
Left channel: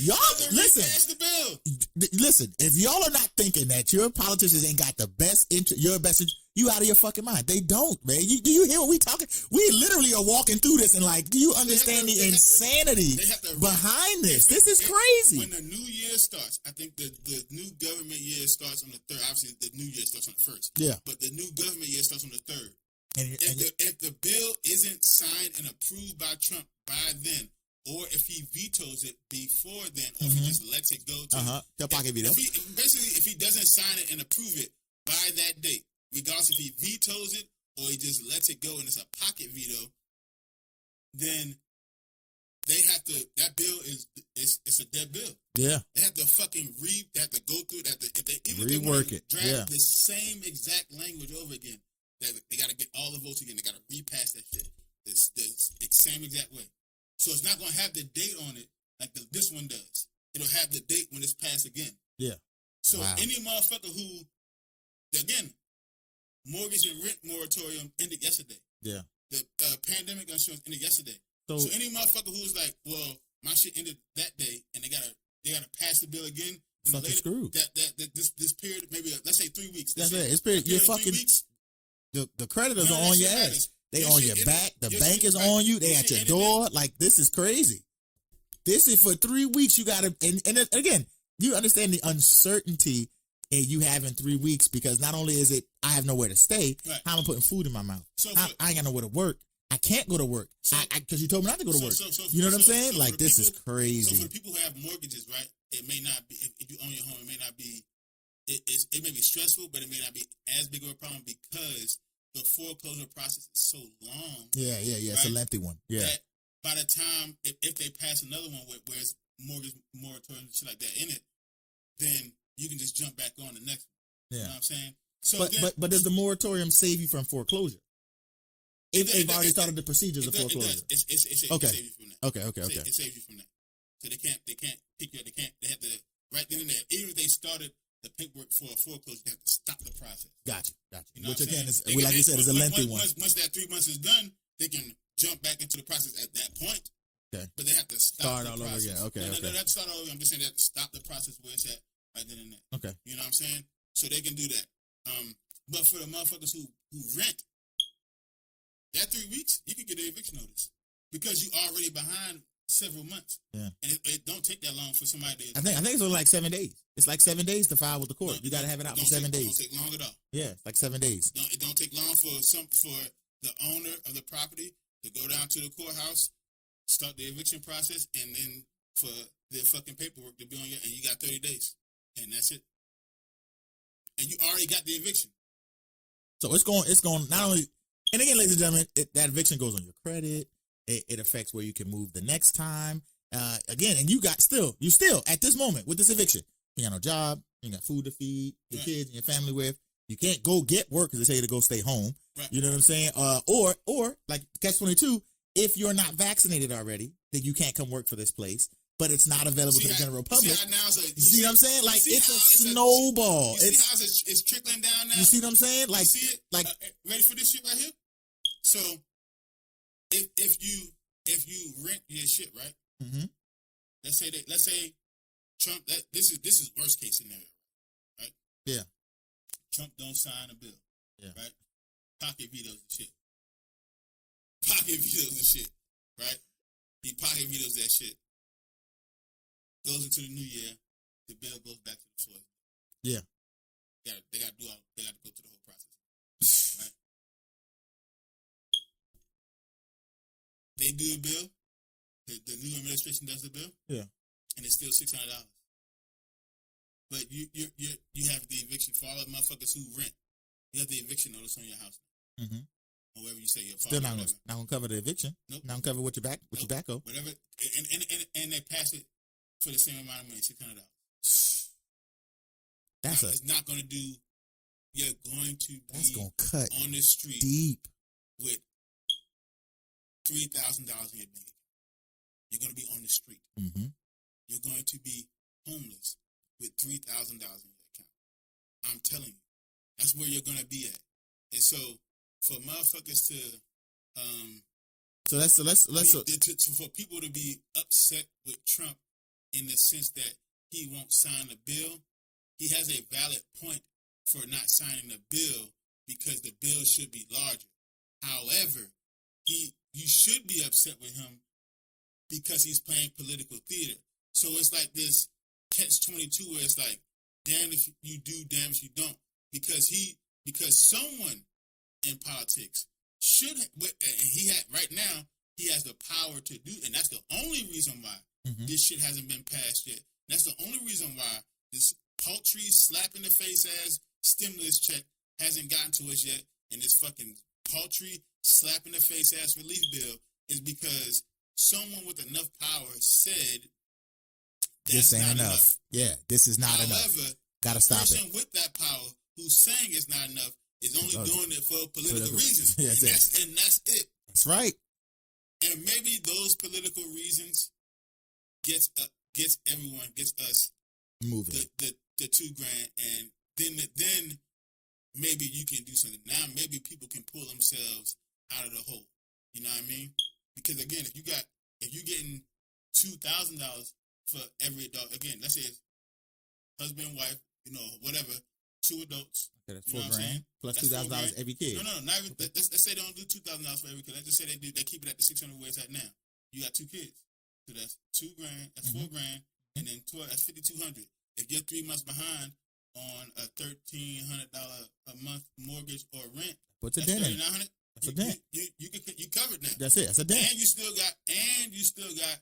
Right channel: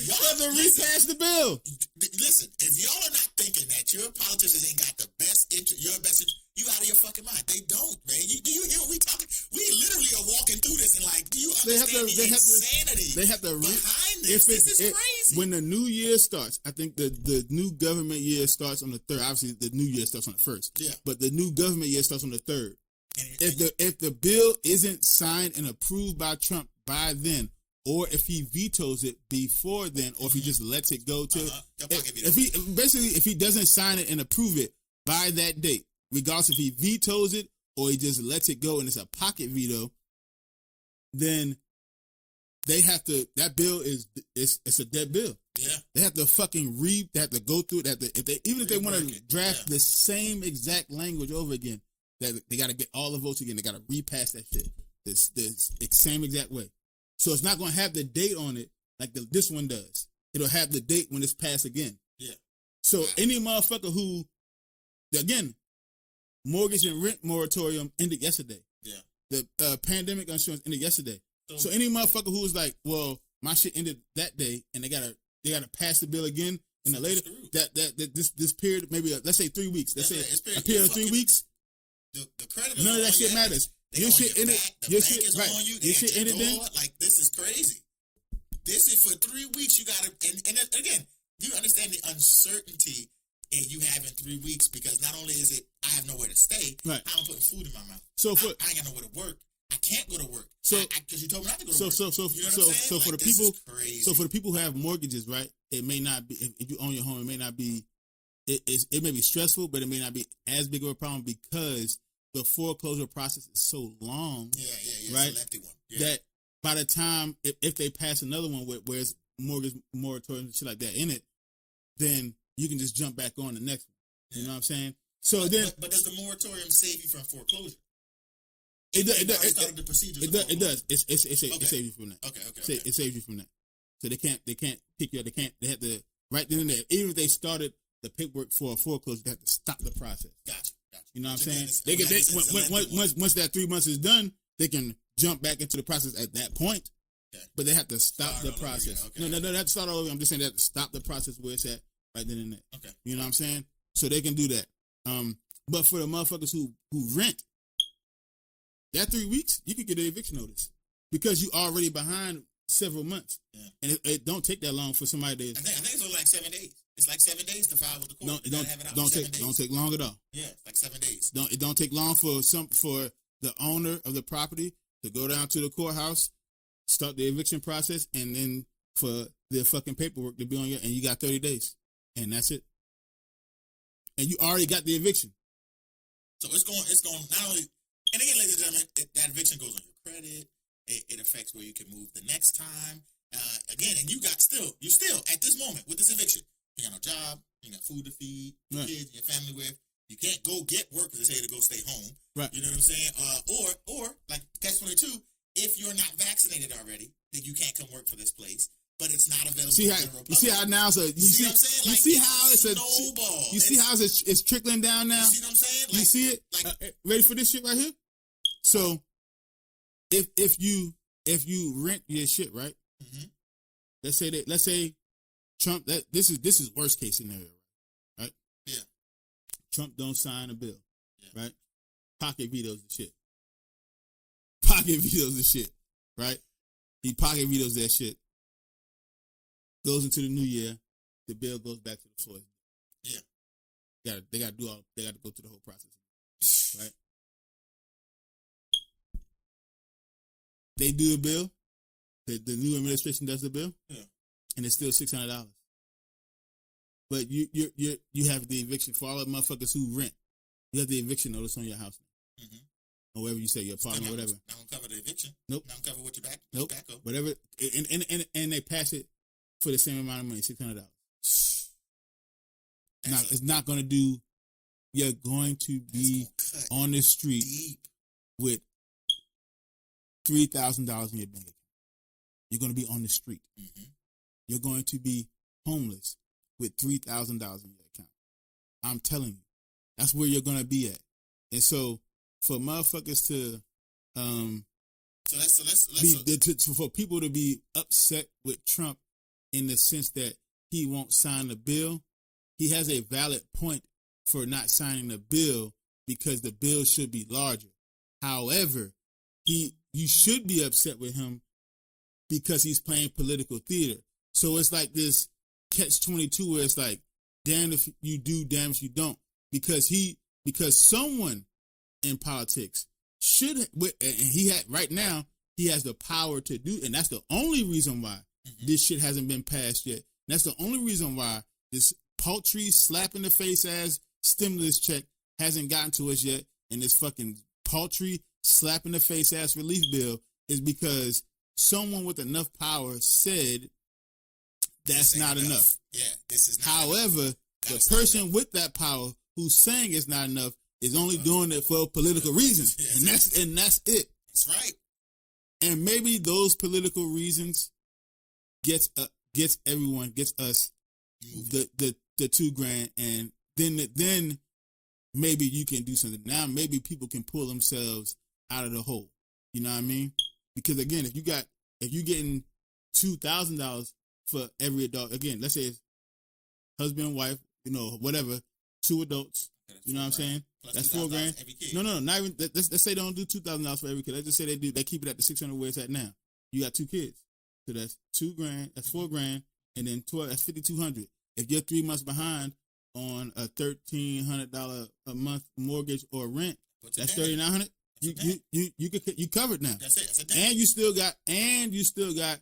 Y'all repass the bill. Listen, if y'all are not thinking that your politicians ain't got the best your best interest, you out of your fucking mind. They don't, man. Do you hear what we talking? We literally are walking through this and do you understand the insanity behind this? This is crazy. When the new year starts, I think the new government year starts on the 3rd. Obviously, the new year starts on the 1st. Yeah. But the new government year starts on the 3rd. If the bill isn't signed and approved by Trump by then, or if he vetoes it before then, or he just lets it go to if he doesn't sign it and approve it by that date, regardless if he vetoes it or he just lets it go and it's a pocket veto, then they have to. That bill it's a dead bill. Yeah, they have to fucking read. They have to go through that. If they want to draft the same exact language over again. They got to get all the votes again. They got to repass that shit the same exact way. So it's not going to have the date on it like this one does. It'll have the date when it's passed again. Yeah. So any motherfucker who, again, mortgage and rent moratorium ended yesterday. Yeah. The pandemic insurance ended yesterday. So any motherfucker who was like, well, my shit ended that day, and they gotta pass the bill again. And later, this period, maybe let's say 3 weeks. It's period 3 weeks. The creditors are on your ass. They on your back. The bank is on you. They at your door. This is crazy. This is for 3 weeks. You got to, and again, you understand the uncertainty that you have in 3 weeks because not only is it I have nowhere to stay, I'm putting food in my mouth. So I ain't got nowhere to work. I can't go to work because you told me not to go to work. You know what I'm saying? This is crazy. So for the people who have mortgages, right? It may not be if you own your home. It may not be. It may be stressful, but it may not be as big of a problem because the foreclosure process is so long. Yeah. Right? It's a lengthy one. Yeah. That by the time, if they pass another one where it's mortgage moratorium and shit like that in it, then you can just jump back on the next one. Yeah. You know what I'm saying? So but does the moratorium save you from foreclosure? It already started the procedure. It does. It saves you from that. Okay. It saves you from that. So they can't pick you up. They have to right then and there. Even if they started the paperwork for a foreclosure, they have to stop the process. Gotcha. You know what I'm saying? Once that 3 months is done, they can jump back into the process at that point. Okay. But they have to stop the process. They have to start all over. I'm just saying they have to stop the process where it's at right then and there. Okay. You know what I'm saying? So they can do that. But for the motherfuckers who rent, that 3 weeks, you can get an eviction notice because you already behind several months. Yeah. And it don't take that long for somebody to. I think it's like 7 days. It's like 7 days to file with the court. You gotta have it out for 7 days. Don't take long at all. Yeah, it's like 7 days. It don't take long for the owner of the property to go down to the courthouse, start the eviction process, and then for the fucking paperwork to be on your, and you got 30 days, and that's it. and you already got the eviction. So it's going not only, and again, ladies and gentlemen, that eviction goes on your credit. It affects where you can move the next time. Again, and you still at this moment with this eviction, you got no job, you got food to feed your kids and your family with. You can't go get work because they say to go stay home. Right. You know what I'm saying? Or like Catch-22, if you're not vaccinated already, then you can't come work for this place. But it's not available to the general public. You see how now, so you see what I'm saying? Like, you see how it's a snowball. You see how it's trickling down now? You see what I'm saying? Like, see it? Like, ready for this shit right here? So, if you rent your shit, right? Mm-hmm. Let's say Trump. This is worst case scenario, right? Yeah. Trump don't sign a bill, right? Pocket vetoes and shit. Right? He pocket vetoes that shit. Goes into the new year, the bill goes back to the floor. Yeah. They got to go through the whole process, right? They do a bill. The new administration does a bill. Yeah. And it's still $600. But you have the eviction for all the motherfuckers who rent. You have the eviction notice on your house. Mm-hmm. Or whatever you say, your apartment, whatever. Not gonna cover the eviction. Nope. Not gonna cover with tobacco. Whatever. And they pass it for the same amount of money, $600. It's not going to do. You're going to be cut on the street with $3,000 in your bank. You're going to be on the street. Mm-hmm. You're going to be homeless with $3,000 in your account. I'm telling you, that's where you're going to be at. And so, for motherfuckers to, for people to be upset with Trump in the sense that he won't sign the bill, he has a valid point for not signing the bill because the bill should be larger. However, you should be upset with him because he's playing political theater. So it's like this Catch-22 where it's like, damn if you do, damn if you don't. Because someone in politics right now, he has the power to do, and that's the only reason why this shit hasn't been passed yet. That's the only reason why this paltry slap in the face ass stimulus check hasn't gotten to us yet, and this fucking paltry slap in the face ass relief bill is because someone with enough power said that's not enough. Yeah, this is not However, enough. The person with that power who's saying it's not enough is only doing it for a political reason. And that's it. That's right. And maybe those political reasons get us the $2,000, and then maybe you can do something. Now maybe people can pull themselves out of the hole. You know what I mean? Because again, if you're getting $2,000 for every adult, again, let's say it's husband, wife, whatever, 2 adults. You know what I'm saying? Plus that's $4,000 every kid. No, not even. Let's say they don't do $2,000 for every kid. Let's just say they keep it at the $600 where it's at now. You got 2 kids, so that's $2,000, that's $4,000, and then 12, that's $5,200. If you're 3 months behind on a $1,300 a month mortgage or rent, that's $3,900. You covered now. That's it. That's a damn. And you still got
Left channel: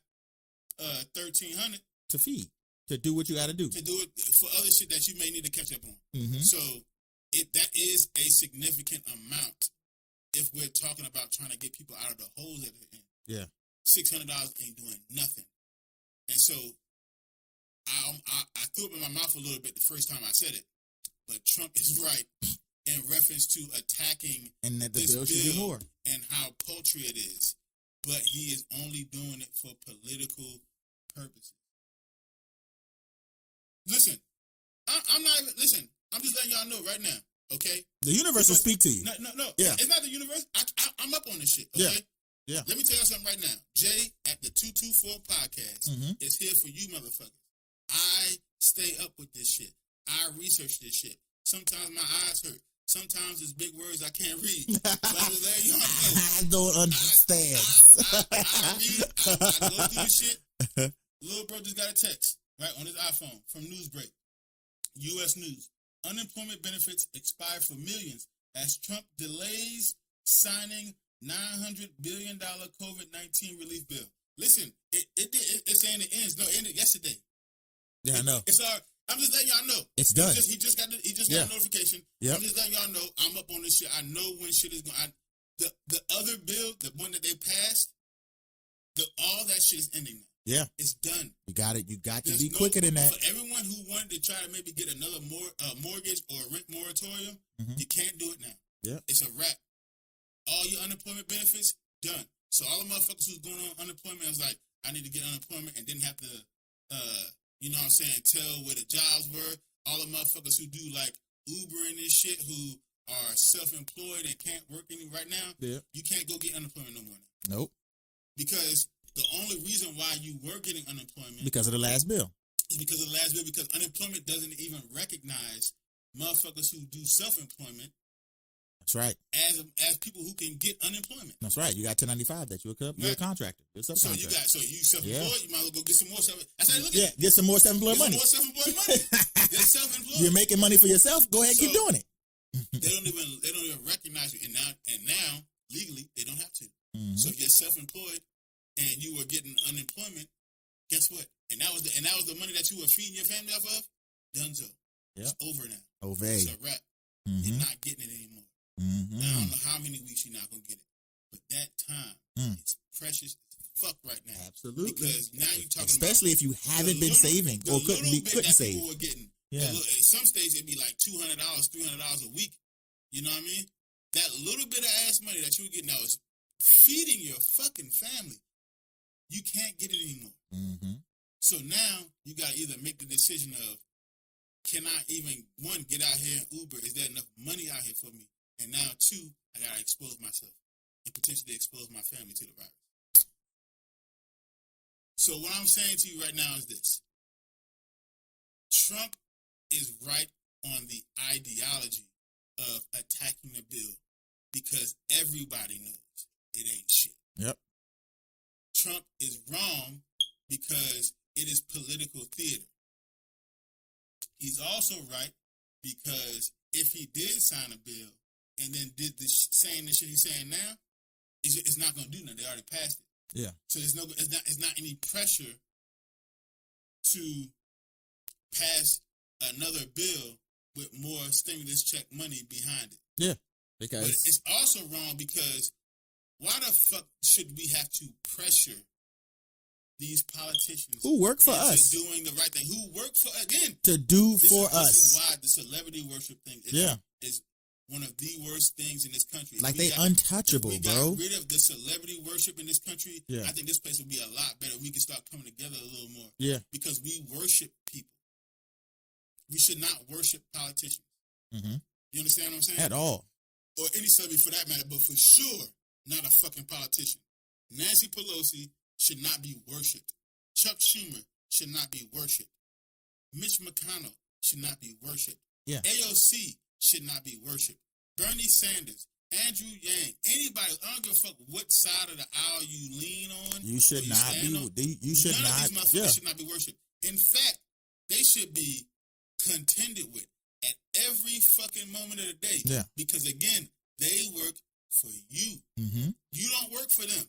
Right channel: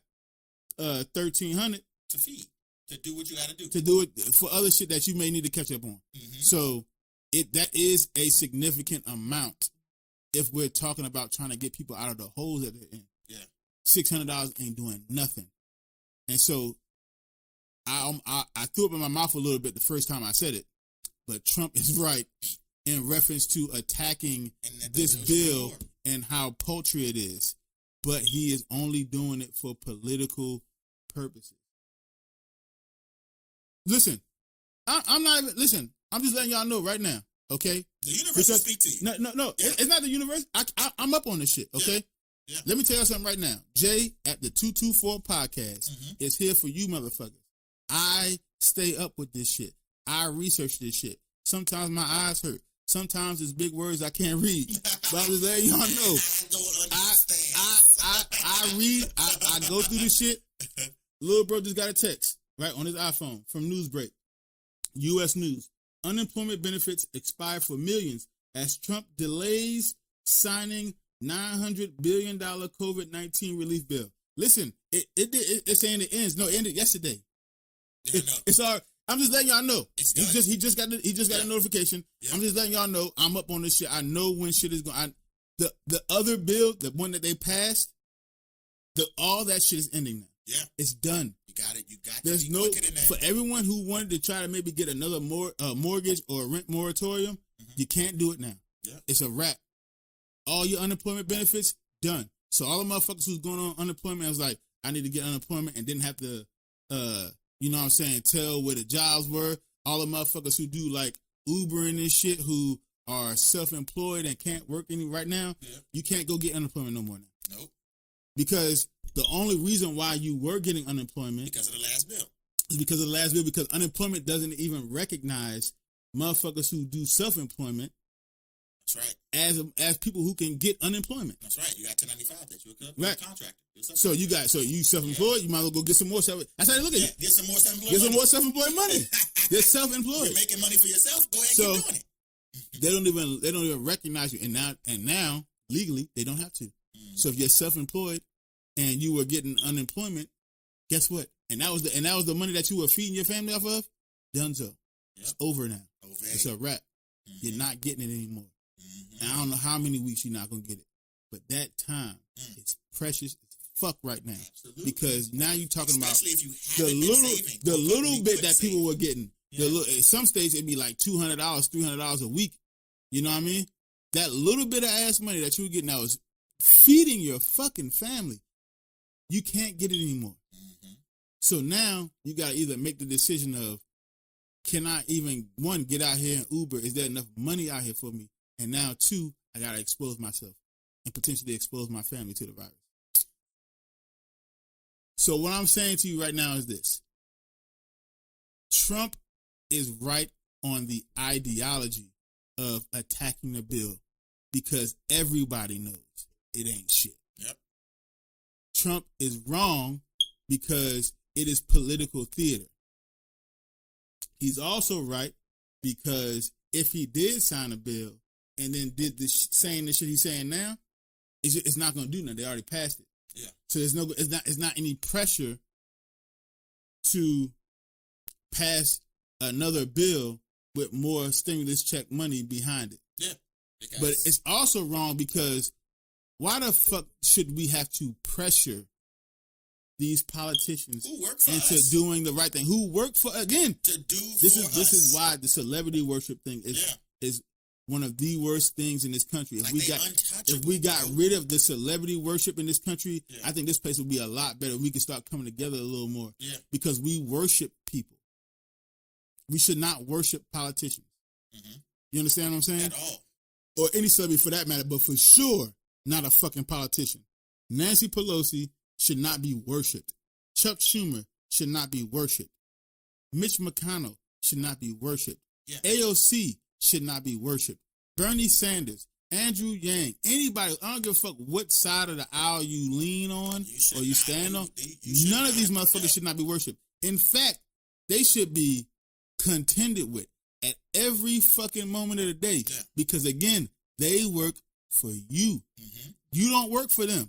$1,300 to feed, to do what you got to do, to do it for other shit that you may need to catch up on. Mm-hmm. So that is a significant amount if we're talking about trying to get people out of the holes that they're in. Yeah, $600 ain't doing nothing, and so I threw up in my mouth a little bit the first time I said it, but Trump is right in reference to attacking this bill and how paltry it is, but he is only doing it for political purposes. Listen, I'm not even, listen, I'm just letting y'all know right now, okay? The universe will speak to you. No, yeah. It's not the universe. I'm up on this shit, okay? Yeah. Let me tell you something right now. Jay at the 224 podcast is here for you motherfuckers. I stay up with this shit. I research this shit. Sometimes my eyes hurt. Sometimes it's big words I can't read. So I'm just letting y'all know. I don't understand. I read. I go through this shit. Little bro just got a text, right, on his iPhone from Newsbreak. U.S. News. Unemployment benefits expire for millions as Trump delays signing $900 billion COVID-19 relief bill. Listen, it's saying it ends. No, it ended yesterday. Yeah, I know. I'm just letting y'all know. It's done. He just got a notification. I'm just letting y'all know I'm up on this shit. I know when shit is going. The other bill, the one that they passed, all that shit is ending now. Yeah, it's done. You got it. There's no quicker than that. For everyone who wanted to try to maybe get another mortgage or rent moratorium, you can't do it now. Yeah, it's a wrap. All your unemployment benefits done. So all the motherfuckers who's going on unemployment was like, I need to get unemployment and didn't have to, you know what I'm saying, tell where the jobs were. All the motherfuckers who do like Ubering and shit who are self-employed and can't work any right now, you can't go get unemployment no more now. Nope. Because the only reason why you were getting unemployment because of the last bill. Because unemployment doesn't even recognize motherfuckers who do self-employment. That's right. As people who can get unemployment. That's right. You got 1095 that you're a contractor. So you self-employed, you might as well go get some more get some more self-employed money. Get some more self-employed money. Get self-employed. You're making money for yourself, go ahead and keep doing it. They don't even recognize it. And now legally they don't have to. So if you're self-employed and you were getting unemployment, guess what? And that was the money that you were feeding your family off of. Done so. Yeah. Over now. Over. It's a wrap. You're not getting it anymore. And I don't know how many weeks you're not gonna get it, but that time is precious as fuck right now. Absolutely. Because now you're talking especially about if you haven't been saving the little bit that people were getting. Yeah. Some states it'd be like $200, $300 a week. You know what I mean? That little bit of ass money that you're getting now is feeding your fucking family. You can't get it anymore. So now you got to either make the decision of, can I even, one, get out here and Uber? Is there enough money out here for me? And now, two, I got to expose myself and potentially expose my family to the virus. So what I'm saying to you right now is this. Trump is right on the ideology of attacking a bill because everybody knows it ain't shit. Yep. Trump is wrong because it is political theater. He's also right because if he did sign a bill and then did this saying this that he's saying now, it's not going to do nothing. They already passed it. Yeah. So it's not any pressure to pass another bill with more stimulus check money behind it. Yeah. But it's also wrong because why the fuck should we have to pressure these politicians who work for us doing the right thing? Who work for again to do for us? This is why the celebrity worship thing is one of the worst things in this country. Like they untouchable. If we got rid of the celebrity worship in this country, I think this place would be a lot better. We could start coming together a little more. Yeah, because we worship people. We should not worship politicians. You understand what I'm saying? At all. Or any celebrity for that matter, but for sure, not a fucking politician. Nancy Pelosi should not be worshipped. Chuck Schumer should not be worshipped. Mitch McConnell should not be worshipped. Yeah. AOC should not be worshipped. Bernie Sanders, Andrew Yang, anybody, I don't give a fuck what side of the aisle you lean on or you stand on. None of these motherfuckers should not be worshipped. In fact, they should be contended with at every fucking moment of the day. Yeah. Because again, they work for you. You don't work for them.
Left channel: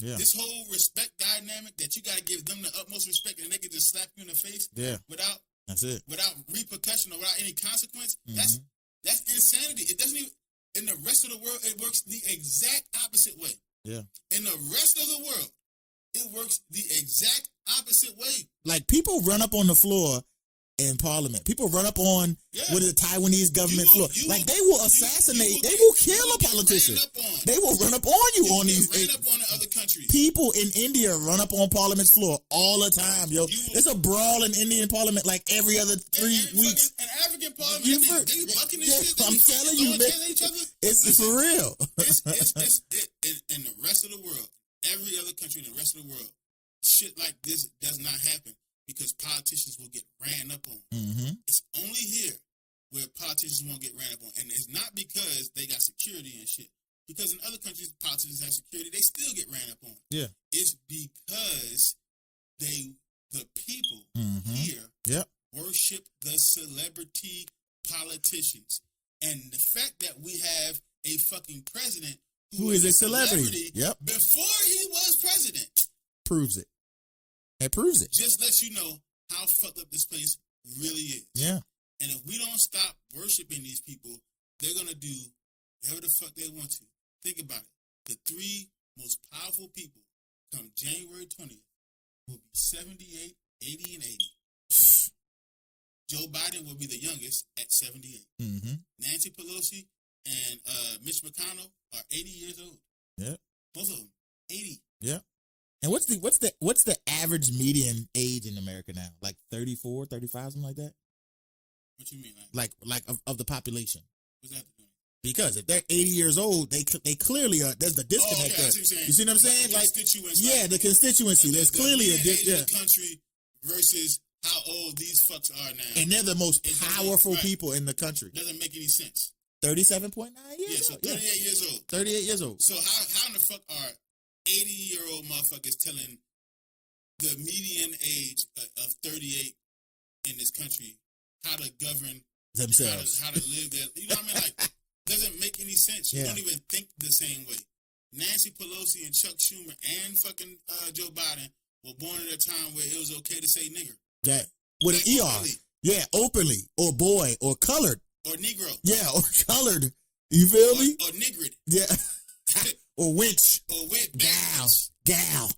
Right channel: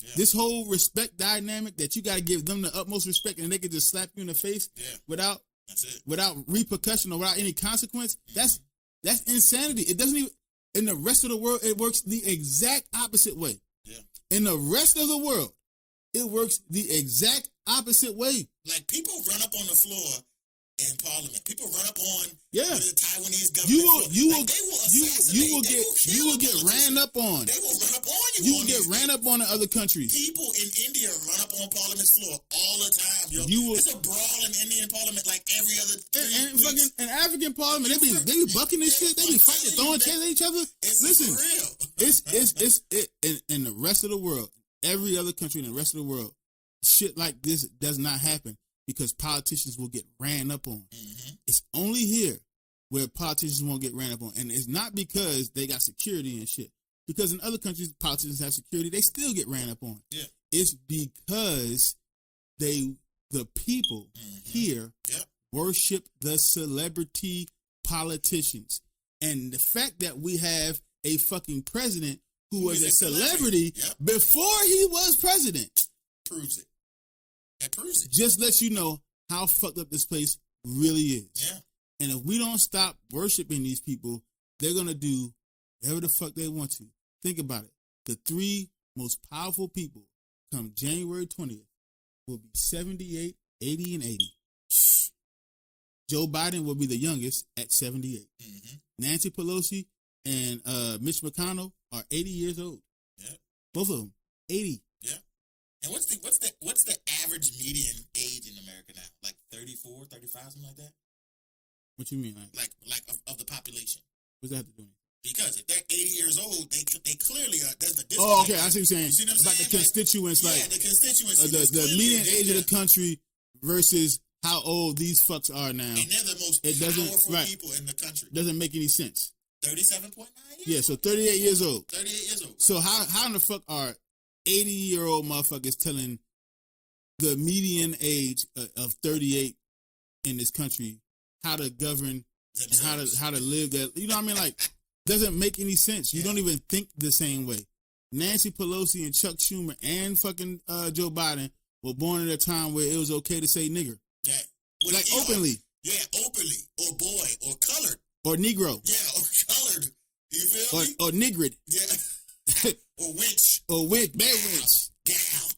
Yeah. This whole respect dynamic that you gotta give them the utmost respect and they can just slap you in the face without repercussion or without any consequence. That's insanity. It doesn't even, in the rest of the world, it works the exact opposite way. Yeah. In the rest of the world, it works the exact opposite way. Like people run up on the floor in Parliament. People run up on with the Taiwanese government. They will assassinate. They will kill a politician. They will run up on you. Ran up on the other country. People in India run up on Parliament's floor all the time. Yo, it's a brawl in Indian Parliament like every other 3 weeks. In African Parliament, they bucking this shit. I'm telling you, each other. It's for real. It's in the rest of the world, every other country in the rest of the world, shit like this does not happen. Because politicians will get ran up on. It's only here where politicians won't get ran up on. And it's not because they got security and shit. Because in other countries, politicians have security, they still get ran up on. Yeah. It's because the people here worship the celebrity politicians. And the fact that we have a fucking president who is a celebrity before he was president proves it. That proves it. Just let you know how fucked up this place really is. Yeah. And if we don't stop worshiping these people, they're going to do whatever the fuck they want to. Think about it. The 3 most powerful people come January 20th will be 78, 80, and 80. Joe Biden will be the youngest at 78. Mm-hmm. Nancy Pelosi and Mitch McConnell are 80 years old. Yeah. Both of them, 80. Yeah. And what's the average median age in America now? Like 34, 35, something like that? What you mean? Like of the population. What does that have to do? Because if they're 80 years old, they clearly are. There's the difference. Oh, okay. I see what you're saying. You see what I'm saying? The constituents. Yeah, the constituents. The clearly median age of the country versus how old these fucks are now. And they're the most powerful people in the country. Doesn't make any sense. 37.9 years? Yeah, so 38 years old. 38 years old. So how in the fuck are 80-year-old motherfuckers telling the median age of 38 in this country how to govern themselves, how to live their, you know what I mean? Like, doesn't make any sense. You don't even think the same way. Nancy Pelosi and Chuck Schumer and fucking Joe Biden were born at a time where it was okay to say nigger. Right. Like openly. Yeah, openly. Or boy, or colored. Or Negro. Yeah, or colored. You feel me? Or nigrid. Yeah. or wench. Or wench. Gal.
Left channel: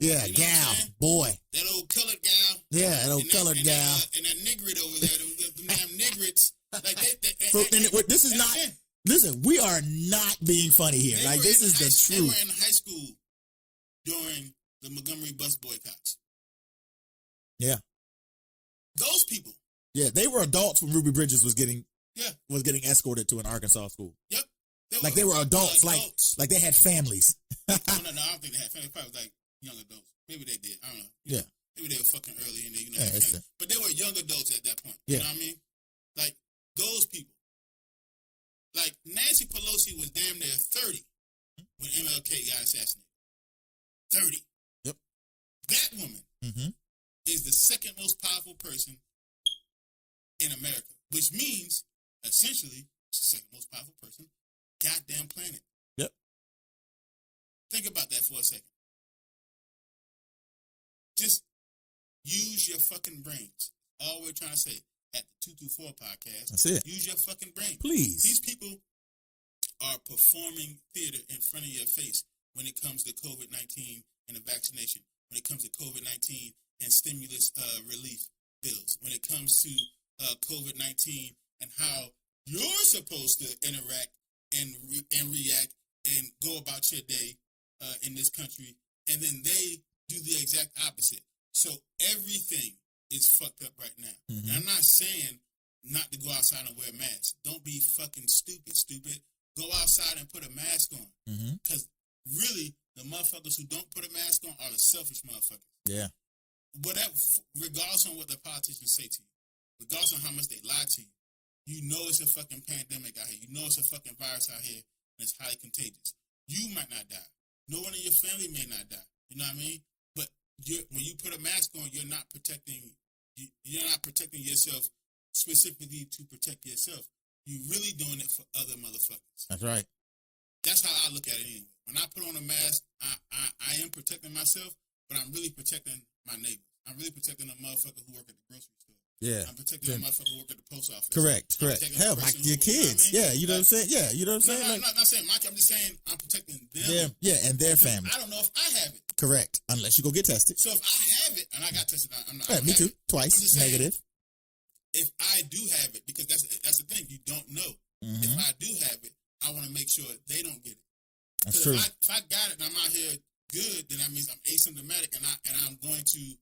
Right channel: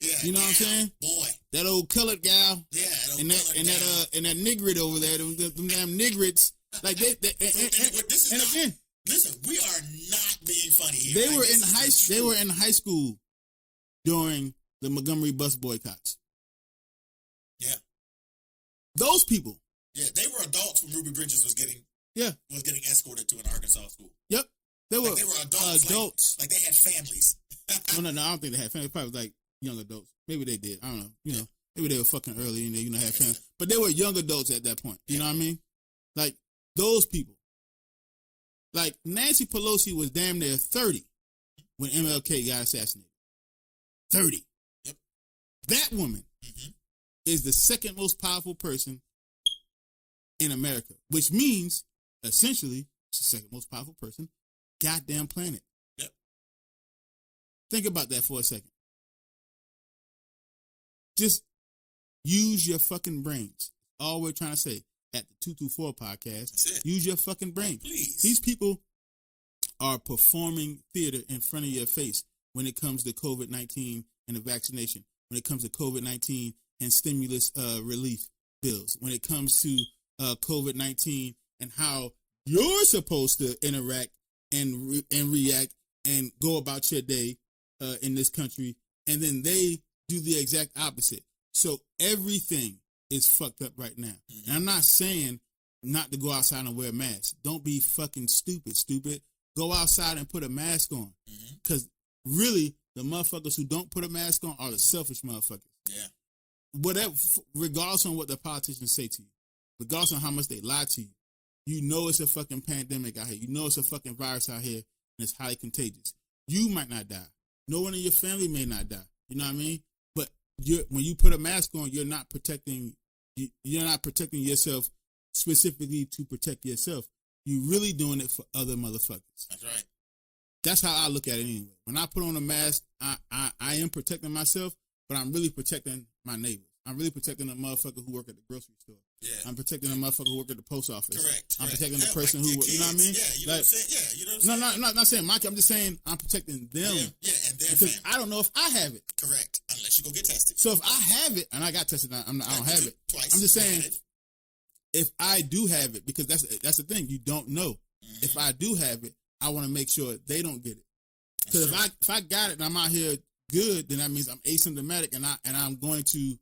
Yeah, you know what I'm saying? Boy. That old colored gal. Yeah, that old colored gal. And that nigrid over there, them damn nigrids. Like this is not. Listen, we are not being funny here. They were in high school during the Montgomery bus boycotts. Yeah. Those people. Yeah, they were adults when Ruby Bridges was getting escorted to an Arkansas school. Yep. They were adults. Like they had families. No, I don't think they had families. Probably like young adults. Maybe they did. I don't know. You know, maybe they were fucking early in there, you know what I'm saying? But they were young adults at that point. You know what I mean? Like those people. Like Nancy Pelosi was damn near 30 when MLK got assassinated. 30. Yep. That woman is the second most powerful person in America, which means essentially the second most powerful person, goddamn planet. Yep. Think about that for a second. Just use your fucking brains. All we're trying to say at the 224 podcast. Use your fucking brain, please. These people are performing theater in front of your face when it comes to COVID-19 and the vaccination, when it comes to COVID-19 and stimulus relief bills, when it comes to COVID-19 and how you're supposed to interact and react and go about your day in this country, and then they do the exact opposite. So everything is fucked up right now. And I'm not saying not to go outside and wear a mask. Don't be fucking stupid. Go outside and put a mask on. Because really, the motherfuckers who don't put a mask on are the selfish motherfuckers. Yeah. Whatever, regardless on what the politicians say to you, regardless on how much they lie to you, you know it's a fucking pandemic out here. You know it's a fucking virus out here, and it's highly contagious. You might not die. No one in your family may not die. You know what I mean? But when you put a mask on, you're not protecting yourself specifically to protect yourself. You're really doing it for other motherfuckers. That's right. That's how I look at it anyway. When I put on a mask, I am protecting myself, but I'm really protecting my neighbor. I'm really protecting the motherfucker who work at the grocery store. Yeah. I'm protecting the motherfucker who work at the post office. Correct. I'm protecting the person who, you know what I mean? Yeah, you know what I'm saying? Yeah, you know what I'm saying? No, I'm not saying much. I'm just saying I'm protecting them. Yeah, and their family. I don't know if I have it. Correct. Unless you go get tested. So if I have it, and I got tested, I don't have it twice. I'm just saying if I do have it, because that's the thing, you don't know. If I do have it, I want to make sure they don't get it. Because if I got it and I'm out here good, then that means I'm asymptomatic and I'm going to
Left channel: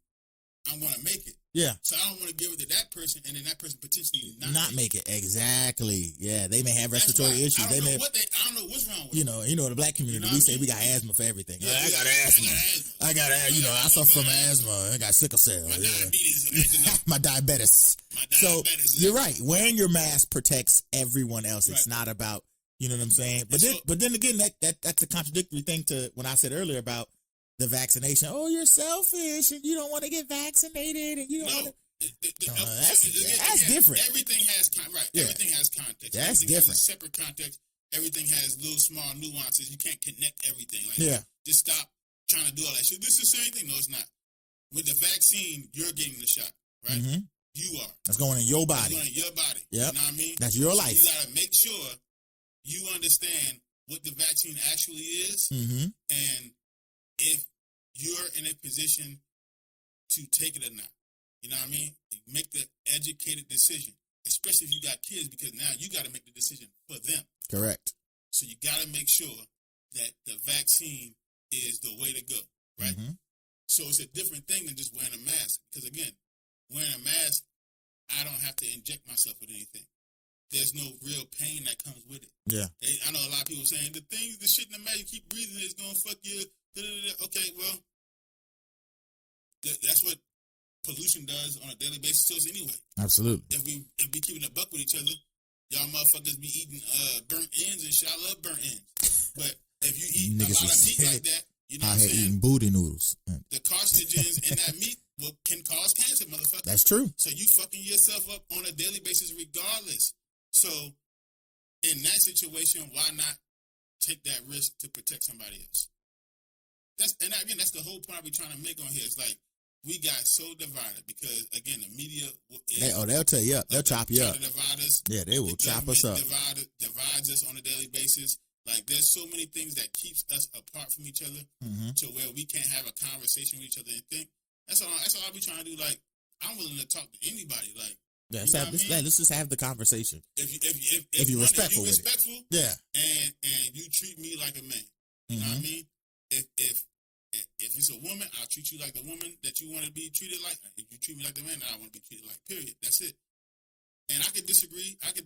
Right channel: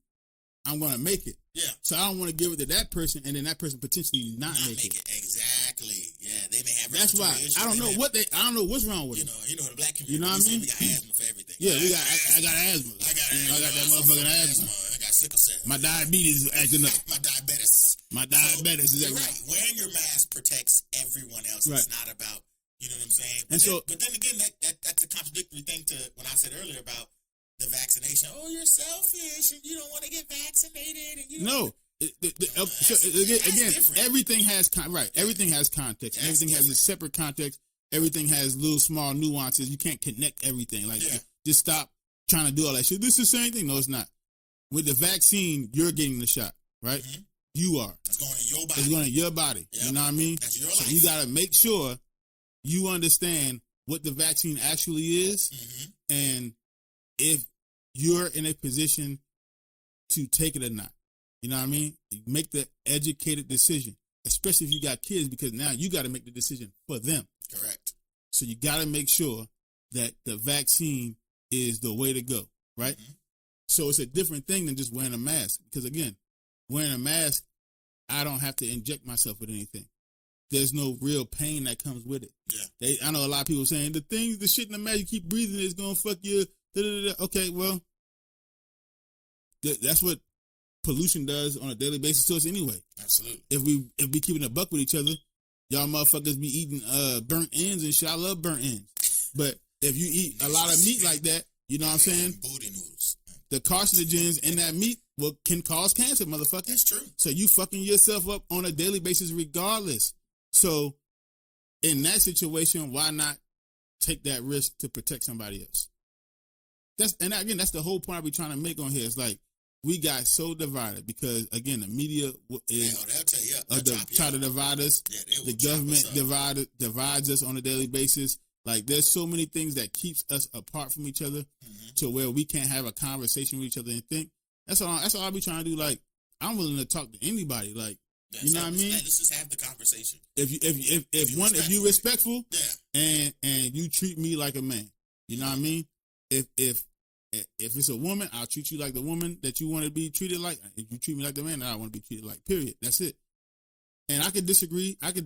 make it. Yeah. So I don't want to give it to that person and then that person potentially not make it. Exactly. Yeah. They may have respiratory issues. I don't know what's wrong with it. You know the black community. You know what I mean? We got asthma for everything. Yeah, I got asthma. I suffer from asthma. I got sickle cell. My diabetes is acting up. My diabetes. So you're right. Wearing your mask protects everyone else. Right. It's not about, you know what I'm saying? But then again, that's a contradictory thing to what I said earlier about the vaccination. Oh, you're selfish and you don't want to get vaccinated. And you that's different. Everything has Everything has context. Everything has a separate context. Everything has little small nuances. You can't connect everything. Just stop trying to do all that shit. This is the same thing. No, it's not. With the vaccine, you're getting the shot, right? you are. That's going in your body. It's going in your body. Yep. You know what I mean? That's your life. You got to make sure you understand what the vaccine actually is, and if you're in a position to take it or not. You know what I mean? Make the educated decision, especially if you got kids, because now you got to make the decision for them. Correct. So you got to make sure that the vaccine is the way to go, right? So it's a different thing than just wearing a mask. Because again, wearing a mask, I don't have to inject myself with anything. There's no real pain that comes with it. Yeah. I know a lot of people saying the shit in the mask you keep breathing is gonna fuck you. Okay, well, that's what pollution does on a daily basis to us anyway. Absolutely. If we keeping a buck with each other, y'all motherfuckers be eating burnt ends and shit. I love burnt ends, but if you eat a lot of meat like that, you know what I'm saying? Booty noodles. The carcinogens in that meat can cause cancer, motherfucker. That's true. So you fucking yourself up on a daily basis regardless. So in that situation, why not take that risk to protect somebody else? That's the whole point we're trying to make on here. It's like we got so divided because again, the media they'll tell you, they'll drop you, try to divide us. Yeah, they will drop us up. Divides us on a daily basis. Like there's so many things that keep us apart from each other to where we can't have a conversation with each other and think. That's all I be trying to do. Like I'm willing to talk to anybody. Like you know what I mean? Yeah, let's just have the conversation. If you're respectful, and you treat me like a man, you know what I mean? If it's a woman, I'll treat you like the woman that you want to be treated like. If you treat me like the man that I want to be treated like. Period. That's it. And I could disagree. On we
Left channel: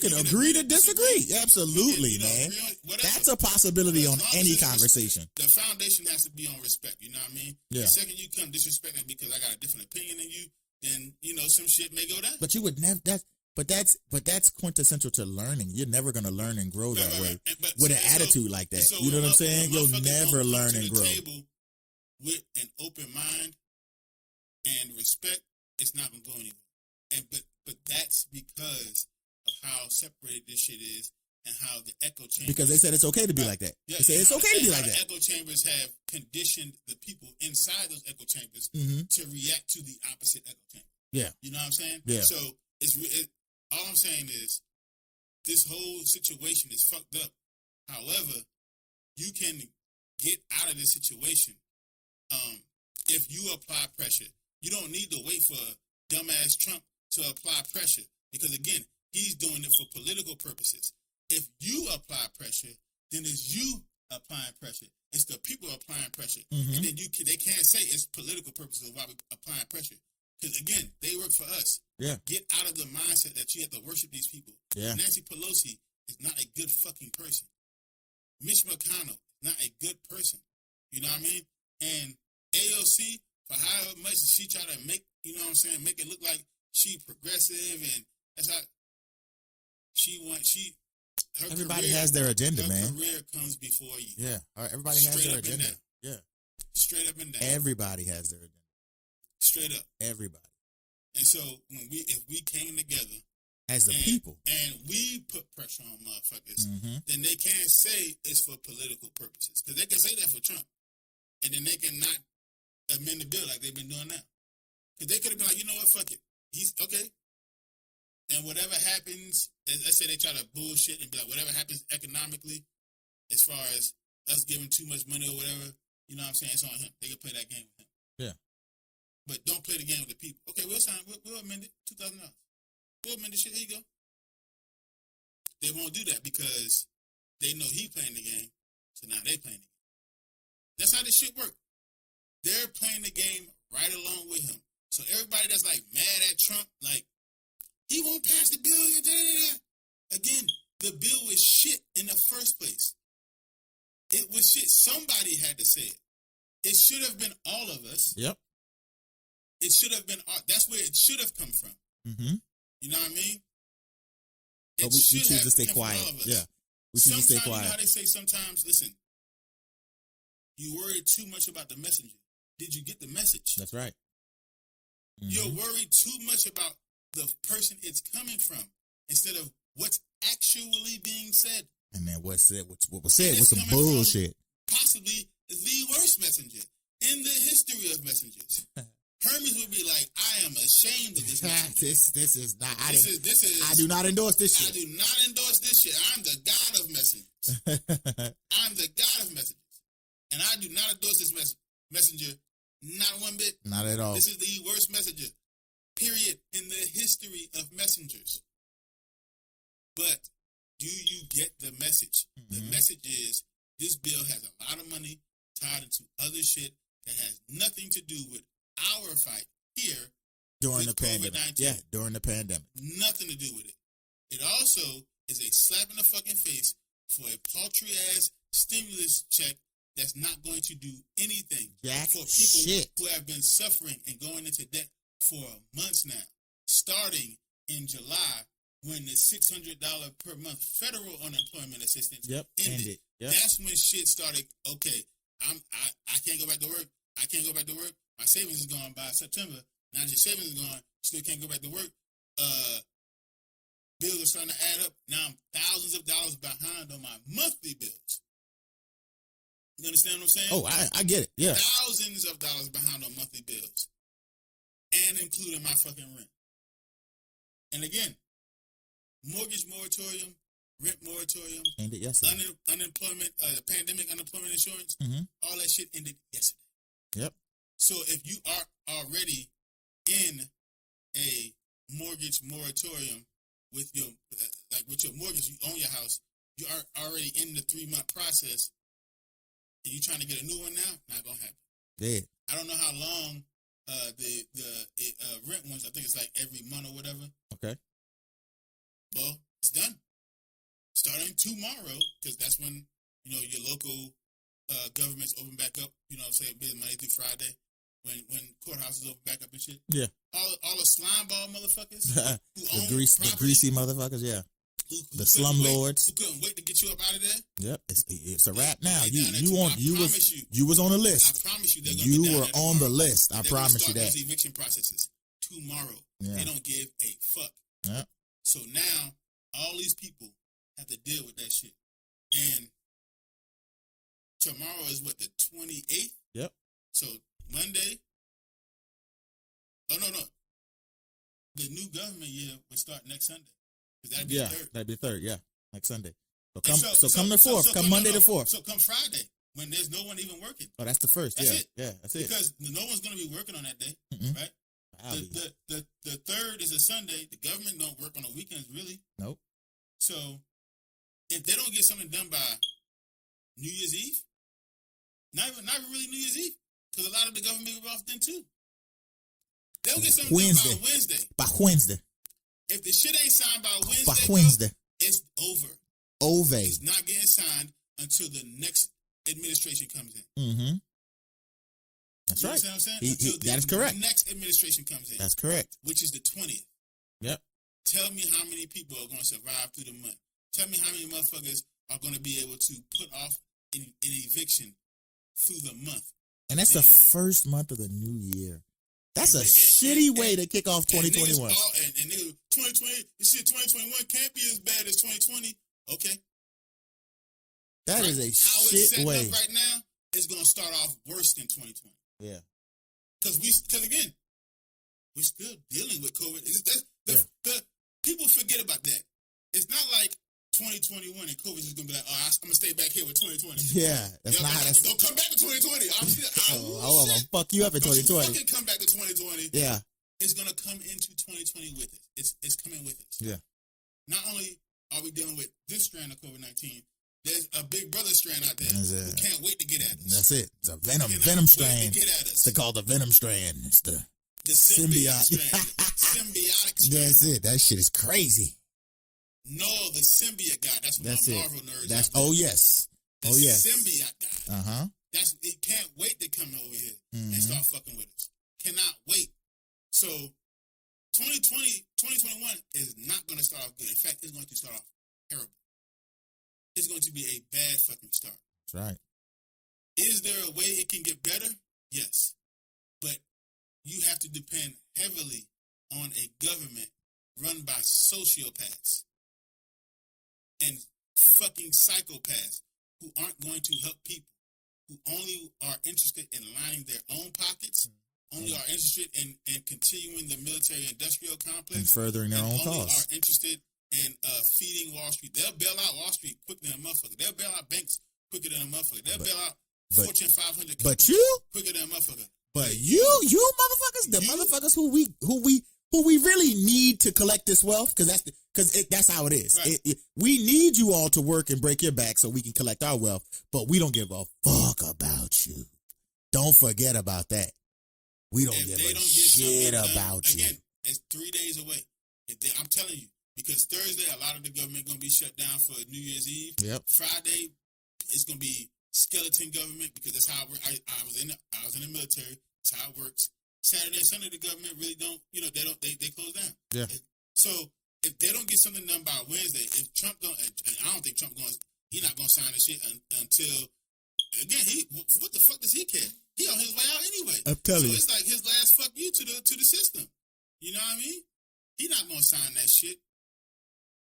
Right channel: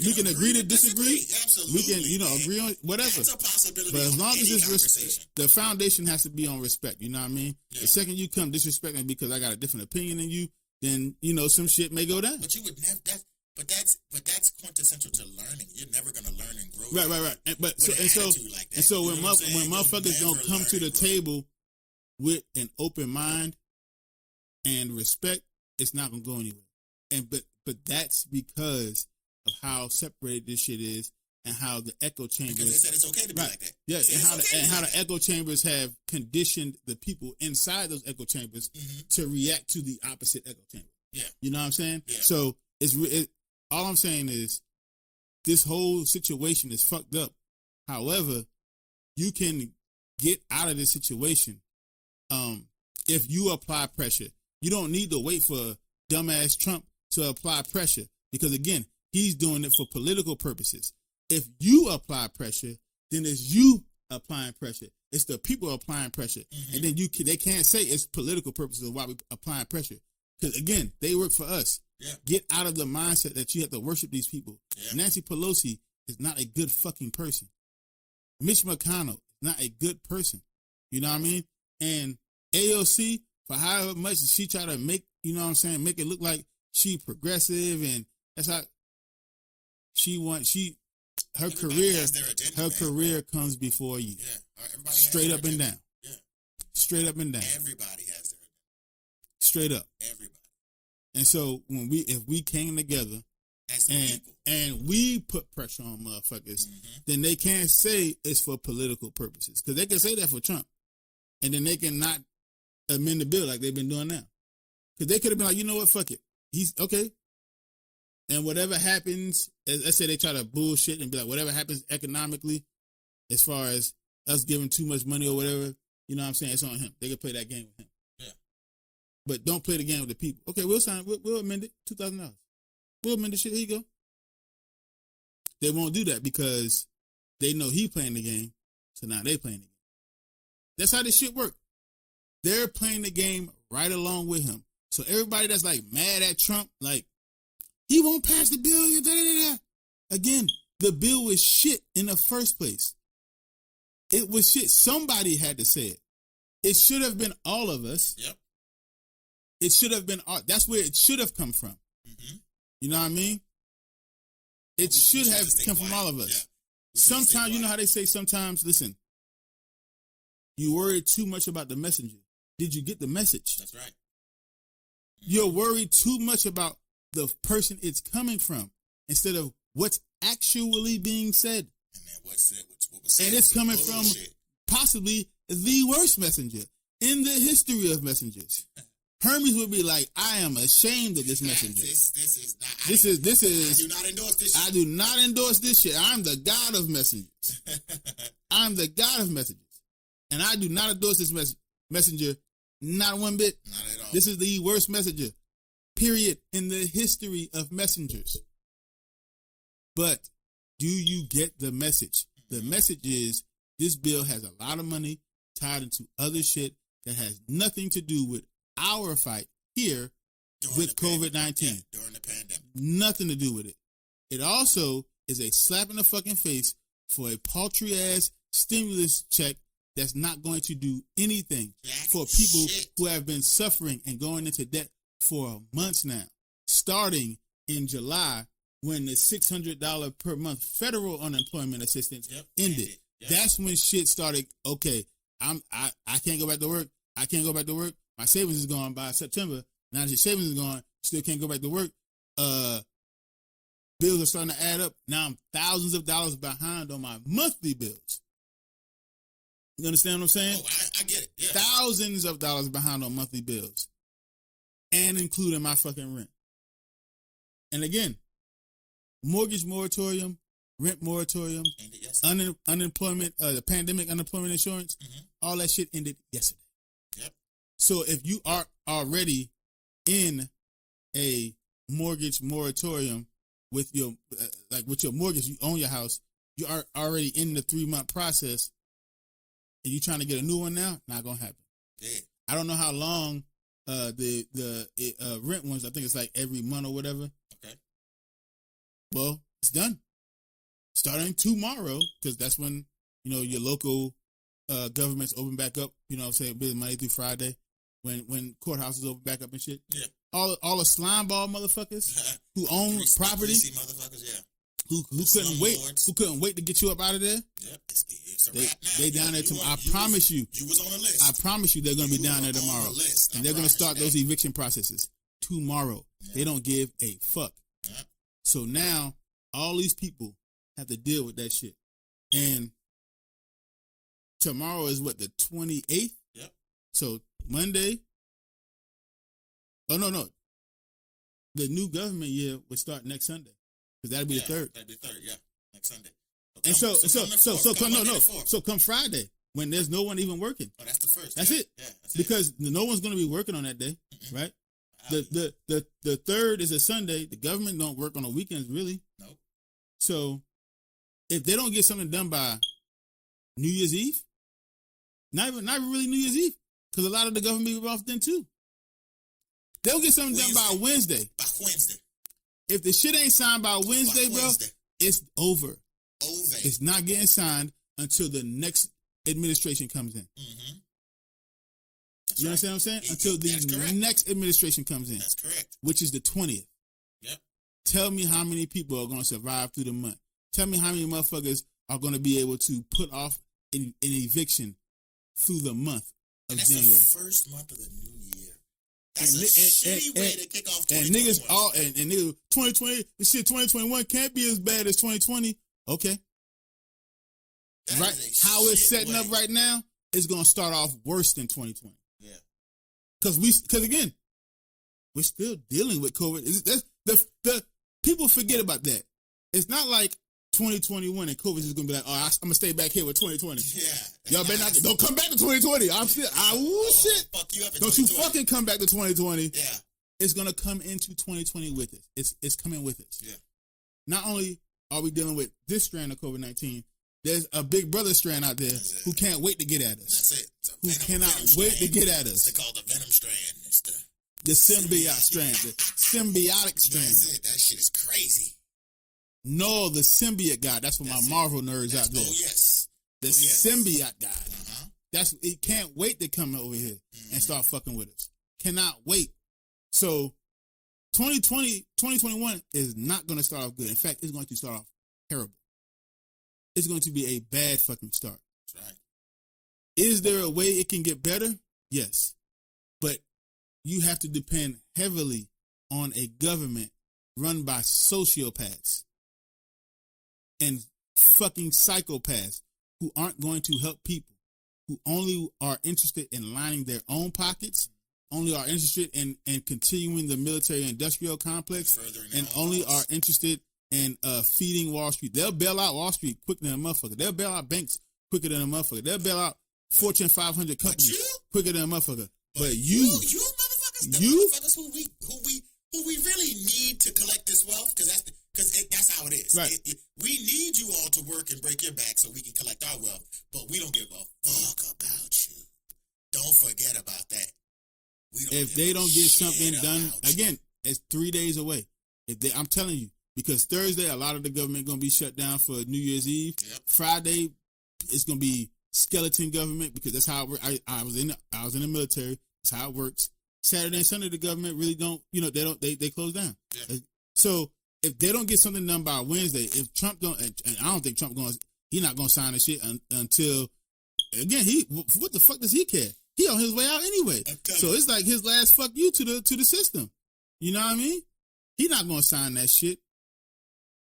can agree to disagree. Absolutely. Agree on whatever. That's a possibility on any conversation. The foundation has to be on respect. You know what I mean? Yeah. The second you come disrespecting because I got a different opinion than you, then some shit may go down. But you would never. That's quintessential to learning. You're never gonna learn and grow. Right. But with an attitude like that. So when motherfuckers don't come to the table with an open mind and respect, it's not gonna go anywhere. But that's because of how separated this shit is and how the echo chambers. Because they said it's okay to be like that. Yes, it's okay to be like that. The echo chambers have conditioned the people inside those echo chambers to react to the opposite echo chamber. Yeah, you know what I'm saying? Yeah. So all I'm saying is this whole situation is fucked up. However, you can get out of this situation if you apply pressure. You don't need to wait for dumbass Trump to apply pressure because, again, he's doing it for political purposes. If you apply pressure, then it's you applying pressure. It's the people applying pressure. And then they can't say it's political purposes why we're applying pressure. Because, again, they work for us. Yeah. Get out of the mindset that you have to worship these people. Yeah. Nancy Pelosi is not a good fucking person. Mitch McConnell is not a good person. You know what I mean? And AOC, for however much she try to make, make it look like she's progressive and that's how her everybody career has their agenda. Her career comes before you. Yeah. Everybody has straight up and down. Yeah. Straight up and down. Everybody has their agenda. Straight up. Everybody. And so if we came together as a people and we put pressure on motherfuckers, then they can't say it's for political purposes. Because they can say that for Trump. And then they can not amend the bill like they've been doing now. Because they could have been like, you know what, fuck it. Okay. And whatever happens, let's say they try to bullshit and be like, whatever happens economically, as far as us giving too much money or whatever, you know what I'm saying? It's on him. They can play that game with him. Yeah. But don't play the game with the people. Okay, we'll amend it. $2,000. We'll amend the shit. Here you go. They won't do that because they know he's playing the game. So now they're playing the game. That's how this shit works. They're playing the game right along with him. So everybody that's like mad at Trump, like, he won't pass the bill. Again, the bill was shit in the first place. It was shit. Somebody had to say it. It should have been all of us. Yep. It should have been all. That's where it should have come from. You know what I mean? It should have come from all of us. Yeah. Sometimes, you know how they say sometimes, listen, you worry too much about the messenger. Did you get the message? That's right. You're worried too much about the person it's coming from instead of what's actually being said. And man, what was said was some bullshit. Possibly the worst messenger in the history of messengers. Hermes would be like, I am ashamed of this message. This is not. This is. I do not endorse this. I do not endorse this shit. I'm the God of messengers. I'm the God of messengers, and I do not endorse this messenger. Not one bit. Not at all. This is the worst messenger, period, in the history of messengers. But do you get the message? The message is this bill has a lot of money tied into other shit that has nothing to do with our fight here during with the COVID-19. Yeah, during the pandemic. Nothing to do with it. It also is a slap in the fucking face for a paltry ass stimulus check that's not going to do anything for people who have been suffering and going into debt for months now, starting in July when the $600 per month federal unemployment assistance ended. Yep. That's when shit started. Okay, I can't go back to work. I can't go back to work. My savings is gone by September. Now the savings is gone. Still can't go back to work. Bills are starting to add up. Now I'm thousands of dollars behind on my monthly bills. You understand what I'm saying? Oh, I get it. Yeah. Thousands of dollars behind on monthly bills. And including my fucking rent. And again, mortgage moratorium, rent moratorium, unemployment, the pandemic unemployment insurance, all that shit ended yesterday. Yep. So if you are already in a mortgage moratorium with your with your mortgage, you own your house, you are already in the 3-month process, and you trying to get a new one now, not gonna happen. Yeah. I don't know how long the rent ones. I think it's like every month or whatever. Okay. Well, it's done. Starting tomorrow, because that's when your local governments open back up. Say Monday through Friday, when courthouses open back up and shit. Yeah. All the slime ball motherfuckers who own property, greasy motherfuckers. Yeah. Who couldn't wait to get you up out of there. Yep, it's a wrap now. I promise you. You was on the list. I promise you they're going to be down there tomorrow. You were on the list. They're going to start those eviction processes tomorrow. Yeah. They don't give a fuck. Yeah. So now, all these people have to deal with that shit. And tomorrow is what, the 28th? Yep. So Monday. Oh, no. The new government year will start next Sunday. That'd be the third. That'd be third, yeah. Next Sunday. So come the 4th. Come Monday the 4th. So come Friday, when there's no one even working. Oh, that's the first. That's it. Yeah, that's it. Because no one's going to be working on that day, right? The third is a Sunday. The government don't work on the weekends, really. Nope. So if they don't get something done by New Year's Eve, not even really New Year's Eve, because a lot of the government is off then too. They'll get something done by Wednesday. By Wednesday. If the shit ain't signed by Wednesday, it's over. It's not getting signed until the next administration comes in. Mm-hmm. That's right. You know what I'm saying? Until the next administration comes in. That's correct. Which is the 20th. Yep. Tell me how many people are going to survive through the month. Tell me how many motherfuckers are going to be able to put off an eviction through the month. And that's January. The first month of the new year. That's a shitty way to kick off 2021. And 2020, this shit 2021 can't be as bad as 2020. Okay. That is how it's setting up right now, it's going to start off worse than 2020. Yeah. Because again, we're still dealing with COVID. People forget about that. It's not like 2021 and COVID is going to be like, I'm going to stay back here with 2020. Yeah. Don't come back to 2020. Fuck you up in 2020. Don't you fucking come back to 2020. Yeah. It's going to come into 2020 with it. It's coming with it. Yeah. Not only are we dealing with this strand of COVID-19, there's a big brother strand out there who can't wait to get at us. That's it. The venom strand. To get at us. It's called the venom strand. It's the symbiotic strand. The symbiotic strand. That's it. That shit is crazy. No, the symbiote guy. That's what my Marvel nerds out there. Oh, yes. The symbiote guy. Uh-huh. He can't wait to come over here and start fucking with us. Cannot wait. So 2021 is not going to start off good. In fact, it's going to start off terrible. It's going to be a bad fucking start. Right. Is there a way it can get better? Yes. But you have to depend heavily on a government run by sociopaths and fucking psychopaths who aren't going to help people, who only are interested in lining their own pockets only are interested in continuing the military-industrial complex, and furthering their and own only cause. are interested in feeding Wall Street. They'll bail out Wall Street quicker than a motherfucker. They'll bail out banks quicker than a motherfucker. They'll bail out Fortune 500 companies quicker than a motherfucker. But you motherfuckers, the motherfuckers who we really need to collect this wealth, because that's how it is. Right. We need you all to work and break your back so we can collect our wealth, but we don't give a fuck about you. Don't forget about that. We don't. If they don't get something done, again, it's 3 days away. I'm telling you, because Thursday a lot of the government is going to be shut down for New Year's Eve. Yep. Friday it's going to be skeleton government, because that's how I was in the military. That's how it works. Saturday and Sunday the government really don't, they close down. Yeah. So if they don't get something done by Wednesday, if Trump don't, and I don't think he's not going to sign this shit until, again, what the fuck does he care? He on his way out anyway. So it's like his last fuck you to the system. You know what I mean? He's not going to sign that shit.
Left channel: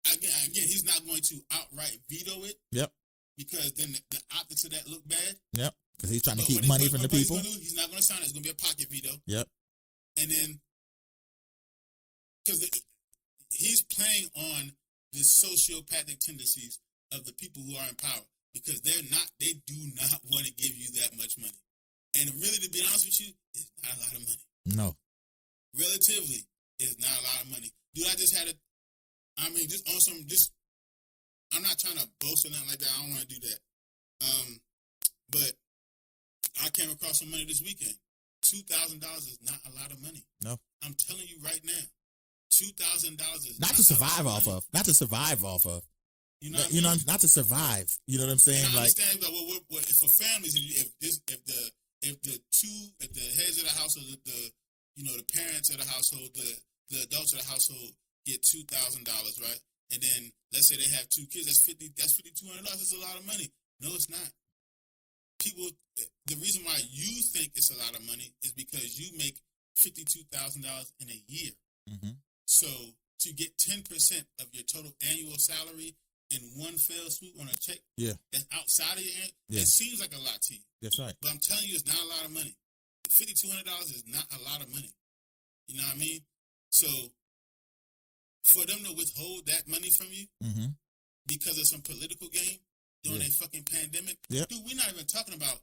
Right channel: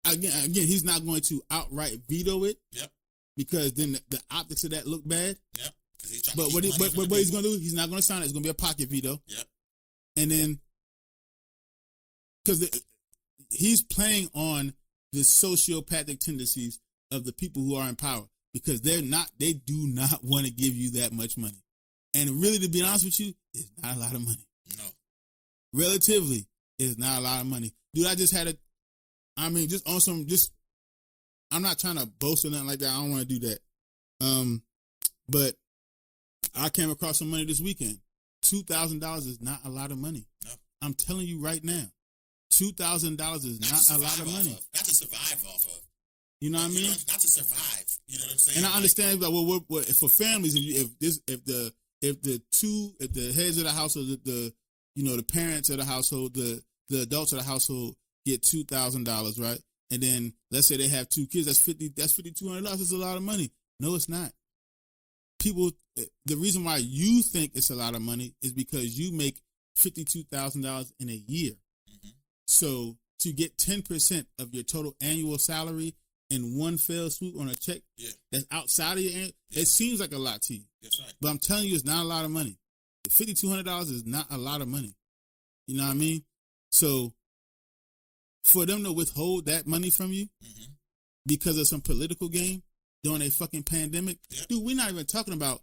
Again, he's not going to outright veto it. Yep. Because then the opposite of that look bad. Yep. He's trying but to what he's going to do, he's not going to sign it. It's going to be a pocket veto. Yep. And then, because he's playing on the sociopathic tendencies of the people who are in power, because they do not want to give you that much money. And really, to be honest with you, it's not a lot of money. No. Relatively, it's not a lot of money. Dude, I just had I'm not trying to boast or nothing like that. I don't want to do that. But I came across some money this weekend. $2,000 is not a lot of money. No. I'm telling you right now. $2,000 is not to survive a lot of off money. of. Not to survive off of. You know what I mean? Not to survive. You know what I'm saying? And I understand that for families, if the heads of the household, the parents of the household, the adults of the household get $2,000, right? And then let's say they have 2 kids, that's $5,200. It's a lot of money. No, it's not. People, the reason why you think it's a lot of money is because you make $52,000 in a year. Mm-hmm. So to get 10% of your total annual salary in one fell swoop on a check, that's outside of your end, it seems like a lot to you. That's right. But I'm telling you, it's not a lot of money. $5,200 is not a lot of money. You know what I mean? So for them to withhold that money from you because of some political game during a fucking pandemic, dude, we're not even talking about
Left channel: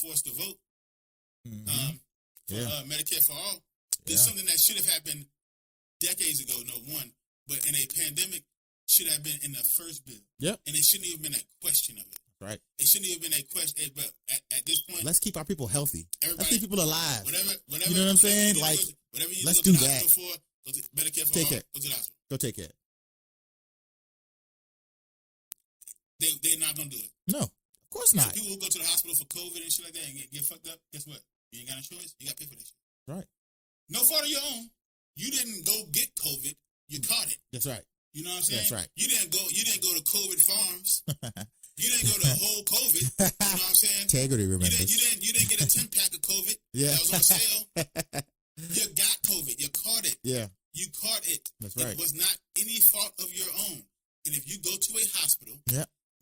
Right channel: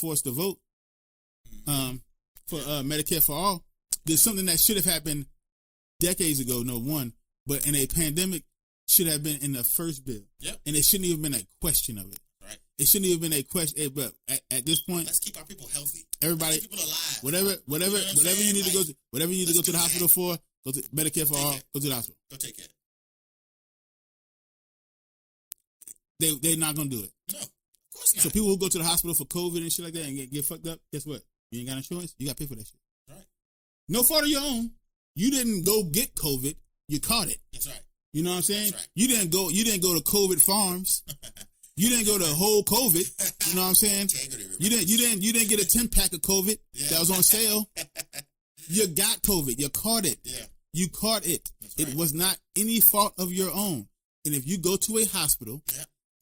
#force the vote for Medicare for all. There's something that should have happened decades ago, but in a pandemic should have been in the first bill. Yep. And it shouldn't even been a question of it. Right. It shouldn't even been a question. But at this point, let's keep our people healthy. Everybody, keep people alive. Whatever you know what I'm saying? Whatever you need to go to the hospital for, go to Medicare for all, go to the hospital. Go take care. They're not going to do it. No, of course not. So people who go to the hospital for COVID and shit like that and get fucked up, guess what? You ain't got insurance, you got to pay for that shit. Right. No fault of your own. You didn't go get COVID, you caught it. That's right. You know what I'm saying? That's right. You didn't go to COVID farms. You didn't go to whole COVID. You know what I'm saying? You didn't get a 10-pack of COVID that was on sale. You got COVID. You caught it. Yeah. You caught it. That's right. It was not any fault of your own. And if you go to a hospital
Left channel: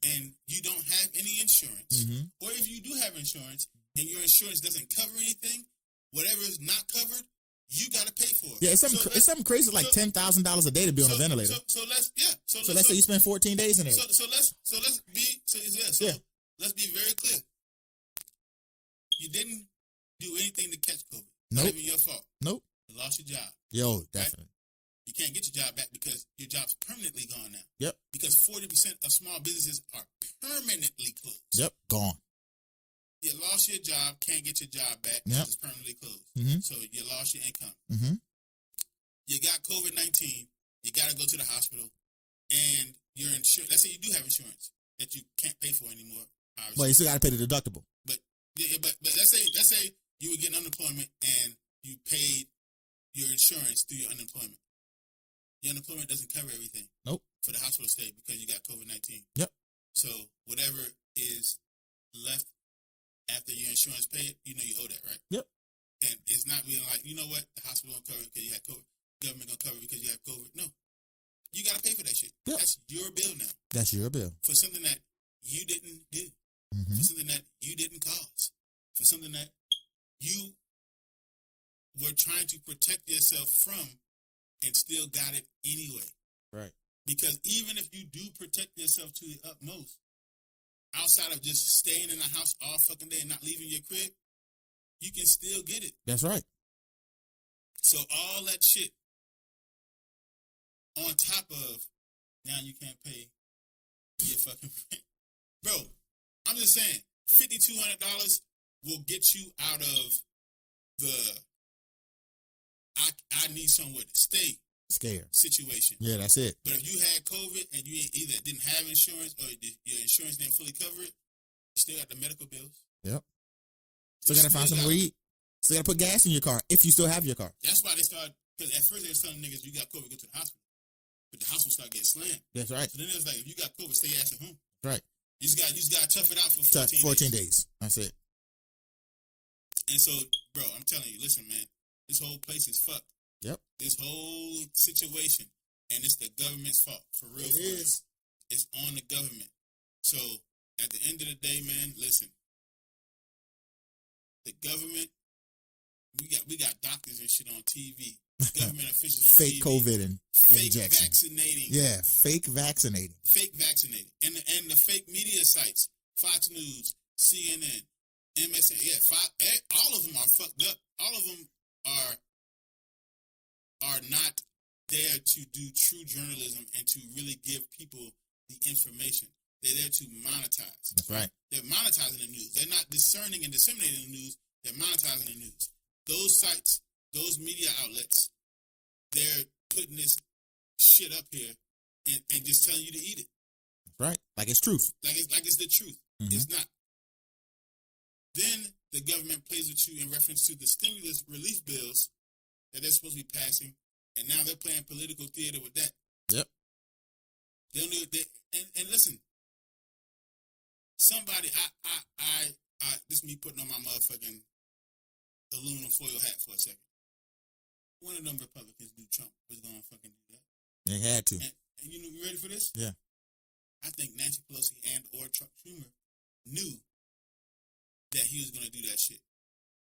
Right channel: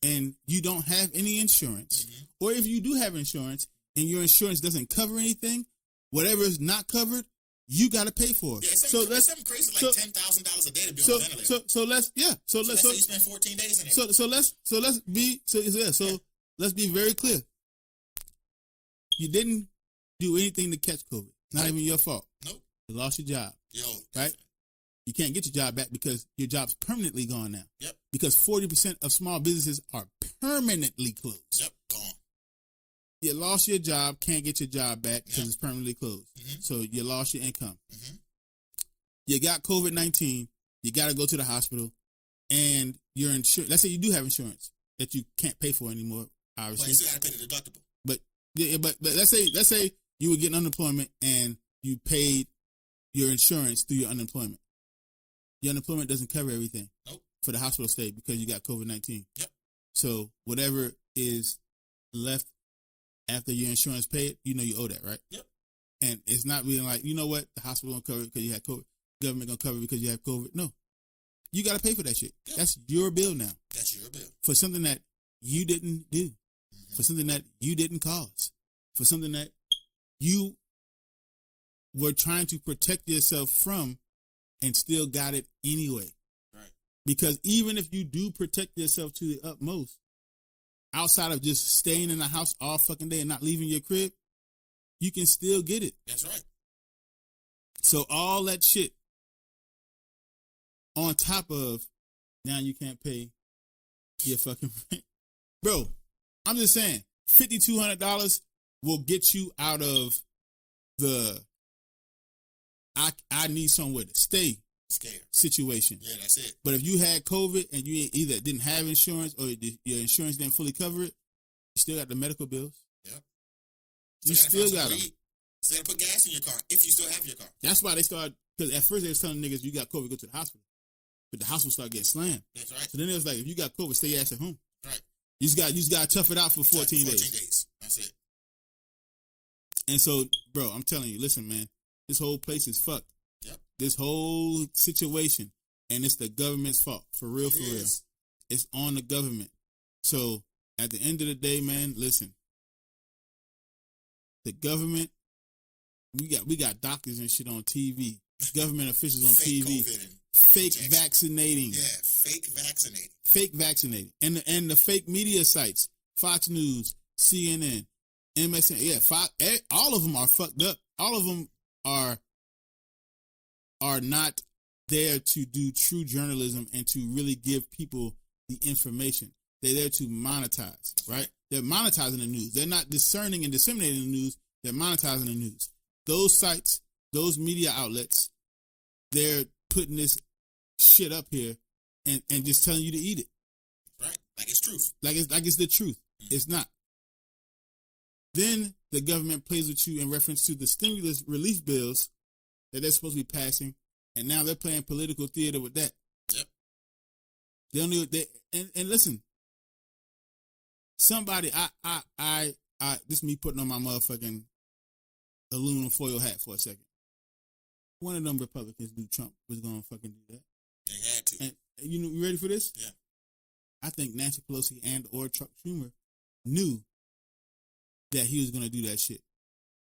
and you don't have any insurance, or if you do have insurance and your insurance doesn't cover anything, whatever is not covered, you got to pay for it. Yeah, it's something crazy like $10,000 a day to be on a ventilator. So let's say you spend 14 days in it. Let's be very clear. You didn't do anything to catch COVID. Not even your fault. Nope. You lost your job. Right? You can't get your job back because your job's permanently gone now. Yep. Because 40% of small businesses are permanently closed. Yep. Gone. You lost your job, can't get your job back because it's permanently closed. So you lost your income. You got COVID-19. You got to go to the hospital, and your insurance. Let's say you do have insurance that you can't pay for anymore. Obviously. Well, you still got to pay the deductible. But let's say you were getting unemployment and you paid your insurance through your unemployment. Your unemployment doesn't cover everything. Nope. For the hospital stay because you got COVID-19. Yep. So whatever is left after your insurance paid, you owe that, right? Yep. And it's not really like, you know what, the hospital gonna cover it because you have COVID. The government gonna cover it because you have COVID. No. You gotta pay for that shit. Yeah. That's your bill now. That's your bill. For something that you didn't do. For something that you didn't cause. For something that you were trying to protect yourself from and still got it anyway. Right. Because even if you do protect yourself to the utmost, outside of just staying in the house all fucking day and not leaving your crib, you can still get it. That's right. So all that shit on top of now you can't pay your fucking rent. Bro, I'm just saying, $5,200 will get you out of the I need somewhere to stay situation. Yeah, that's it. But if you had COVID and you either didn't have insurance or your insurance didn't fully cover it, you still got the medical bills. Yep. Still gotta find some weed. Still gotta put gas in your car if you still have your car. That's why they started. Because at first they were telling niggas you got COVID, go to the hospital. But the hospital started getting slammed. That's right. And then it was like, if you got COVID, stay your ass at home. Right. You just got to tough it out for 14 days. That's it. And so, bro, I'm telling you, listen, man, this whole place is fucked. Yep. This whole situation, and it's the government's fault. For real, for real. It's on the government. So, at the end of the day, man, listen. The government, we got doctors and shit on TV. Government officials on fake TV. COVID and fake vaccinating. Yeah, fake vaccinating. Fake vaccinating. And the fake media sites. Fox News, CNN, MSN. Yeah, all of them are fucked up. All of them are not there to do true journalism and to really give people the information. They're there to monetize, right? They're monetizing the news. They're not discerning and disseminating the news. They're monetizing the news. Those sites, those media outlets, they're putting this shit up here and just telling you to eat it, right? Like it's truth. Like it's the truth. Mm-hmm. It's not. Then the government plays with you in reference to the stimulus relief bills that they're supposed to be passing, and now they're playing political theater with that. Yep. You don't even, and listen, somebody, this is me putting on my motherfucking aluminum foil hat for a second. One of them Republicans knew Trump was going to fucking do that. They had to. And, you ready for this? Yeah. I think Nancy Pelosi or Chuck Schumer knew that he was going to do that shit.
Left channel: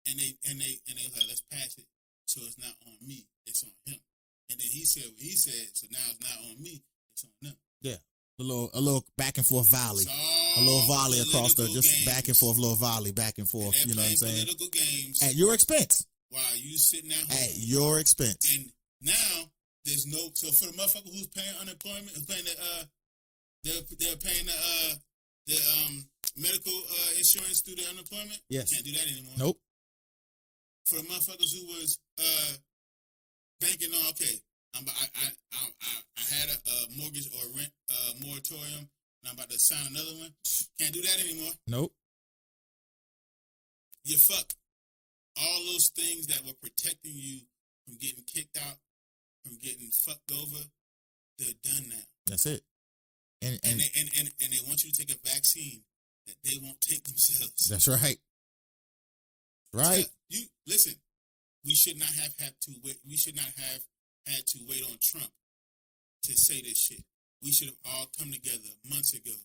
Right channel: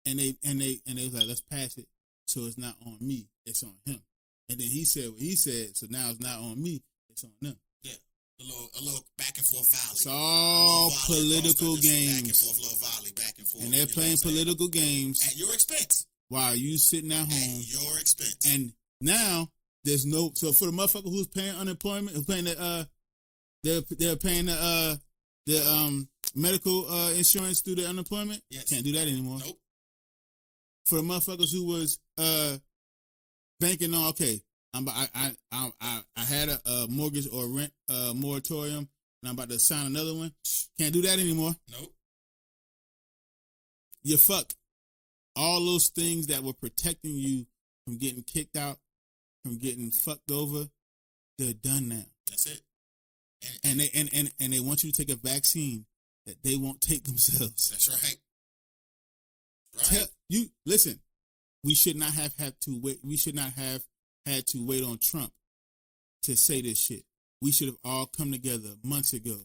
And they was like, let's pass it so it's not on me, it's on him. And then he said what he said, so now it's not on me, it's on them. Yeah. A little back and forth volley. A little volley across just back and forth, little volley, back and forth. And they're playing political games. At your expense. While you sitting at home. At your expense. And now, there's no, so for a motherfucker who's paying unemployment, is paying they're paying their medical insurance through their unemployment. Yes. Can't do that anymore. Nope. For motherfuckers who was banking on, okay, I had a mortgage or rent moratorium, and I'm about to sign another one. Can't do that anymore. Nope. You're fucked. All those things that were protecting you from getting kicked out, from getting fucked over, they're done now. That's it. And they want you to take a vaccine that they won't take themselves. That's right. Right. You listen. We should not have had to wait. We should not have had to wait on Trump to say this shit. We should have all come together months ago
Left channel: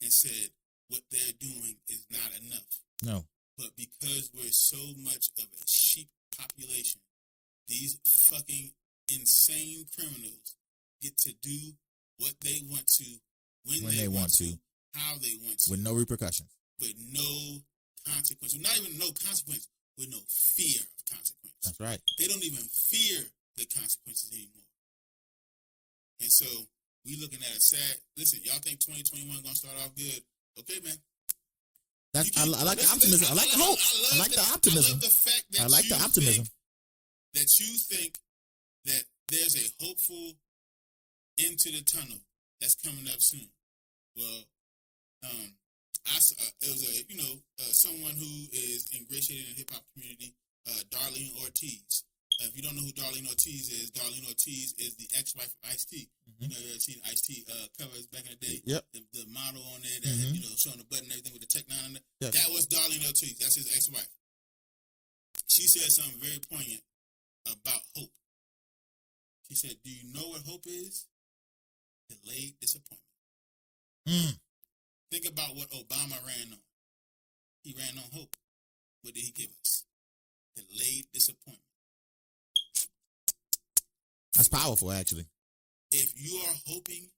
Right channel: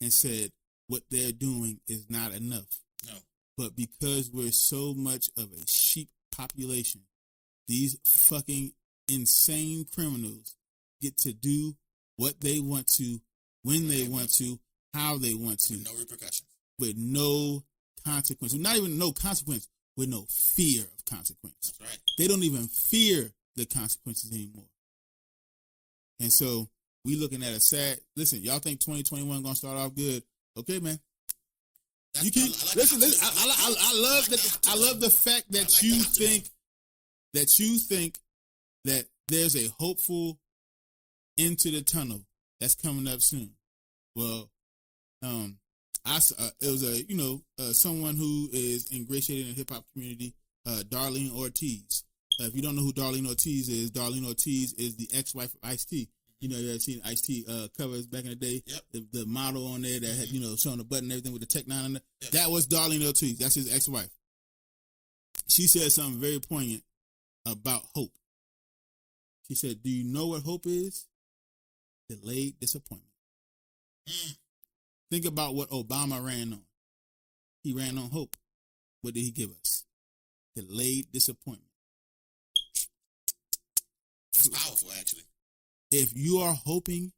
and said what they're doing is not enough. No. But because we're so much of a sheep population, these fucking insane criminals get to do what they want to, when they want to, how they want to. With no repercussions. With no consequences. Not even no consequence, with no fear of consequence. That's right. They don't even fear the consequences anymore. And so, we looking at a sad, listen, y'all think 2021 going to start off good. Okay, man. I like the optimism. I love the fact that you think that there's a hopeful end to the tunnel that's coming up soon. Well, it was someone who is ingratiated in the hip hop community, Darlene Ortiz. If you don't know who Darlene Ortiz is the ex-wife of Ice-T. Mm-hmm. You know, you ever seen Ice-T covers back in the day? Yep. The model on there that had, showing the button and everything with the Tech 9 on it. Yep. That was Darlene Ortiz. That's his ex-wife. She said something very poignant about hope. She said, do you know what hope is? Delayed disappointment. Think about what Obama ran on. He ran on hope. What did he give us? Delayed disappointment. That's powerful, actually. If you are hoping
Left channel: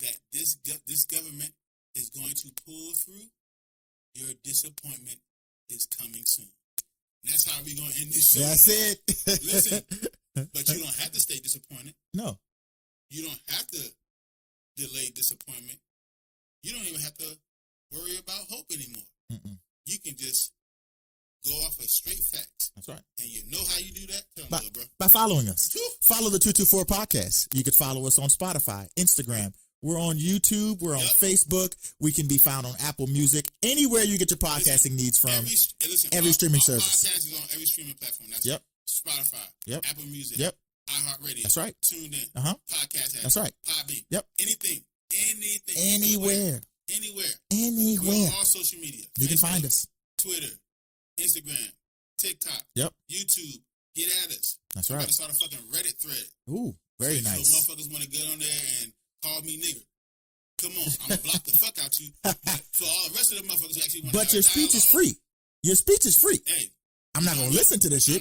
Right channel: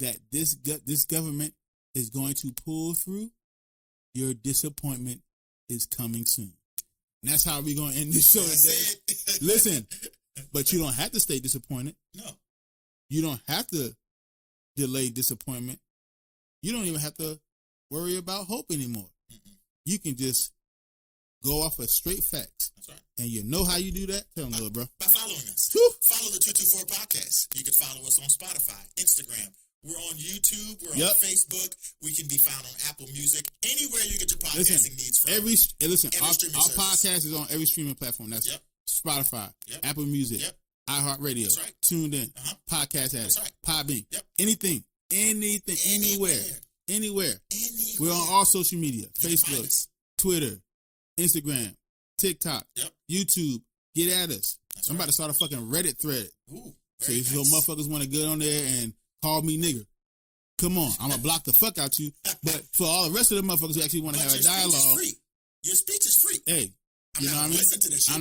that this government is going to pull through, your disappointment is coming soon. And that's how we're going to end this show. That's it. Listen, but you don't have to stay disappointed. No. You don't have to delay disappointment. You don't even have to worry about hope anymore. Mm-mm. You can just go off a straight fact. That's right. And you know how you do that? Tell me, bro. By following us. Follow the 224 Podcast. You can follow us on Spotify, Instagram. We're on YouTube. We're on Facebook. We can be found on Apple Music. Anywhere you get your podcasting needs from. Every streaming service. Our podcast is on every streaming platform. That's Spotify, Apple Music, iHeartRadio. That's right. Tuned in. Podcast app. That's right. Podbean. Anything. Anywhere. We're on all social media. You can find us. Twitter, Instagram, TikTok, YouTube. Get at us. That's I'm about to start a fucking Reddit thread. Ooh, very nice. Those motherfuckers want to get on there and call me nigga. Come on, I'm gonna block the fuck out you. But for all the rest of the motherfuckers who actually want to have a dialogue, speech is free. Your speech is free. Hey, I'm not gonna listen to this shit,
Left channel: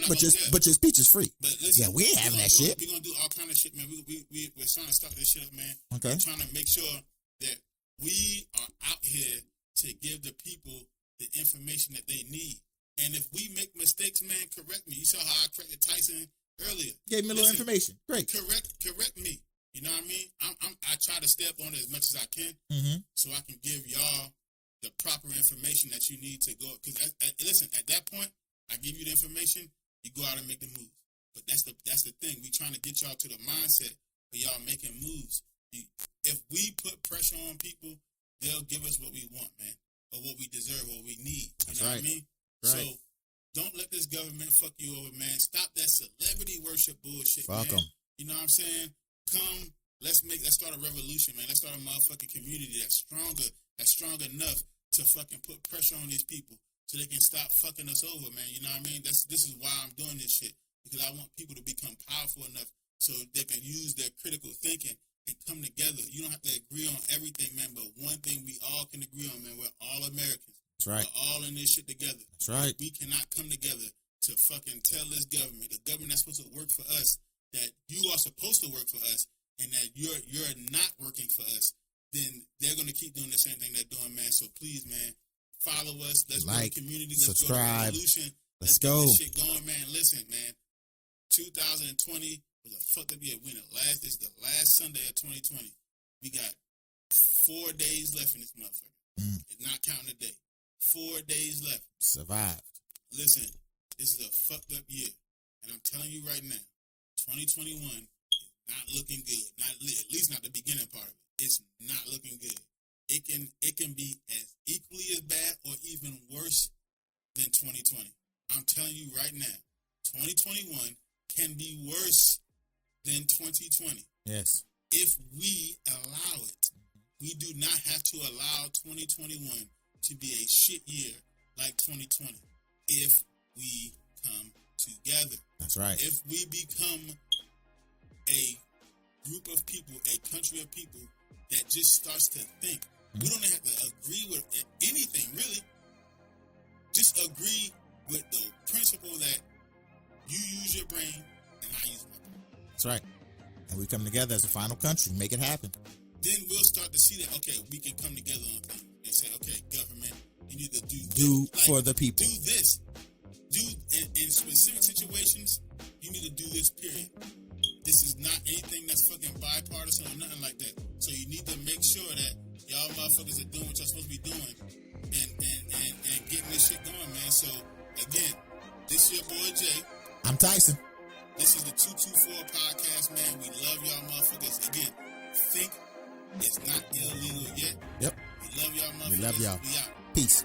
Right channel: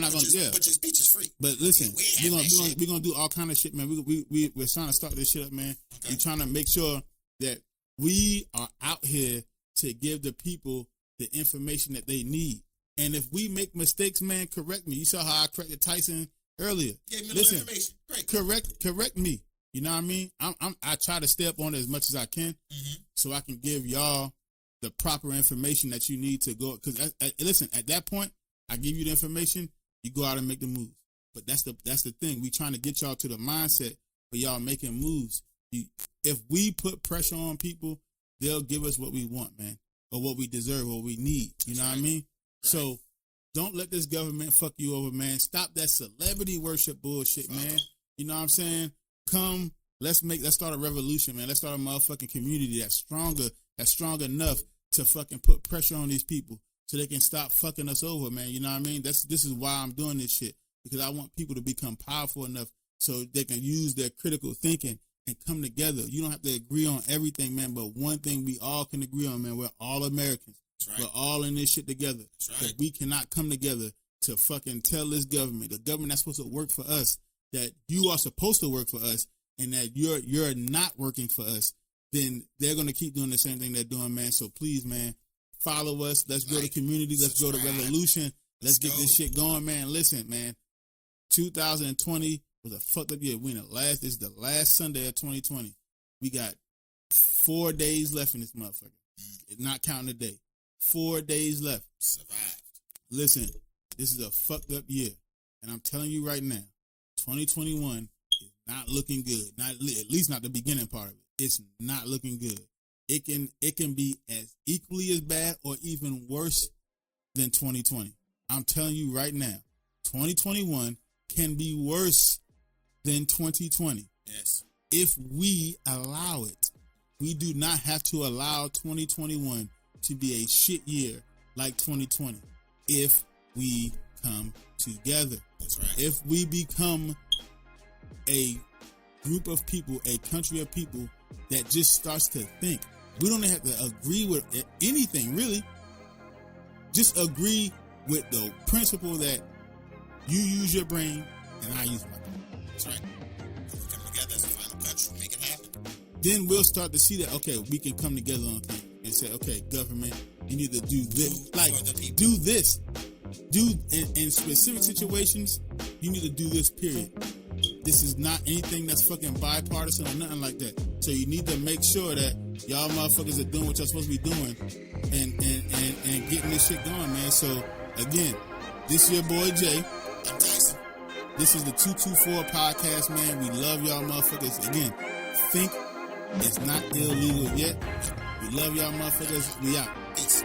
but your speech is free. But listen, we're gonna do all kind of shit, man. We're trying to start this shit, man. Okay. We're trying to make sure that we are out here to give the people the information that they need. And if we make mistakes, man, correct me. You saw how I corrected Tyson earlier. Gave me a little information. Great. Correct me. You know what I mean? I try to stay up on it as much as I can, so I can give y'all the proper information that you need to go. Because listen, at that point, I give you the information, you go out and make the move. But that's the thing. We trying to get y'all to the mindset for y'all making moves. If we put pressure on people, they'll give us what we want, man, or what we deserve, what we need. You know what I mean? Right. So don't let this government fuck you over, man. Stop that celebrity worship bullshit, man. You know what I'm saying? Come, let's start a revolution, man. Let's start a motherfucking community that's strong enough to fucking put pressure on these people so they can stop fucking us over, man. You know what I mean? This is why I'm doing this shit, because I want people to become powerful enough so they can use their critical thinking and come together. You don't have to agree on everything, man, but one thing we all can agree on, man, we're all Americans. Right. We're all in this shit together. That's right. But we cannot come together to fucking tell this government, the government that's supposed to work for us, that you are supposed to work for us, and that you're not working for us, then they're going to keep doing the same thing they're doing, man. So please, man, follow us. Let's go to community. Let's go to revolution. Let's get this shit going, man. Listen, man, 2020 was a fucked up year. This is the last Sunday of 2020. We got 4 days left in this motherfucker. Not counting the day. 4 days left. Survive. Listen, this is a fucked up year. And I'm telling you right now, 2021 is not looking good. At least not the beginning part of it. It's not looking good. It can be as equally as bad or even worse than 2020. I'm telling you right now, 2021 can be worse than 2020. Yes. If we allow it. We do not have to allow 2021 to be a shit year like 2020. If we come together. That's right. If we become a group of people, a country of people that just starts to think. We don't have to agree with anything, really. Just agree with the principle that you use your brain and I use my brain. That's right. So we come together as a final country and make it happen. Then we'll start to see that, okay, we can come together on things and say, okay, government, you need to do this for the people. Do this. In specific situations, you need to do this, period. This is not anything that's fucking bipartisan or nothing like that. So you need to make sure that y'all motherfuckers are doing what you're supposed to be doing and getting this shit going, man. So, again, this is your boy Jay. I'm Tyson. This is the 224 Podcast, man. We love y'all motherfuckers. Again, think it's not illegal yet. Yep. We love y'all motherfuckers. Love y'all. We out. Peace.